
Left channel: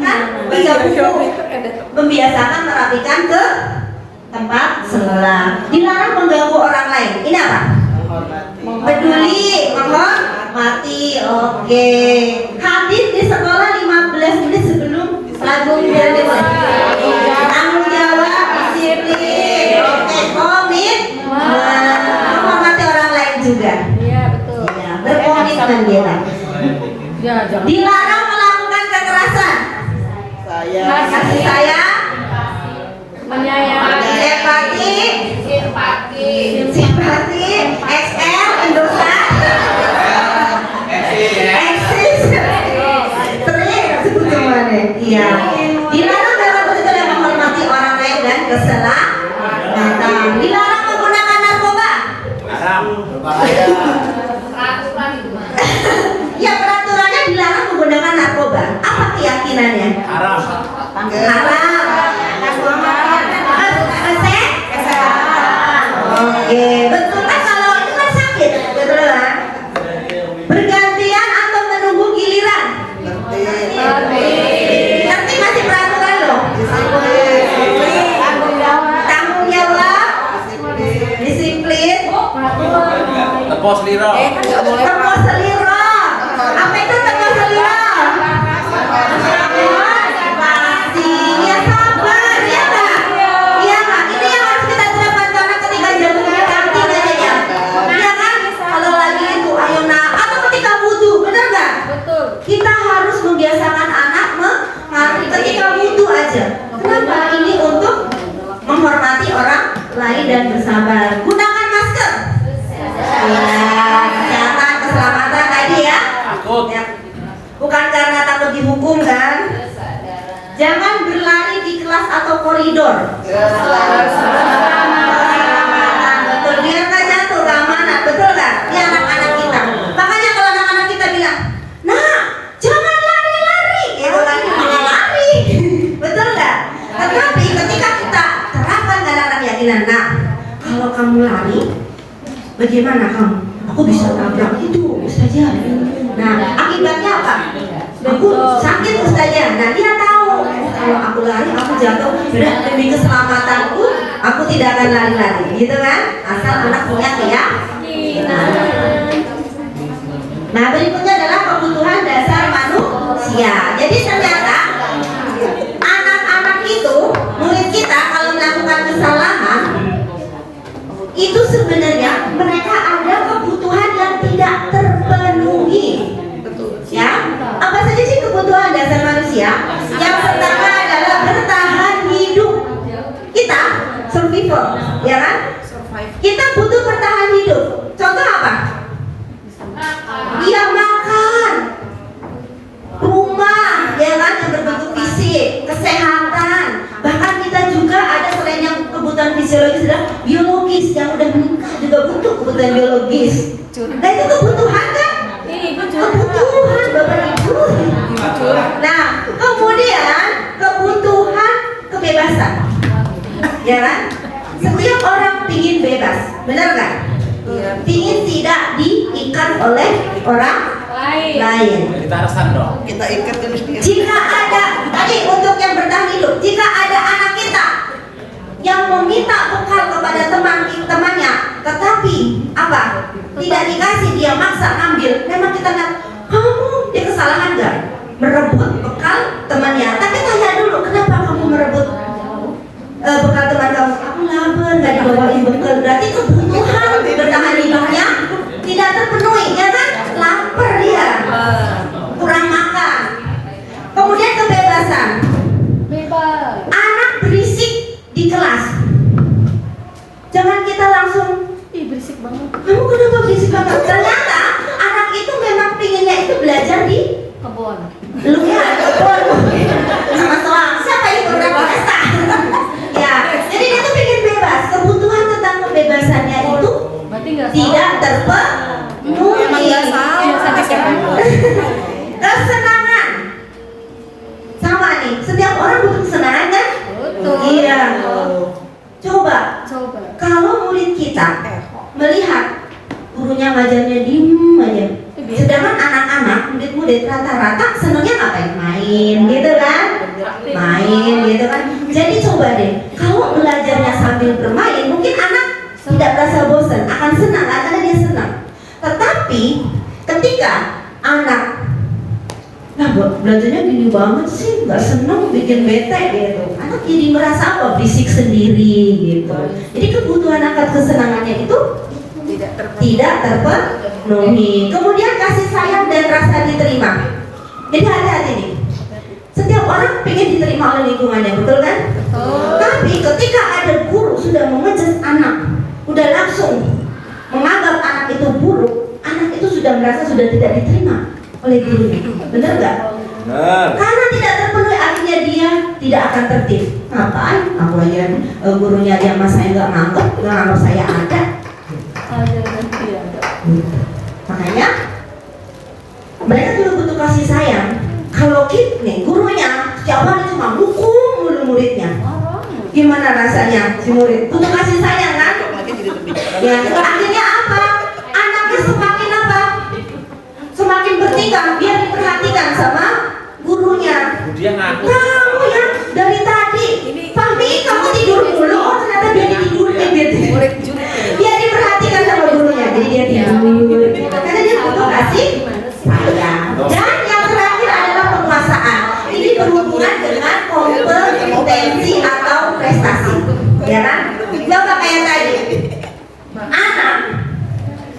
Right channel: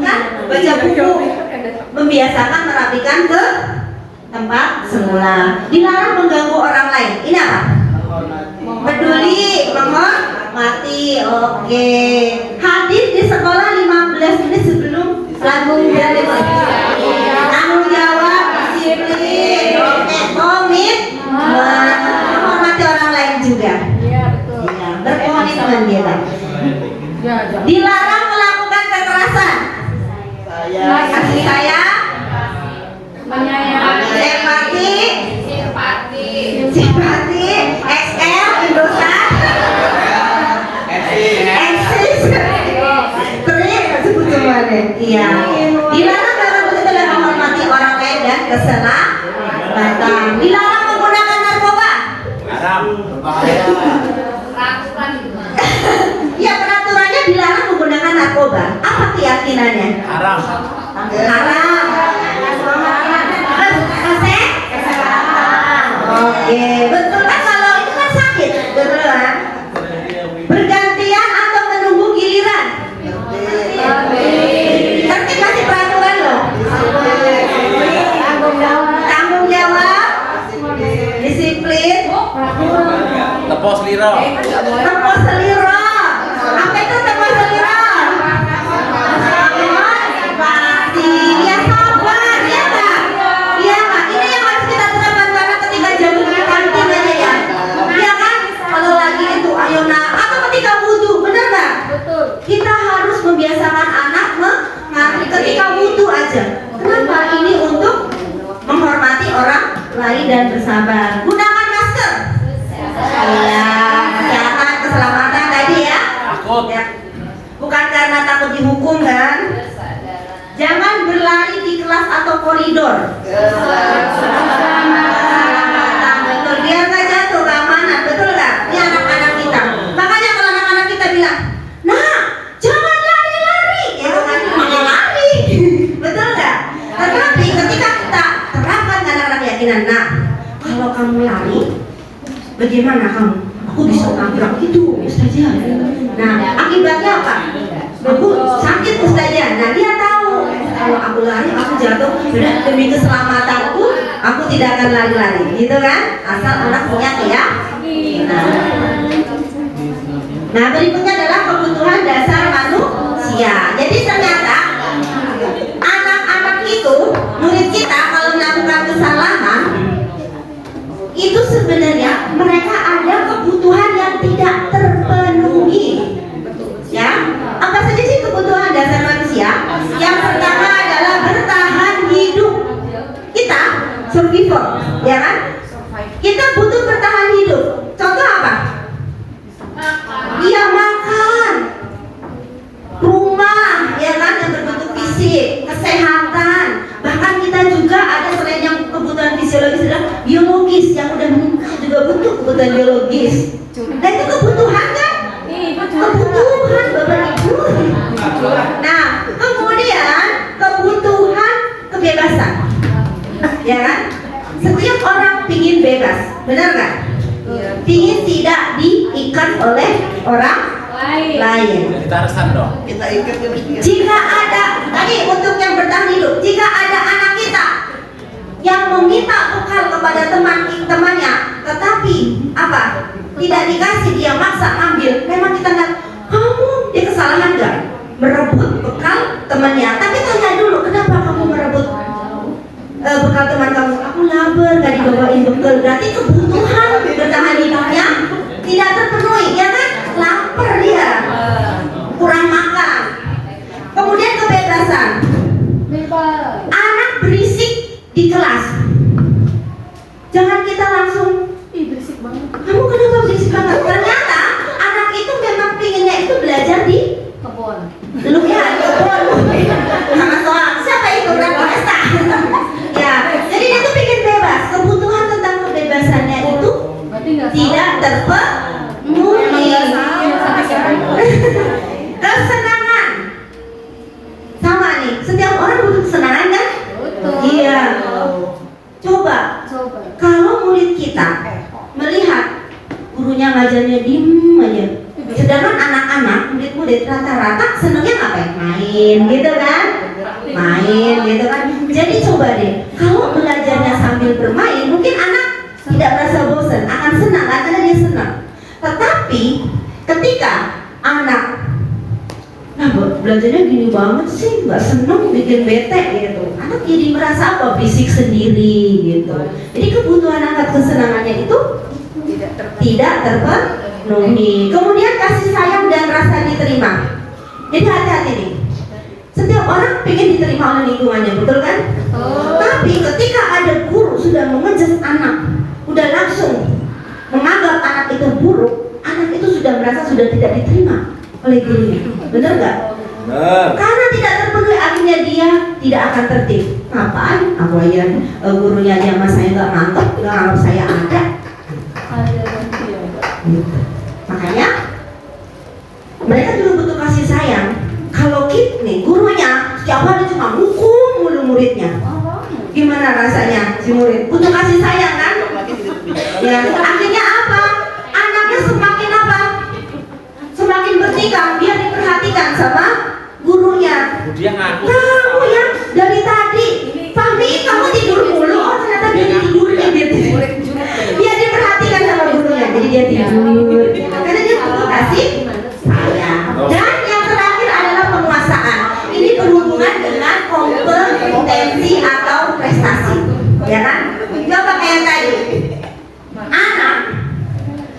kan baca buku, membiasakan merapikan ke tempat semula. Dilarang mengganggu orang lain. Ini apa? Peduli, menghormati. Oke. Hadir di sekolah 15 menit sebelum lagu dimulai. Tanggung jawab, disiplin. Oke, komitmen, menghormati orang lain juga. Iya, betul. Iya, berkomitmen kita. Dilarang melakukan kekerasan. Kasih sayang, simpati, XL, Indosat, eksis, sebut semuanya. Iya. Dilarang dalam bentuk dan menghormati orang lain dan keselamatan. Dilarang menggunakan narkoba. Ya, peraturannya dilarang menggunakan narkoba. Apa keyakinannya? Haram. Oke, betul kan kalau itu kan sakit, betul kan? Bergantian atau menunggu giliran? Tapi masih peraturan loh. Tanggung jawab, disiplin, Tepos liro. tepos seliro. Apa itu tepos seliro? Ya sabar, ya Kak. Iya Kak, ini yang harus kita terapkan karena ketika jamu kantin aja ya. Ya dan bersabar. Gunakan masker. Iya, kesehatan, keselamatan tadi ya. Takut. Ya. Bukan karena takut dihukum kan? Jangan berlari di kelas atau koridor. Keselamatan, betul. Biar nggak jatuh, keamanan, betul nggak? Ini anak-anak kita. Makanya kalau anak-anak kita bilang, nah, jangan lari-lari, gitu kan? Jangan lari, betul nggak? Tetapi ketika kita terapkan anak-anak keyakinan, nah, kalau kamu lari, bagaimana kamu? Aku bisa nabrak itu, Ustazah. Nah, akibatnya apa? Aku sakit, Ustazah. Nah, dia tahu kalau aku lari, aku jatuh. Demi keselamatanku, aku tidak akan lari-lari, gitu kan? Asal anak punya keyakinan. Nah, berikutnya adalah kebutuhan dasar manusia. Jadi ternyata anak-anak itu, murid kita kalau melakukan kesalahan, itu sebenarnya mereka ada kebutuhan yang tidak terpenuhi. Ya, apa saja sih kebutuhan dasar manusia? Yang pertama adalah bertahan hidup. Kita survivor, ya kan? Kita butuh bertahan hidup. Contoh apa? Dia makan, rumah, ya kan, yang berbentuk fisik, kesehatan. Bahkan kita juga ada selain yang kebutuhan fisiologis adalah biologis yang udah meningkat juga butuh kebutuhan biologis. Nah itu kebutuhan kan? Kebutuhan Bapak Ibu. Nah kemudian kebutuhan kebebasan, ya kan? Setiap orang pingin bebas, benar nggak? Pingin tidak diikat oleh orang lain. Jadi tarasan dong. Jika ada, tadi untuk yang bertahan hidup, jika ada anak kita yang meminta bekal kepada temannya, tetapi apa? Tidak dikasih, dia maksa ambil. Memang kita nggak, kamu dia kesalahan nggak? Merebut bekal temannya. Tapi tanya dulu, kenapa kamu merebut bekal teman kamu? Aku lapar, nggak dibawain bekal. Berarti kebutuhan bertahan hidupnya tidak terpenuhi, ya kan? Lapar dia, kurang makan. Kemudian kebebasan. Anak berisik di kelas, jangan kita langsung, ih berisik banget, kamu kenapa berisik banget? Ternyata anak itu memang pinginnya itu belajar di kebun. Lu ya kebun sama soal siapa itu berapa pesta. Ya, jadi dia tuh pingin bebas. Kebutuhan tentang kebebasannya itu tidak terpenuhi. Kesenangan sama nih, setiap orang butuh kesenangan kan? Iya. Coba kalau murid kita melihat gurunya ngajarnya diem aja, sedangkan anak-anak murid-murid rata-rata senangnya ngapain? Main gitu kan? Main gitu kan? Jadi coba deh, kalau belajarnya sambil bermain, mungkin anak tidak merasa bosan, akan senang karena dia senang. Tetapi ketika anak, nah belajarnya gini banget sih, nggak seneng, bikin bete gitu, anak jadi merasa apa? Bisik sendiri gitu. Jadi kebutuhan akan kesenangannya itu tidak terpenuhi. Kemudian kasih sayang dan rasa diterima. Jadi hati-hati nih, setiap orang pengen diterima oleh lingkungannya, betul kan? Tapi ketika ada guru sudah mengejas anak, udah langsung menganggap anak itu buruk, anak itu sudah merasa sudah tidak diterima oleh gurunya, benar nggak? Benar. Karena tidak terpenuhi, akhirnya dia tidak akan tertib. Apaan? Aku aja gurunya aja mas saya nggak nganggap, nggak nganggap saya ada. Makanya mereka juga butuh kasih sayang. Kalau kita nih gurunya setiap hari cuma hukum murid-muridnya, gimana rasanya si murid? Butuh kasih sayang kan? Ya, akhirnya apa? Anaknya semakin apa? Semakin bertingkah, dia diperhatikan sama gurunya. Dia ngaku. Kamu ya dari tadi, Fahmi kamu tidur mulu. Oh ternyata dia tidur gitu. Dia diperhatikan sama gurunya, jadi dia tidur. Karena dia butuh kasih sayang. Dan yang terakhir adalah penguasaan. Ini berhubungan dengan kompetensi atau prestasi, ya kan? Coba kayak tadi, anak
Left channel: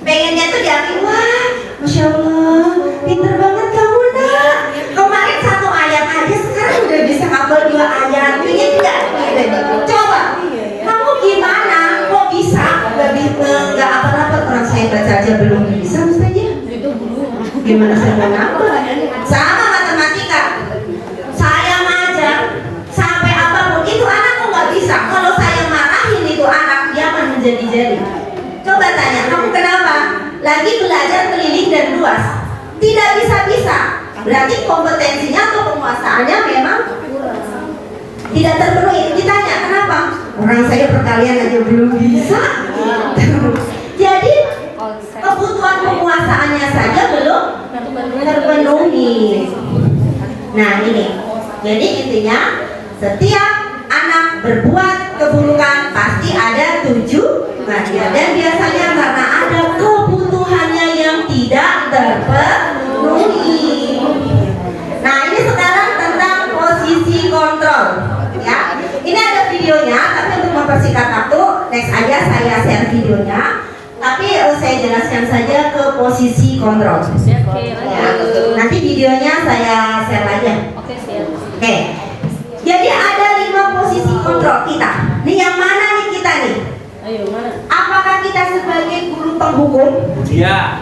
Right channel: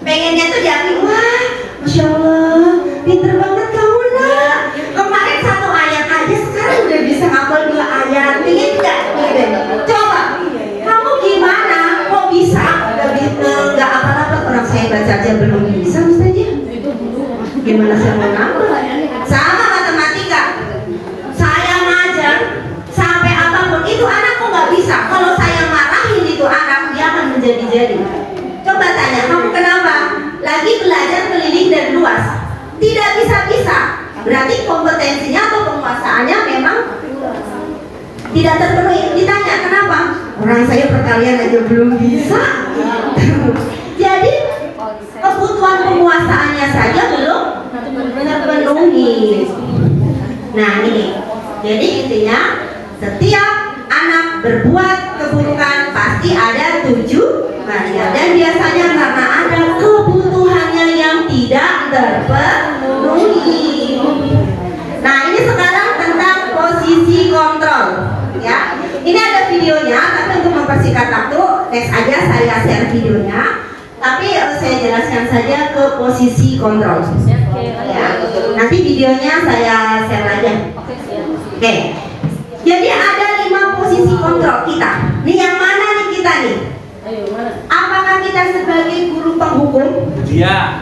pengennya tuh diakui, wah, masya Allah, pinter banget kamu nak. Kemarin satu ayat aja sekarang udah Gimana saya mau nambah? Sama matematika. Saya ngajar sampai apapun itu anak kok nggak bisa. Kalau saya marahin itu anak, dia akan menjadi-jadi. Coba tanya, kamu kenapa? Lagi belajar keliling dan luas. Tidak bisa-bisa. Berarti kompetensinya atau penguasaannya memang tidak terpenuhi. Ditanya kenapa? Orang saya perkalian aja belum bisa. Jadi kebutuhan penguasaannya saja belum terpenuhi. Nah ini, jadi intinya setiap anak berbuat keburukan pasti ada tujuannya, dan biasanya karena ada kebutuhannya yang tidak terpenuhi. Nah ini sekarang tentang posisi kontrol, ya. Ini ada videonya, tapi untuk mempersingkat waktu, next aja saya share videonya. Tapi saya jelaskan saja ke posisi kontrol. Ya. Nanti videonya saya share aja. Oke. Jadi ada 5 posisi kontrol kita. Nih yang mana nih kita nih? Apakah kita sebagai guru penghukum? Dia.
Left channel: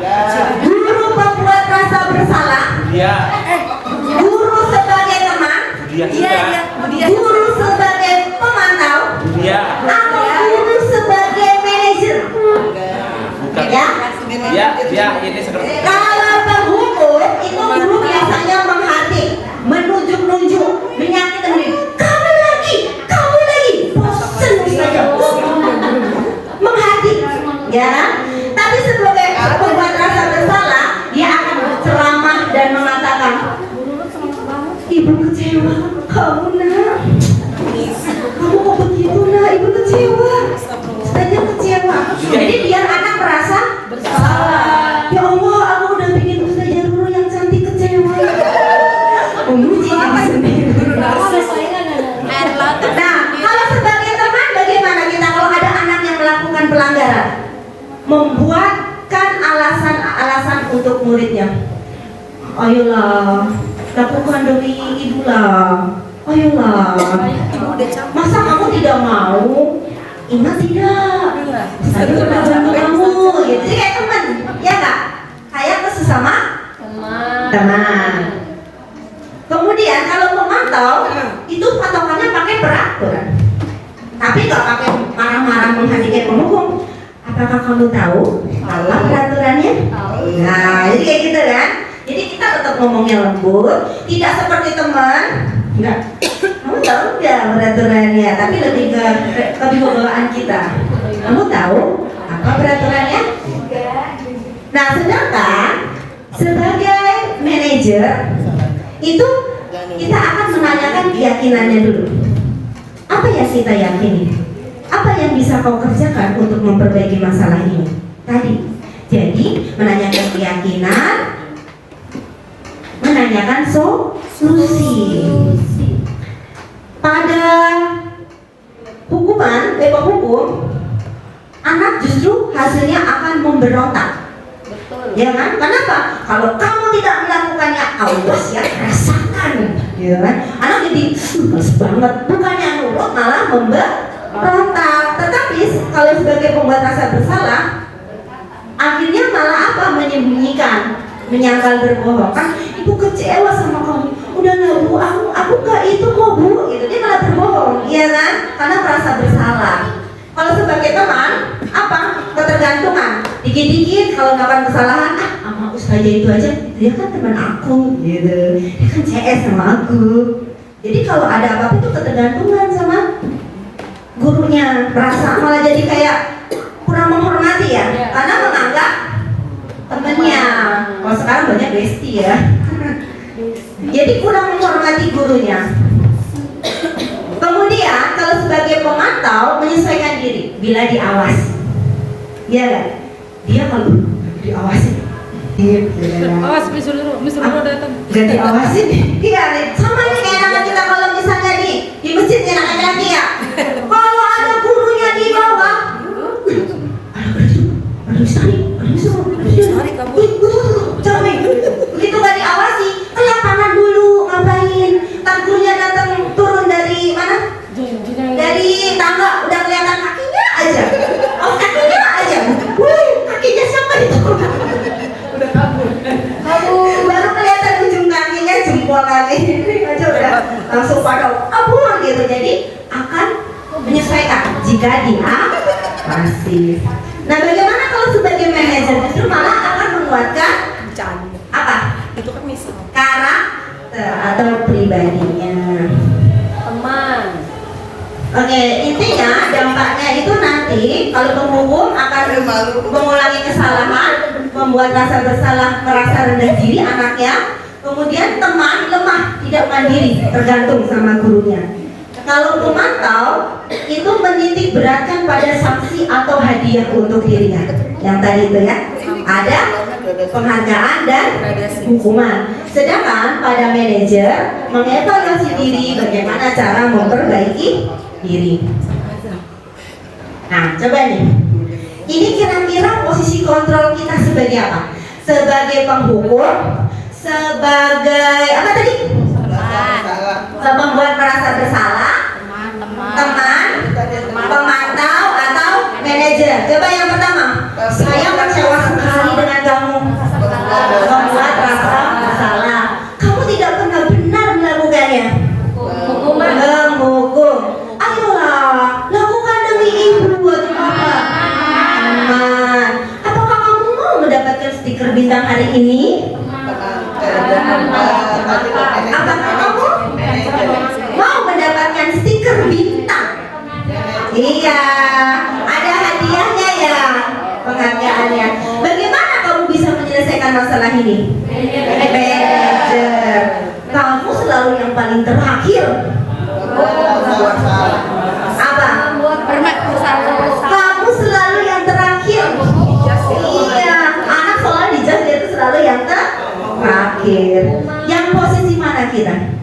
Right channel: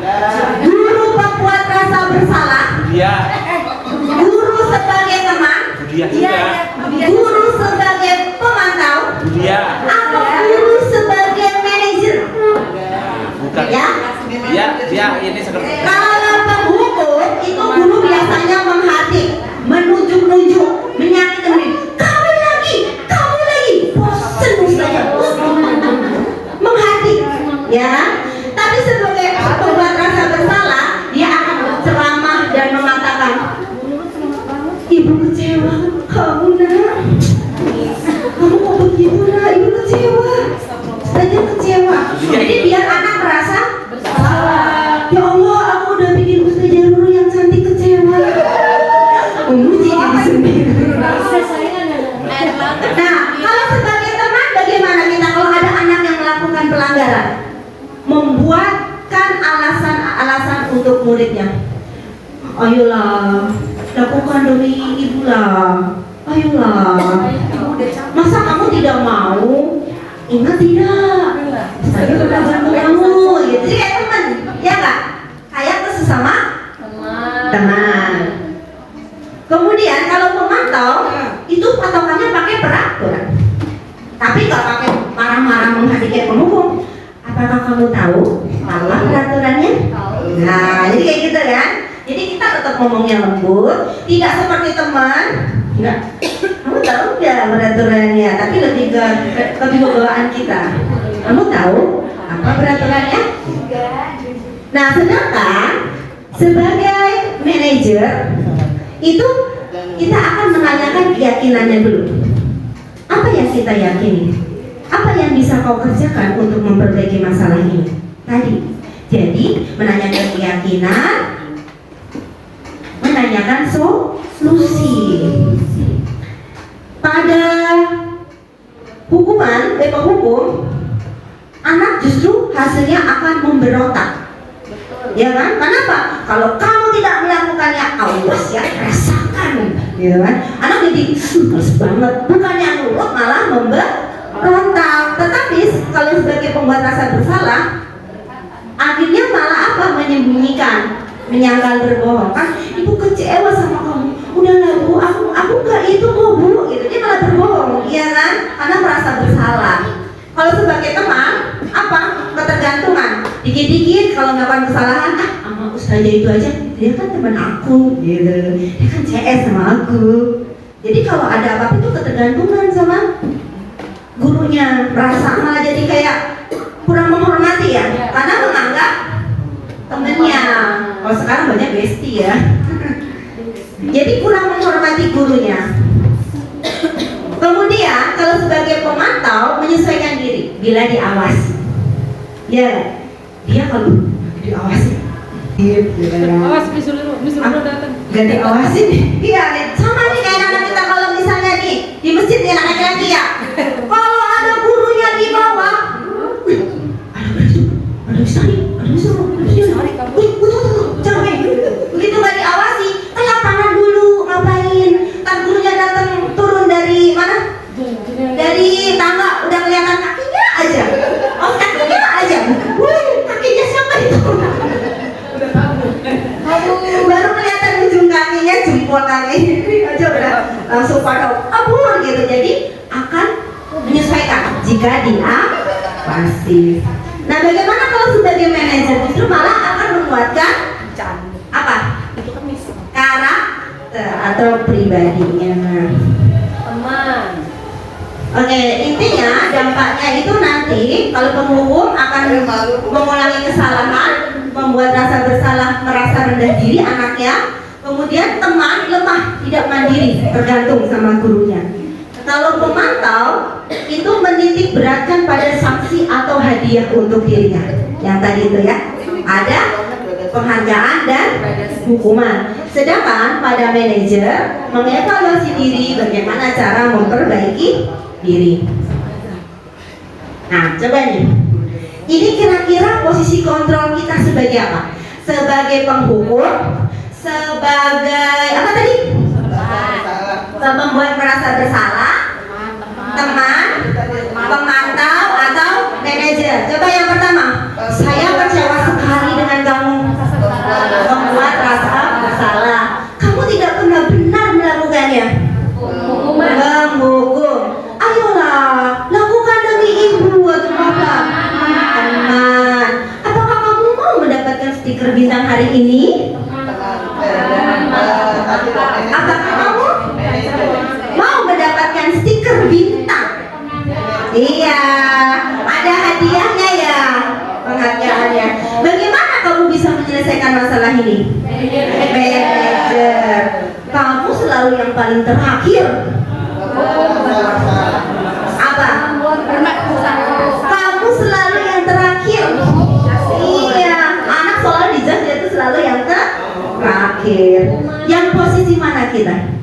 Guru pembuat rasa bersalah? Dia. Guru sebagai teman? Dia juga. Guru sebagai pemantau? Dia. Atau guru sebagai manajer? Bukan. Ya? Dia ini seperti. Kalau penghukum itu guru biasanya menghadik, menunjuk-nunjuk, menyakiti, kamu lagi, bosan saja, menghadik, ya kan? Tapi sebagai pembuat rasa bersalah, dia akan ceramah dan mengatakan, ibu kecewa, kamu nak, kamu kok begitu nak, ibu kecewa, saja kecewa. Jadi biar anak merasa bersalah. Ya Allah, aku udah bikin Ustazah Ruru yang cantik kecewa. Memuji diri sendiri. Nah, kalau sebagai teman bagaimana kita kalau ada anak yang melakukan pelanggaran? Membuatkan alasan-alasan untuk muridnya. Ayolah, lakukan demi ibu lah. Ayolah. Masa kamu tidak mau? Ingat tidak? Saya sudah bantu kamu. Gitu. Jadi kayak teman, ya kak? Kayak ke sesama teman. Kemudian kalau memantau itu patokannya pakai peraturan. Tapi nggak pakai marah-marah menghadiri penghukum. Apakah kamu tahu apa peraturannya? Nah, jadi kayak gitu kan? Jadi kita tetap ngomongnya lembut, tidak seperti teman. Enggak. Kamu tahu nggak peraturannya? Tapi lebih ke kebawaan kita. Kamu tahu apa peraturannya? Nah, sedangkan sebagai manajer itu kita akan menanyakan keyakinannya dulu. Apa yang kita yakini? Apa yang bisa kau kerjakan untuk memperbaiki masalah ini? Tadi. Jadi menanyakan keyakinan, menanyakan solusi. Pada hukuman, hukum, anak justru hasilnya akan memberontak. Ya kan? Kenapa? Kalau kamu tidak melakukannya, awas ya, rasakan. Ya kan? Anak jadi males banget. Bukannya nurut, malah memberontak. Tetapi kalau sebagai pembuat rasa bersalah, akhirnya malah apa? Menyembunyikan, menyangkal berbohong. Kan ibu kecewa sama kamu. Udahlah bu, aku nggak itu kok bu. Gitu dia malah berbohong, iya kan? Karena merasa bersalah. Kalau sebagai teman, apa? Ketergantungan. Dikit-dikit kalau melakukan kesalahan, sama Ustazah itu aja, dia kan teman aku, gitu. Dia kan CS sama aku. Jadi kalau ada apa-apa itu ketergantungan sama gurunya, merasa malah jadi kayak kurang menghormati ya, karena menganggap temennya. Kalau sekarang banyak bestie ya. Jadi kurang menghormati gurunya. Kemudian kalau sebagai pemantau menyesuaikan diri bila diawasi. Ya, dia kalau diawasi, Awas misalnya datang. jadi diawasi, iya nih. Sama nih kayak anak kita kalau misalnya nih di masjid ya anak laki ya. Kalau ada gurunya di bawah, ada Ustari, capek. Begitu nggak diawasi, kelap kanan dulu ngapain? Ntar gurunya datang turun dari mana? Dari tangga udah kelihatan kakinya aja. Oh kakinya aja. Kakinya siapa itu? Kamu langsung pada kabur gitu. Jadi akan menyesuaikan jika dia pasif. Nah, bagaimana kalau sebagai manajer justru malah akan menguatkan apa? Karakter atau pribadinya. Teman. Oke, intinya dampaknya itu nanti kalau penghukum akan mengulangi kesalahan, membuat rasa bersalah, merasa rendah diri anaknya. Kemudian teman lemah, tidak mandiri, tergantung sama gurunya. Kalau pemantau itu menitik beratkan pada sanksi atau hadiah untuk dirinya. Yang tadi itu ya, ada penghargaan dan hukuman. Sedangkan pada manajer mengevaluasi diri, bagaimana cara memperbaiki diri. Nah, coba nih. Ini kira-kira posisi kontrol kita sebagai apa? Sebagai penghukum, sebagai apa tadi? Membuat merasa bersalah, teman, pemantau atau manajer. Coba yang pertama, saya kecewa sekali dengan kamu, membuat rasa bersalah. Kamu tidak pernah benar melakukannya. Menghukum. Ayolah, lakukan demi ibu atau bapak. Teman, apakah kamu mau mendapatkan stiker bintang hari ini? Apakah kamu mau mendapatkan stiker bintang? Iya, ada hadiahnya ya, penghargaannya. Bagaimana kamu bisa menyelesaikan masalah ini? Manajer, kamu selalu yang paling terakhir. Apa? Kamu selalu yang terakhir. Iya, anak selalu dijudge dia itu selalu yang terakhir. Yang posisi mana kita?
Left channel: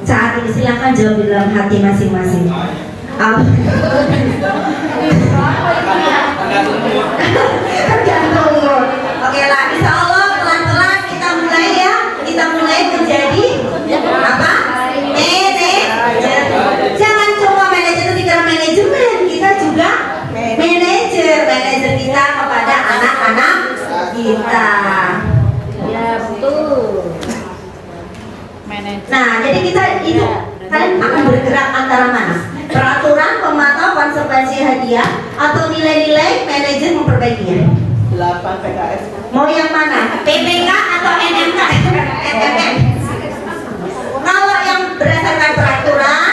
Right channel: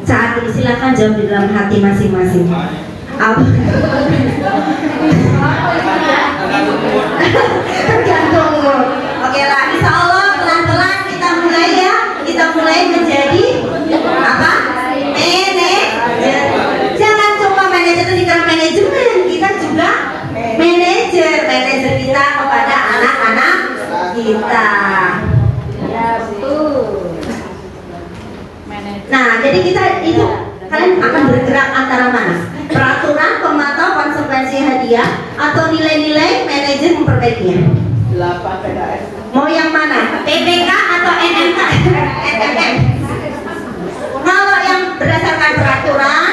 Saat ini silakan jawab di dalam hati masing-masing. Apa? Tergantung mood. Oke lah, insya Allah pelan-pelan kita mulai ya. Kita mulai menjadi apa? Manajer. Jangan cuma manajer itu dikira manajemen, kita juga manajer kita kepada anak-anak kita. Nah, jadi kita itu kalian akan bergerak antara mana? Peraturan, pemantau, konsekuensi hadiah, atau nilai-nilai manajer memperbaikinya? Mau yang mana? PPK atau NMK? NMM? Kalau yang berdasarkan peraturan,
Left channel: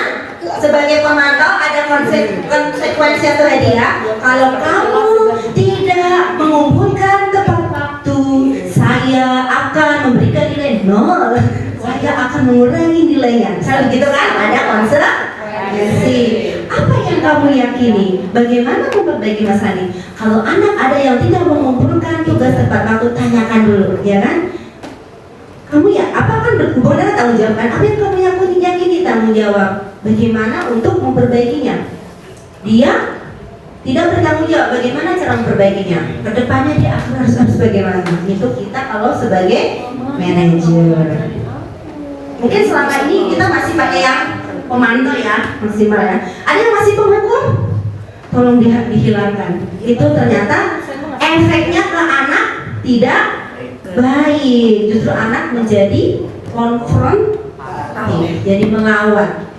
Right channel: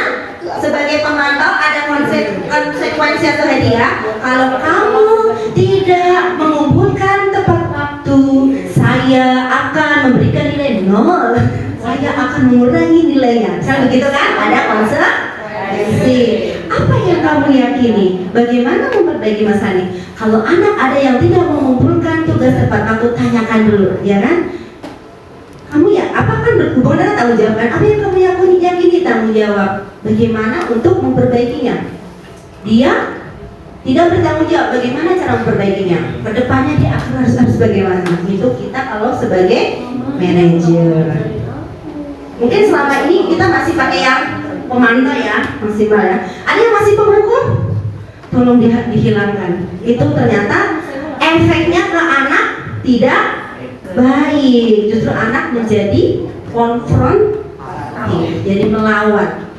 sebagai pemantau ada konsekuensi atau hadiah. Kalau kamu tidak mengumpulkan tepat waktu, saya akan memberikan nilai 0. Saya akan mengurangi nilainya. Kan begitu kan? Ada konsekuensi. Apa yang kamu yakini? Bagaimana memperbaiki masalah ini? Kalau anak ada yang tidak mengumpulkan tugas tepat waktu, tanyakan dulu, ya kan? Kamu ya, apa kan berhubungan tanggung jawab kan? Apa yang kamu yakini tanggung jawab? Bagaimana untuk memperbaikinya? Dia tidak bertanggung jawab. Bagaimana cara memperbaikinya? Kedepannya dia akan harus bagaimana? Itu kita kalau sebagai manajer. Mungkin selama ini kita masih pakai yang pemantau ya, maksimal ya. Ada yang masih penghukum? Tolong dihilangkan. Itu ternyata efeknya ke anak tidak baik. Justru anak menjadi konfrontatif, jadi melawan.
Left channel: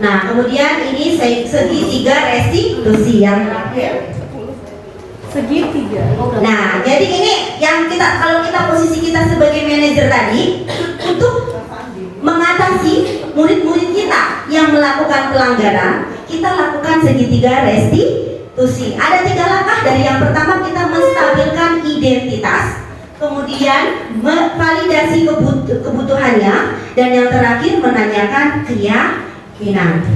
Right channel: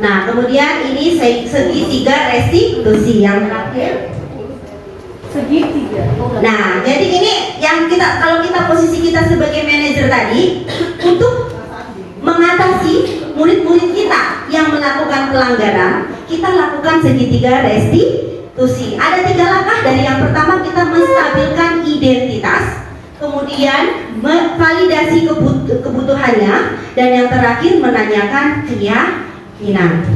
Nah, kemudian ini segitiga restitusi yang terakhir. Segitiga. Nah, jadi ini yang kita, kalau kita posisi kita sebagai manajer tadi, untuk mengatasi murid-murid kita yang melakukan pelanggaran, kita lakukan segitiga restitusi. Ada 3 langkah. Dari yang pertama kita menstabilkan identitas, kemudian validasi kebutuhannya, dan yang terakhir menanyakan keyakinan.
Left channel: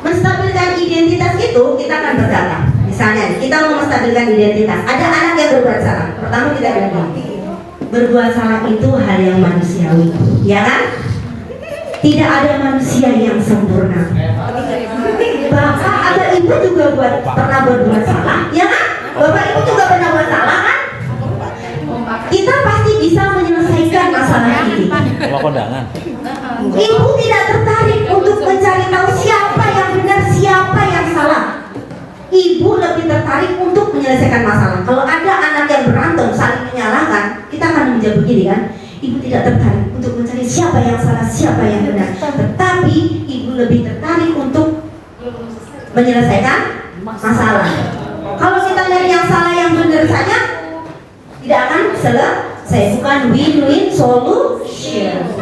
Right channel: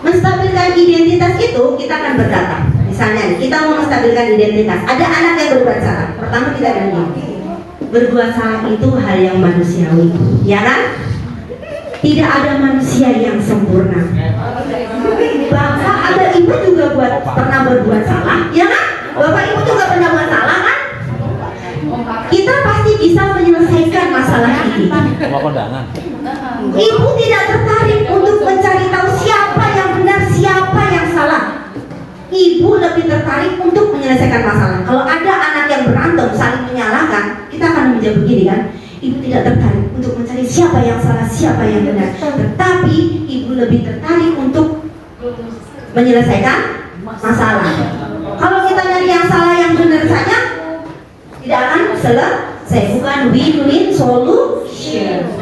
Menstabilkan identitas itu kita akan berkata, misalnya kita mau menstabilkan identitas, ada anak yang berbuat salah. Pertama kita bilang gini, berbuat salah itu hal yang manusiawi, ya kan? Tidak ada manusia yang sempurna. Bapak atau ibu juga pernah berbuat salah, ya kan? Bapak ibu juga pernah buat salah kan? Kita pasti bisa menyelesaikan masalah ini. Ibu tidak tertarik untuk mencari tahu siapa yang benar, siapa yang salah. Ibu lebih tertarik untuk menyelesaikan masalah. Kalau ada anak yang berantem saling menyalahkan, kita akan menjawab begini kan, Ibu tidak tertarik untuk mencari siapa yang salah, siapa yang benar. Tetapi ibu lebih tertarik untuk menyelesaikan masalah. Kalau kita nyari yang salah yang benar saja, tidak akan selesai. Bukan win-win solution.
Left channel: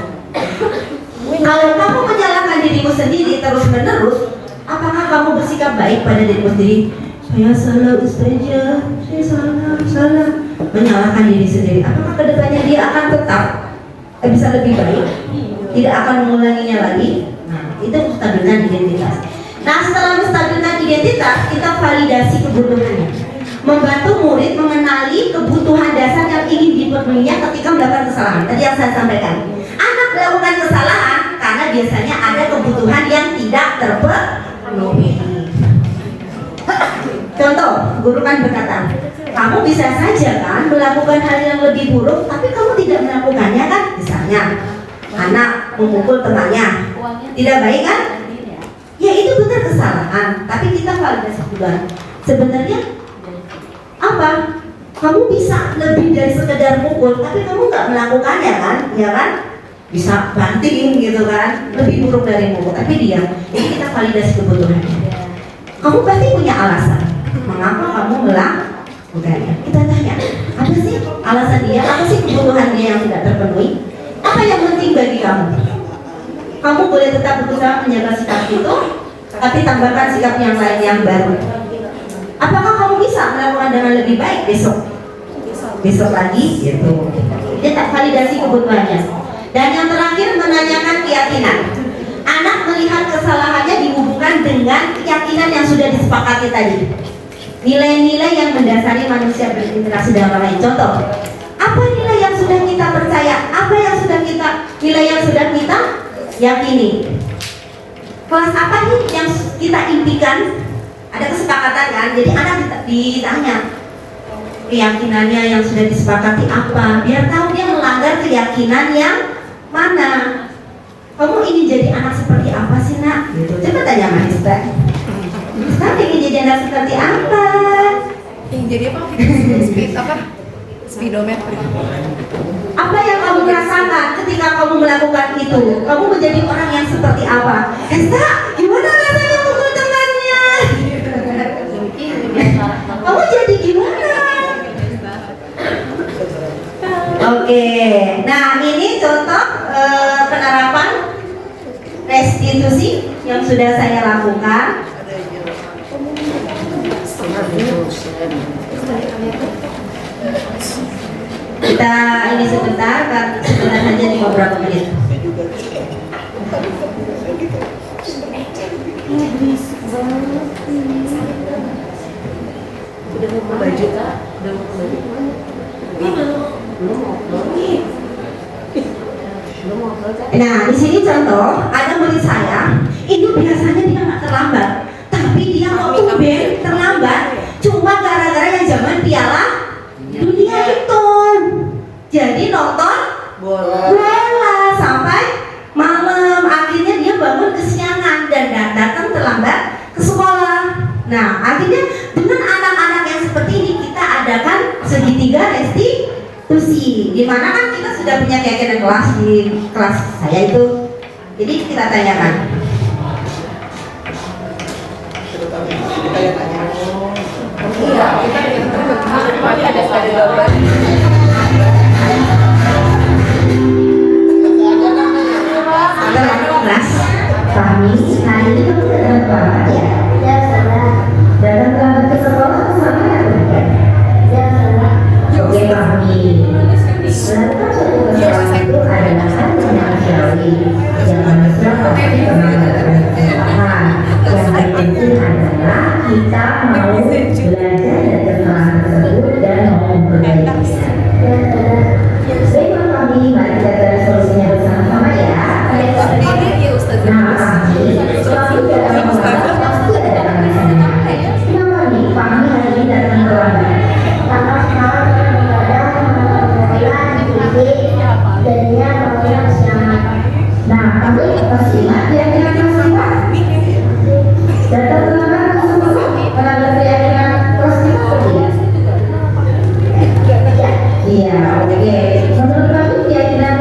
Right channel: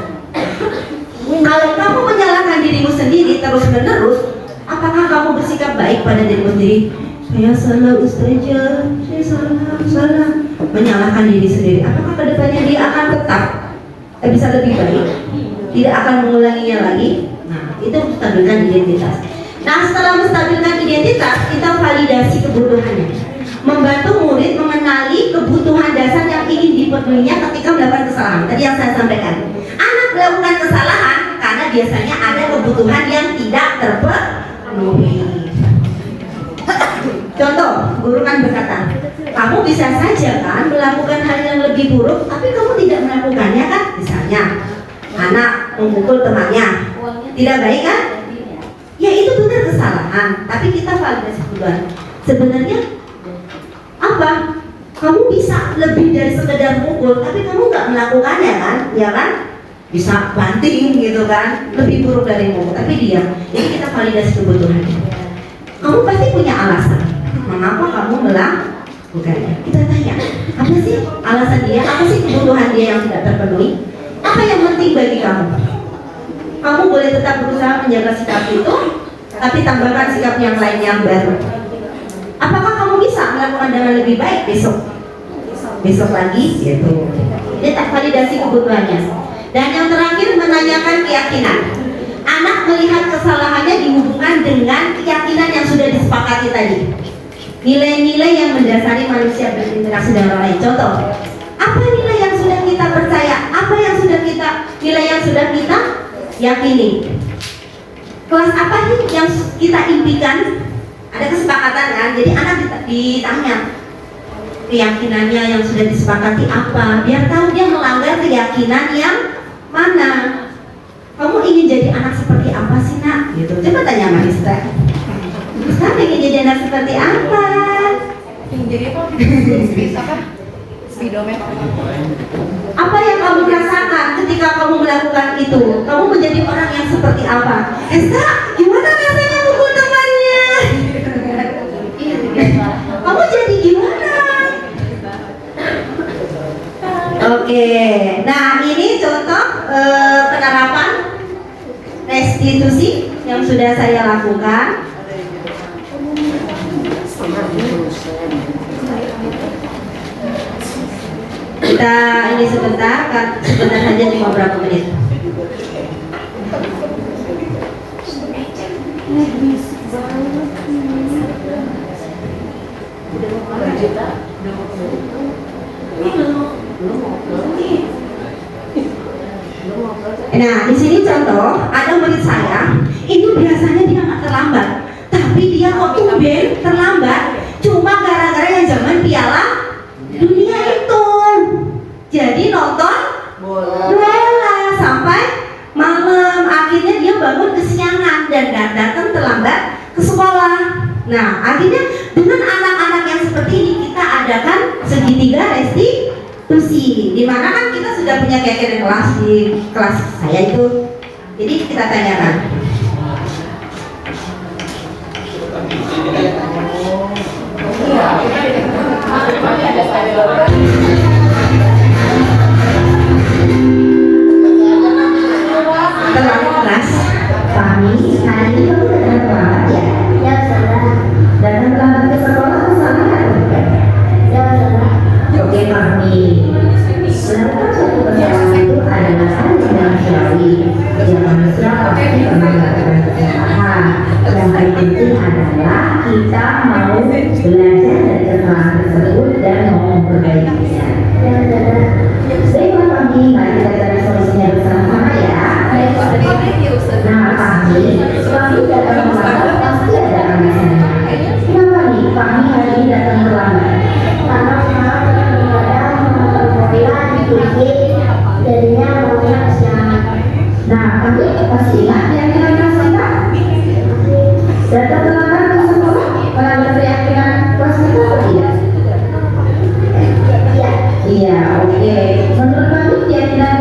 Kalau kamu menyalahkan dirimu sendiri terus-menerus, apakah kamu bersikap baik pada dirimu sendiri? Saya salah Ustazah, saya salah. Menyalahkan diri sendiri. Apakah kedepannya dia akan tetap bisa lebih baik? Tidak akan mengulanginya lagi? Nah, itu menstabilkan identitas. Nah, setelah menstabilkan identitas, kita validasi kebutuhannya. Membantu murid mengenali kebutuhan dasar yang ingin dipenuhinya ketika melakukan kesalahan. Tadi yang saya sampaikan. Anak melakukan kesalahan karena biasanya ada kebutuhan yang tidak terpenuhi. Contoh, guru kan berkata, kamu bisa saja kan melakukan hal yang lebih buruk, tapi kamu tidak melakukannya kan? Misalnya, anak memukul temannya, tidak baik kan? Ya itu benar kesalahan, tapi kita validasi juga. Sebenarnya apa? Kamu bisa lebih dari sekedar mukul, tapi kamu nggak melakukannya kan? Ya kan? Bisa banting gitu kan? Lebih buruk dari mukul, tapi dia. Jadi kita validasi kebutuhannya. Kamu pasti punya alasan. Mengapa kamu melakukannya? Kita tanya, apa sih alasan dia? Apa sih kebutuhan dia yang tidak terpenuhi? Apa yang penting bagi kamu? Kamu boleh tetap berusaha menjaga sikap itu, tapi tambahkan sikap yang lain yang baru. Apakah kamu bisa melakukan dengan lebih baik besok? Besok lagi, gitu. Dia tak validasi kebutuhannya. Dan yang terakhir, menanyakan keyakinan. Anak melihat kesalahannya dihubungkan dengan keyakinan yang sudah disepakati tadi. Nilai-nilai yang mendasari manusia berinteraksi dengan orang lain. Contoh, apa nilai yang sudah kita percaya? Apa yang sudah kita, nilai yang sudah kita yakini? Kelas apa nih yang kita impikan? Ada kesepakatan kan? Jadi anak ditanya keyakinannya yang sudah disepakati apa? Biar tahu dia melanggar keyakinan yang mana. Kamu ingin jadi anak seperti apa sih nak? Gitu. Coba tanya sama Mister. Mister ingin jadi anak seperti apa? Ingin jadi apa? Speedometer. Apa yang kamu rasakan ketika kamu melakukan itu? Kamu menjadi orang yang seperti apa? Mister, gimana rasanya pukul temannya? Kamu jadi gimana? Oke, nah ini contoh penerapan restitusi yang sudah saya lakukan. Kita ini sebentar saja, cuma beberapa menit. Nah, di sini contoh ada murid saya, itu biasanya dia nggak terlambat, tapi dia kok tumben terlambat, cuma gara-gara yang zaman Piala Dunia itu. Jadi nonton bola sampai malam, akhirnya dia bangun kesiangan dan datang terlambat ke sekolah. Nah, akhirnya dengan anak-anak yang seperti ini kita adakan segitiga restitusi, di mana kan kita sudah punya keyakinan kelas di kelas saya itu. Jadi kita tanyakan. Kelas kami hari ini kamu datang terlambat ya? Ya salah. Datang terlambat ke sekolah suaminya apa? Ya salah. Oke kami. Melakukan suatu kesalahan itu adalah hal yang manusiawi. Jangan mesra pasti terlambat kesalahan. Yang terpenting adalah kita mau belajar dari kesalahan tersebut dan mau memperbaikinya. Ya salah. Baiklah kami, mari kita cari solusinya bersama-sama ya. Nah kami datang terlambat pasti ada alasannya. Kenapa nih kami hari ini datang terlambat? Karena kemarin kadang mengajar diskusi jadinya maunya kesiangan. Nah kami pasti ingat keyakinan kelas kita. Datang terlambat ke sekolah melanggar keyakinan kelas kita atau tidak? Ya. Iya, oke. Menurut kami keyakinan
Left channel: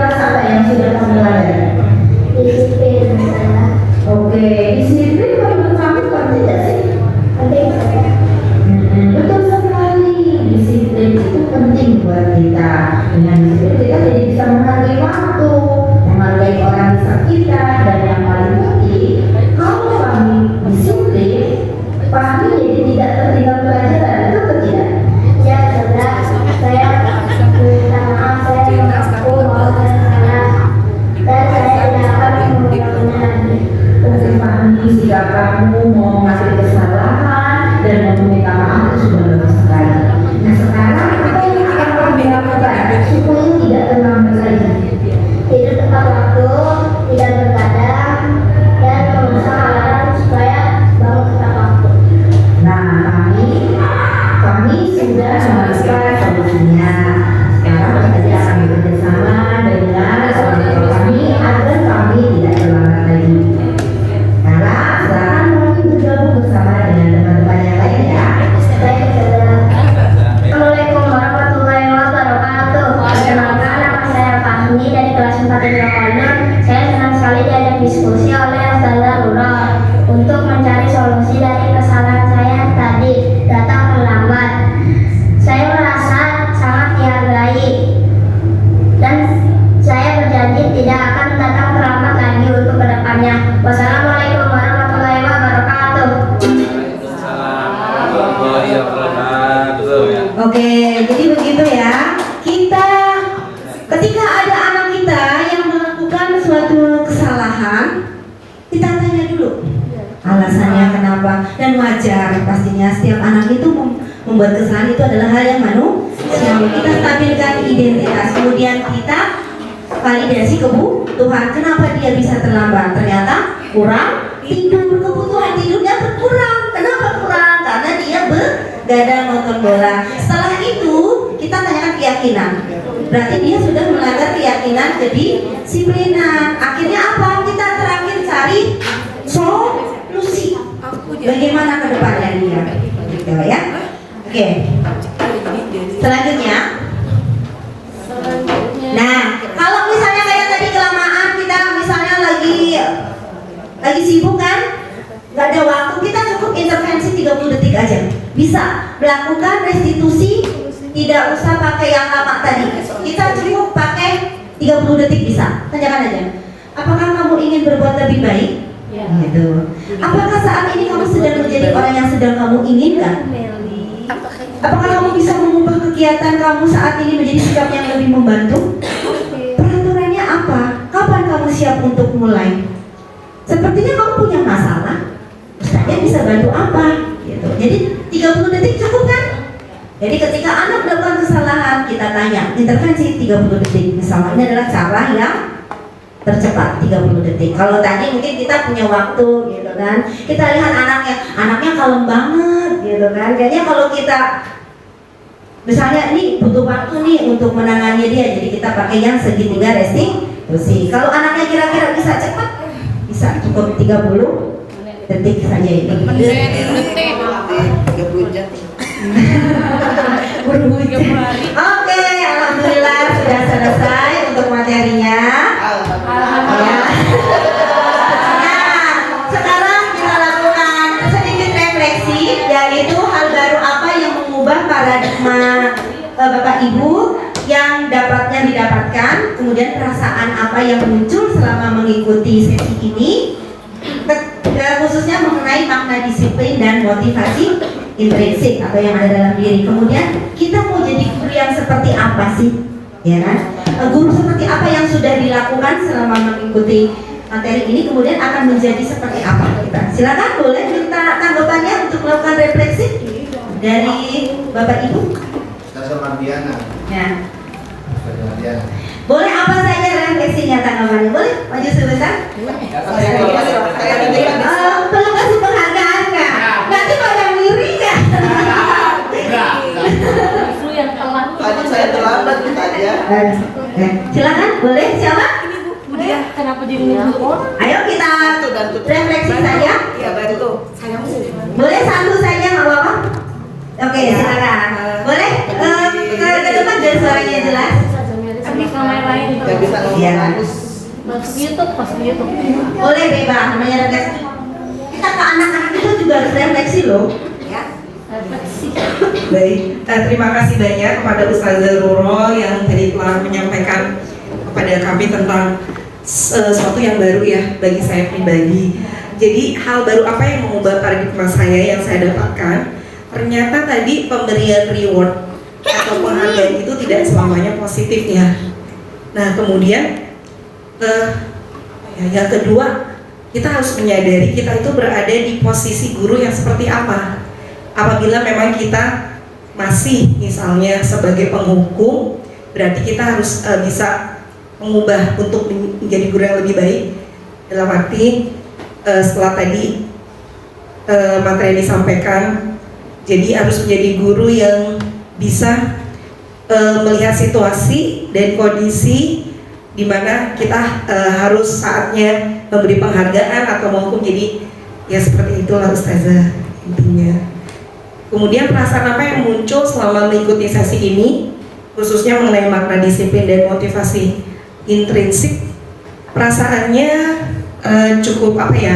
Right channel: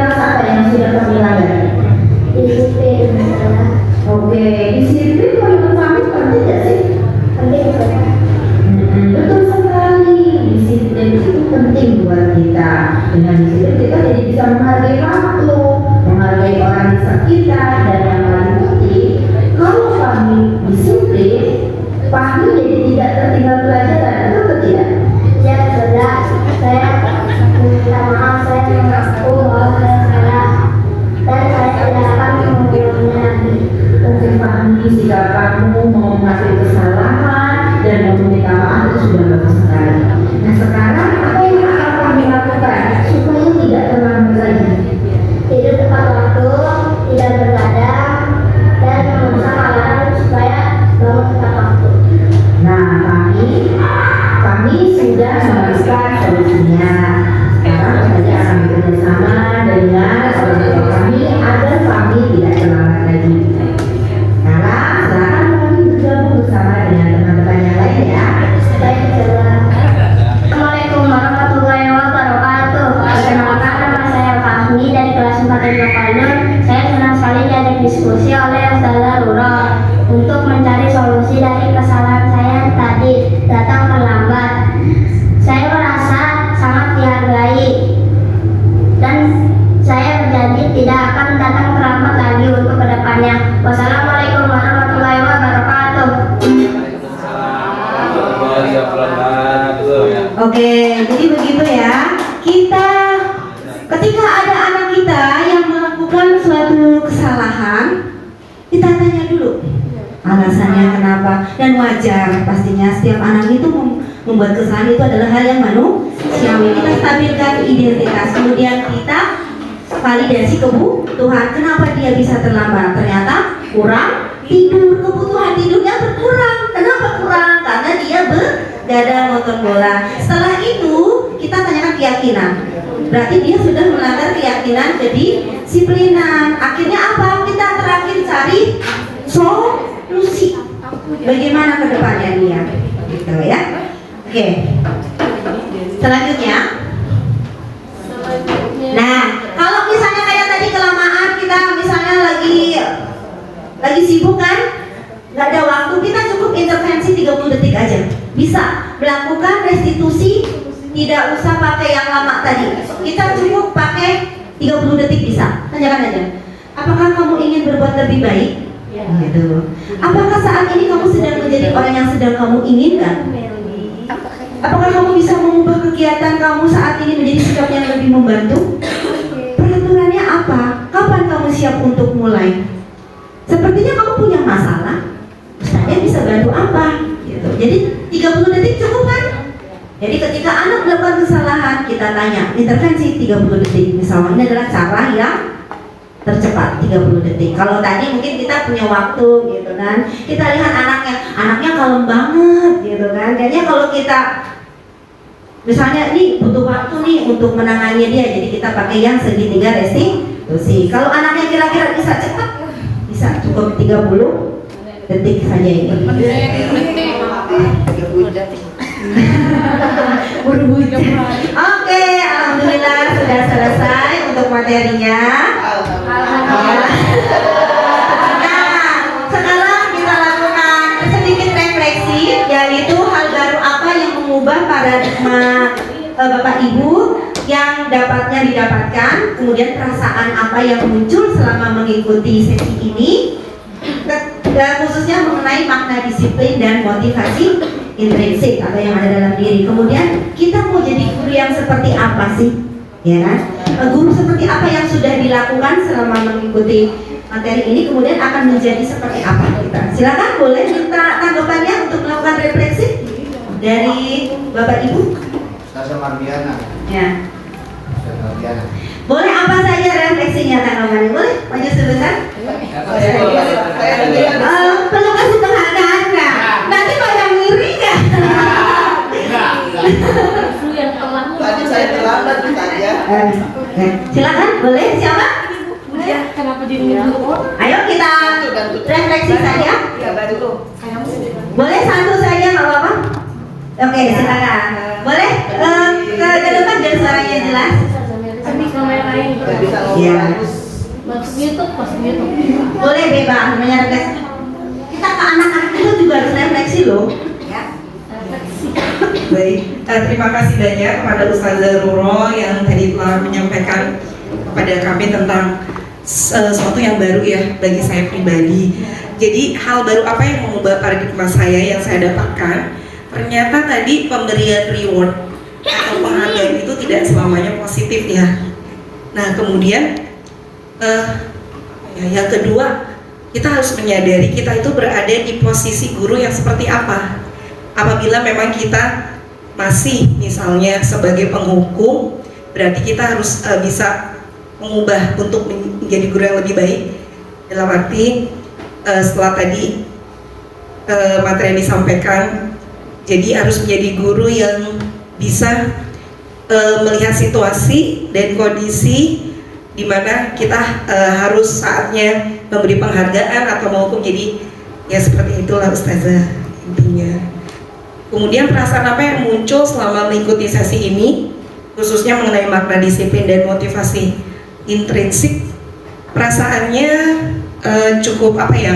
Dengan disiplin kita jadi bisa menghargai waktu, menghargai orang di sekitar, dan yang paling penting, kalau Fahmi disiplin, Fahmi jadi tidak tertinggal pelajaran, betul atau tidak? Ya sudah, saya minta maaf, saya mengaku bahwa saya salah dan saya tidak akan mengulanginya lagi. Tentu Fahmi, jika kamu mau mengakui kesalahan dan mau meminta maaf itu sudah bagus sekali. Nah sekarang apa yang akan Fahmi lakukan supaya tidak terlambat lagi? Tidur tepat waktu, tidak bergadang, dan memasang alarm supaya bangun tepat waktu. Nah, kami sudah menemukan solusinya. Sekarang kita akan bekerjasama dengan orang tua kami agar kami tidak terlambat lagi. Sekarang silakan kami bergabung bersama dengan teman-teman yang lain ya. Baik, saudara. Assalamualaikum warahmatullahi wabarakatuh. Perkenalkan, nama saya Fahmi dari kelas 4 Kalur. Saya senang sekali diajak diskusi oleh Ustazah Nurul untuk mencari solusi dari kesalahan saya yang tadi datang terlambat. Saya merasa sangat dihargai dan saya berjanji tidak akan datang terlambat lagi untuk kedepannya. Wassalamualaikum warahmatullahi wabarakatuh. Waalaikumsalam warahmatullahi wabarakatuh. Oke, jadi begitu ya. Kita ketika ada anak kita yang melakukan suatu kesalahan, kita tanya dulu alasannya kenapa, dan wajar pastinya setiap anak itu membuat kesalahan itu adalah hal yang manusiawi. Kita stabilkan identitas, kemudian kita validasi kebutuhan. Kenapa dia bisa terlambat? Ternyata kurang tidur, kebutuhan tidurnya berkurang. Kenapa kurang? Karena dia begadang nonton bola. Setelah itu kita tanyakan keyakinan. Berarti dia sudah melanggar keyakinan kedisiplinan. Akhirnya apa? Kita terakhir cari solusi. Bagaimana ke depannya dia? Gitu ya. Oke. Selanjutnya. Nah, kalau misalnya kayak tadi kelamaan, kita misalnya lagi sibuk kan, nggak ada waktu, kita cukup intervensi 30 detik aja. Bisa melakukan restitusi, tidak usah pakai yang lama tadi. Kita cukup pakai 30 detik bisa. Tanyakan aja. Apakah kamu ingin berbuat lebih baik? Gitu. Apakah saat ini kamu sedang menjadi orang yang sedang kamu inginkan? Apakah kamu bisa mengubah kegiatan kamu saat ini menjadi sikap yang lebih membantu? Peraturannya apa? Kapan kamu siap untuk mulai? Sepertinya kamu punya masalah. Ustaznya bisa bantu apa? Gitu. Jadi 30 detik cukup kan? Jadi ketika anak melakukan kesalahan, kita tanya, intervensi 30 detik. Misalnya ini adalah cara yang tercepat 30 detik. Kalau tadi mungkin kita punya waktu gitu kan. Kita lihat anaknya kalem banget gitu kan. Jadinya kalau kita misalnya ini butuh waktu nih untuk menangani dia, jadi kita pakai yang segitiga restitusi. Kalau anaknya kira-kira bisa cepat, bisa cukup 30 detik saja itu. Oke, alhamdulillah sudah selesai untuk materinya. Nah, sekarang kita lakukan sedikit refleksi, yaitu hal baru apa yang mengubah paradigma Bapak Ibu yang dapatnya didapatkan, kemudian perasaan apa yang muncul selama mengikuti sesi ini, khususnya mengenai makna disiplin dan motivasi intrinsik atau yang ada dalam diri. Kemudian kita mau jadi guru yang seperti apa sih? Ya kan? Guru seperti apa yang sudah dilakukan selama mengikuti materi ini, kemudian akan menjadi seperti apa kita? Silakan, boleh minta tanggapannya untuk melakukan refleksi dari Bapak Ibu. Ustazah Mardiana. Ya. Ustazah Mardiana. Boleh apa saja refleksinya, tanggapannya? Boleh maju sebentar. Perlu kasih penghargaan nggak? Nanti pada ngiri nggak? Justru yang telah Tadi saya terlambat saja. Silakan, boleh siapa? kenapa jadi gitu? Ayo kita refleksi saja. Ya bantu. Saya Boleh satu saja nggak apa-apa? Oke, silakan. Boleh ke depan biar suaranya jelas. Kami kamera lain. nggak bisa ngomong Iya. bagus. Mas YouTube, Mas YouTube. Boleh bebas, namanya refleksi. Kita ke anak-anak itu juga harus refleksi loh. Ya. Refleksi. Baik, terima kasih banyak kepada Ustazah Roro yang tadi telah menyampaikan kepada kami tentang sesuatu yang baru ya bagi saya pribadi. Jadi hal baru apa yang mengubah paradigma saya yang saya dapatkan? Ternyata tadi pemberian reward atau penghargaan itu tidak selamanya positif ya. Nah kemudian yang kedua, kita harus menyadari kita itu berada di posisi guru yang seperti apa. Apabila memang kita masih misalnya sebagai penghukum, berarti kita harus bisa mengubah untuk menjadi guru yang lebih baik. Dalam arti setelah tadi materi yang disampaikan, jadi harus menjadi guru yang bisa melihat situasi dan kondisi di mana kita harus saatnya memberi penghargaan atau menghukum. Jadi ya seperti itulah Ustazah intinya. Kemudian perasaan apa yang muncul selama mengikuti sesi ini, khususnya mengenai makna disiplin dan motivasi intrinsik, perasaannya cukup apa ya,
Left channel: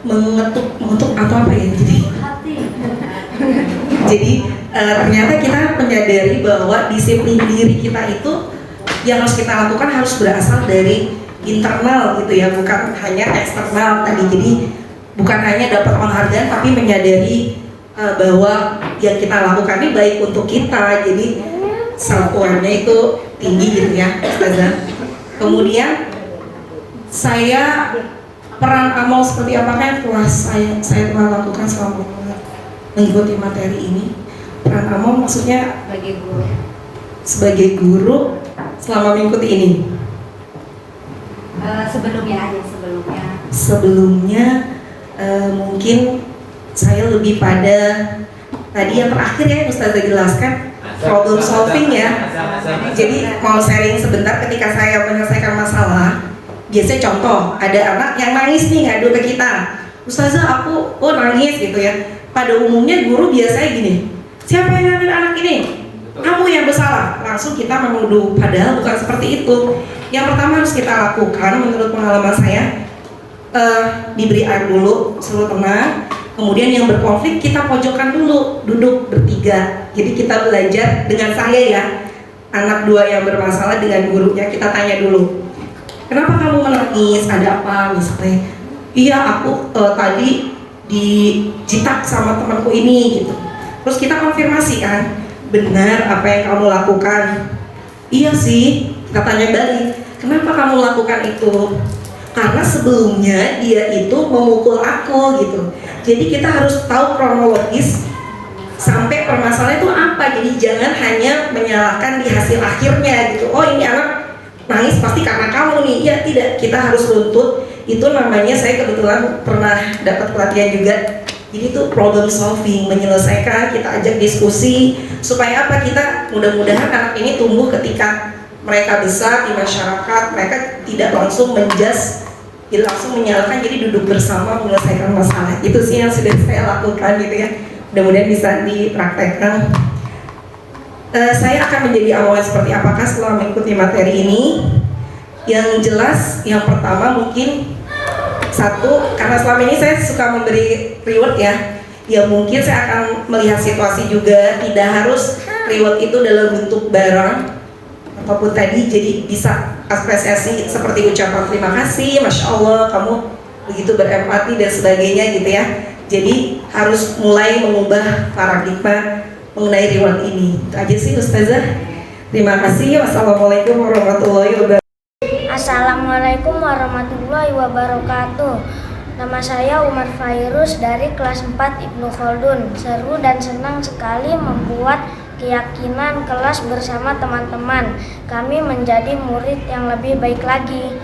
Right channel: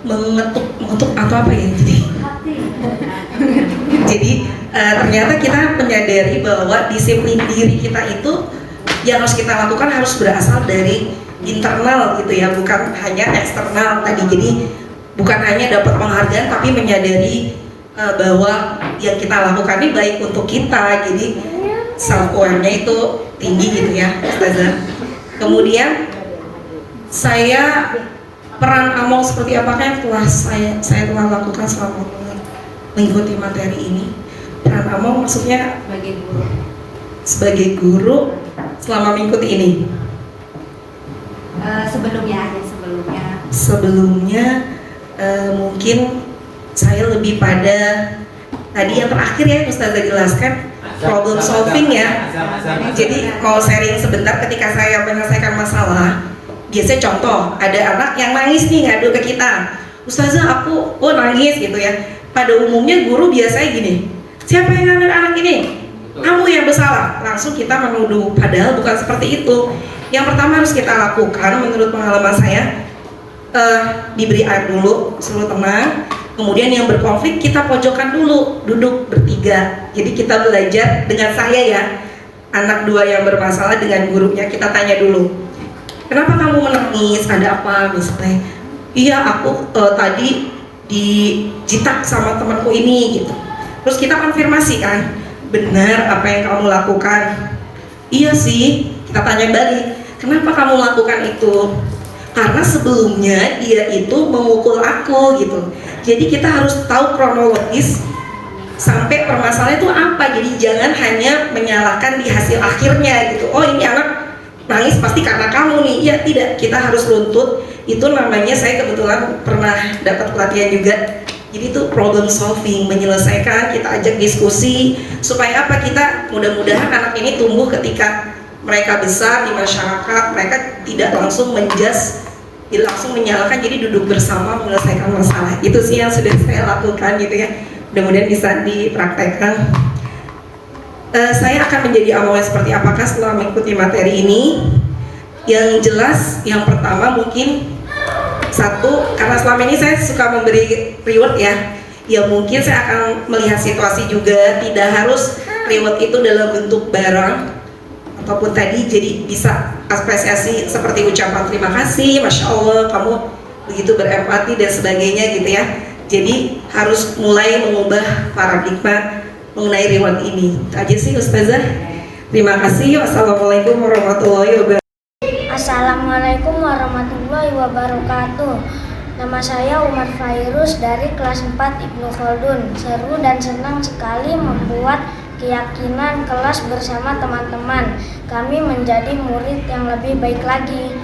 mengetuk atau apa ya, jadi ternyata kita menyadari bahwa disiplin diri kita itu yang harus kita lakukan harus berasal dari internal gitu ya, bukan hanya eksternal tadi. Jadi bukan hanya dapat penghargaan tapi menyadari bahwa yang kita lakukan ini baik untuk kita, jadi self awareness itu tinggi gitu ya Ustazah. Kemudian saya peran amal seperti apakah yang telah saya telah lakukan selama mengikuti materi ini. Peran amal maksudnya sebagai guru selama mengikuti ini. Sebelumnya mungkin saya lebih pada tadi yang terakhir ya Ustazah jelaskan, problem solving ya. Jadi kalau sharing sebentar ketika saya menyelesaikan masalah, biasanya contoh ada anak yang nangis nih ngadu ke kita, Ustazah aku nangis gitu ya. Pada umumnya guru biasanya gini, siapa yang ngambil anak ini? Kamu yang bersalah. Langsung kita menuduh, padahal bukan seperti itu. Yang pertama harus kita lakukan menurut pengalaman saya, diberi air dulu, suruh tenang. Kemudian yang berkonflik kita pojokkan dulu, duduk bertiga. Jadi kita belajar dengan saya ya, anak dua yang bermasalah dengan gurunya, kita tanya dulu, kenapa kamu menangis? Ada apa misalnya? Iya aku tadi dijitak sama temanku ini gitu. Terus kita konfirmasi kan, benar apa yang kamu lakukan? Iya sih. Kita tanya balik, kenapa kamu lakukan itu? Karena sebelumnya dia itu memukul aku gitu. Jadi kita harus tahu kronologis sampai permasalahan itu apa. Jadi jangan hanya menyalahkan di hasil akhirnya gitu. Oh ini anak nangis pasti karena kamu nih. Iya tidak, kita harus runtut. Itu namanya, saya kebetulan pernah dapat pelatihan juga. Jadi itu problem solving, menyelesaikan, kita ajak diskusi supaya apa, kita mudah-mudahan anak ini tumbuh ketika mereka besar di masyarakat, mereka tidak langsung menjudge, tidak langsung menyalahkan, jadi duduk bersama menyelesaikan masalah. Itu sih yang sudah saya lakukan gitu ya. Mudah-mudahan bisa dipraktekkan. Saya akan menjadi awalnya seperti apakah setelah mengikuti materi ini? Yang jelas, yang pertama mungkin satu, karena selama ini saya suka memberi reward ya. Ya mungkin saya akan melihat situasi juga, tidak harus reward itu dalam bentuk barang ataupun tadi, jadi bisa apresiasi seperti ucapan terima kasih, Masya Allah kamu begitu berempati dan sebagainya gitu ya. Jadi harus mulai mengubah paradigma mengenai reward ini. Itu aja sih Ustazah. Terima kasih. Wassalamualaikum warahmatullahi wabarakatuh. Assalamualaikum warahmatullahi wabarakatuh. Nama saya Umar Fairuz dari kelas 4 Ibnu Khaldun. Seru dan senang sekali membuat keyakinan kelas bersama teman-teman. Kami menjadi murid yang lebih baik lagi.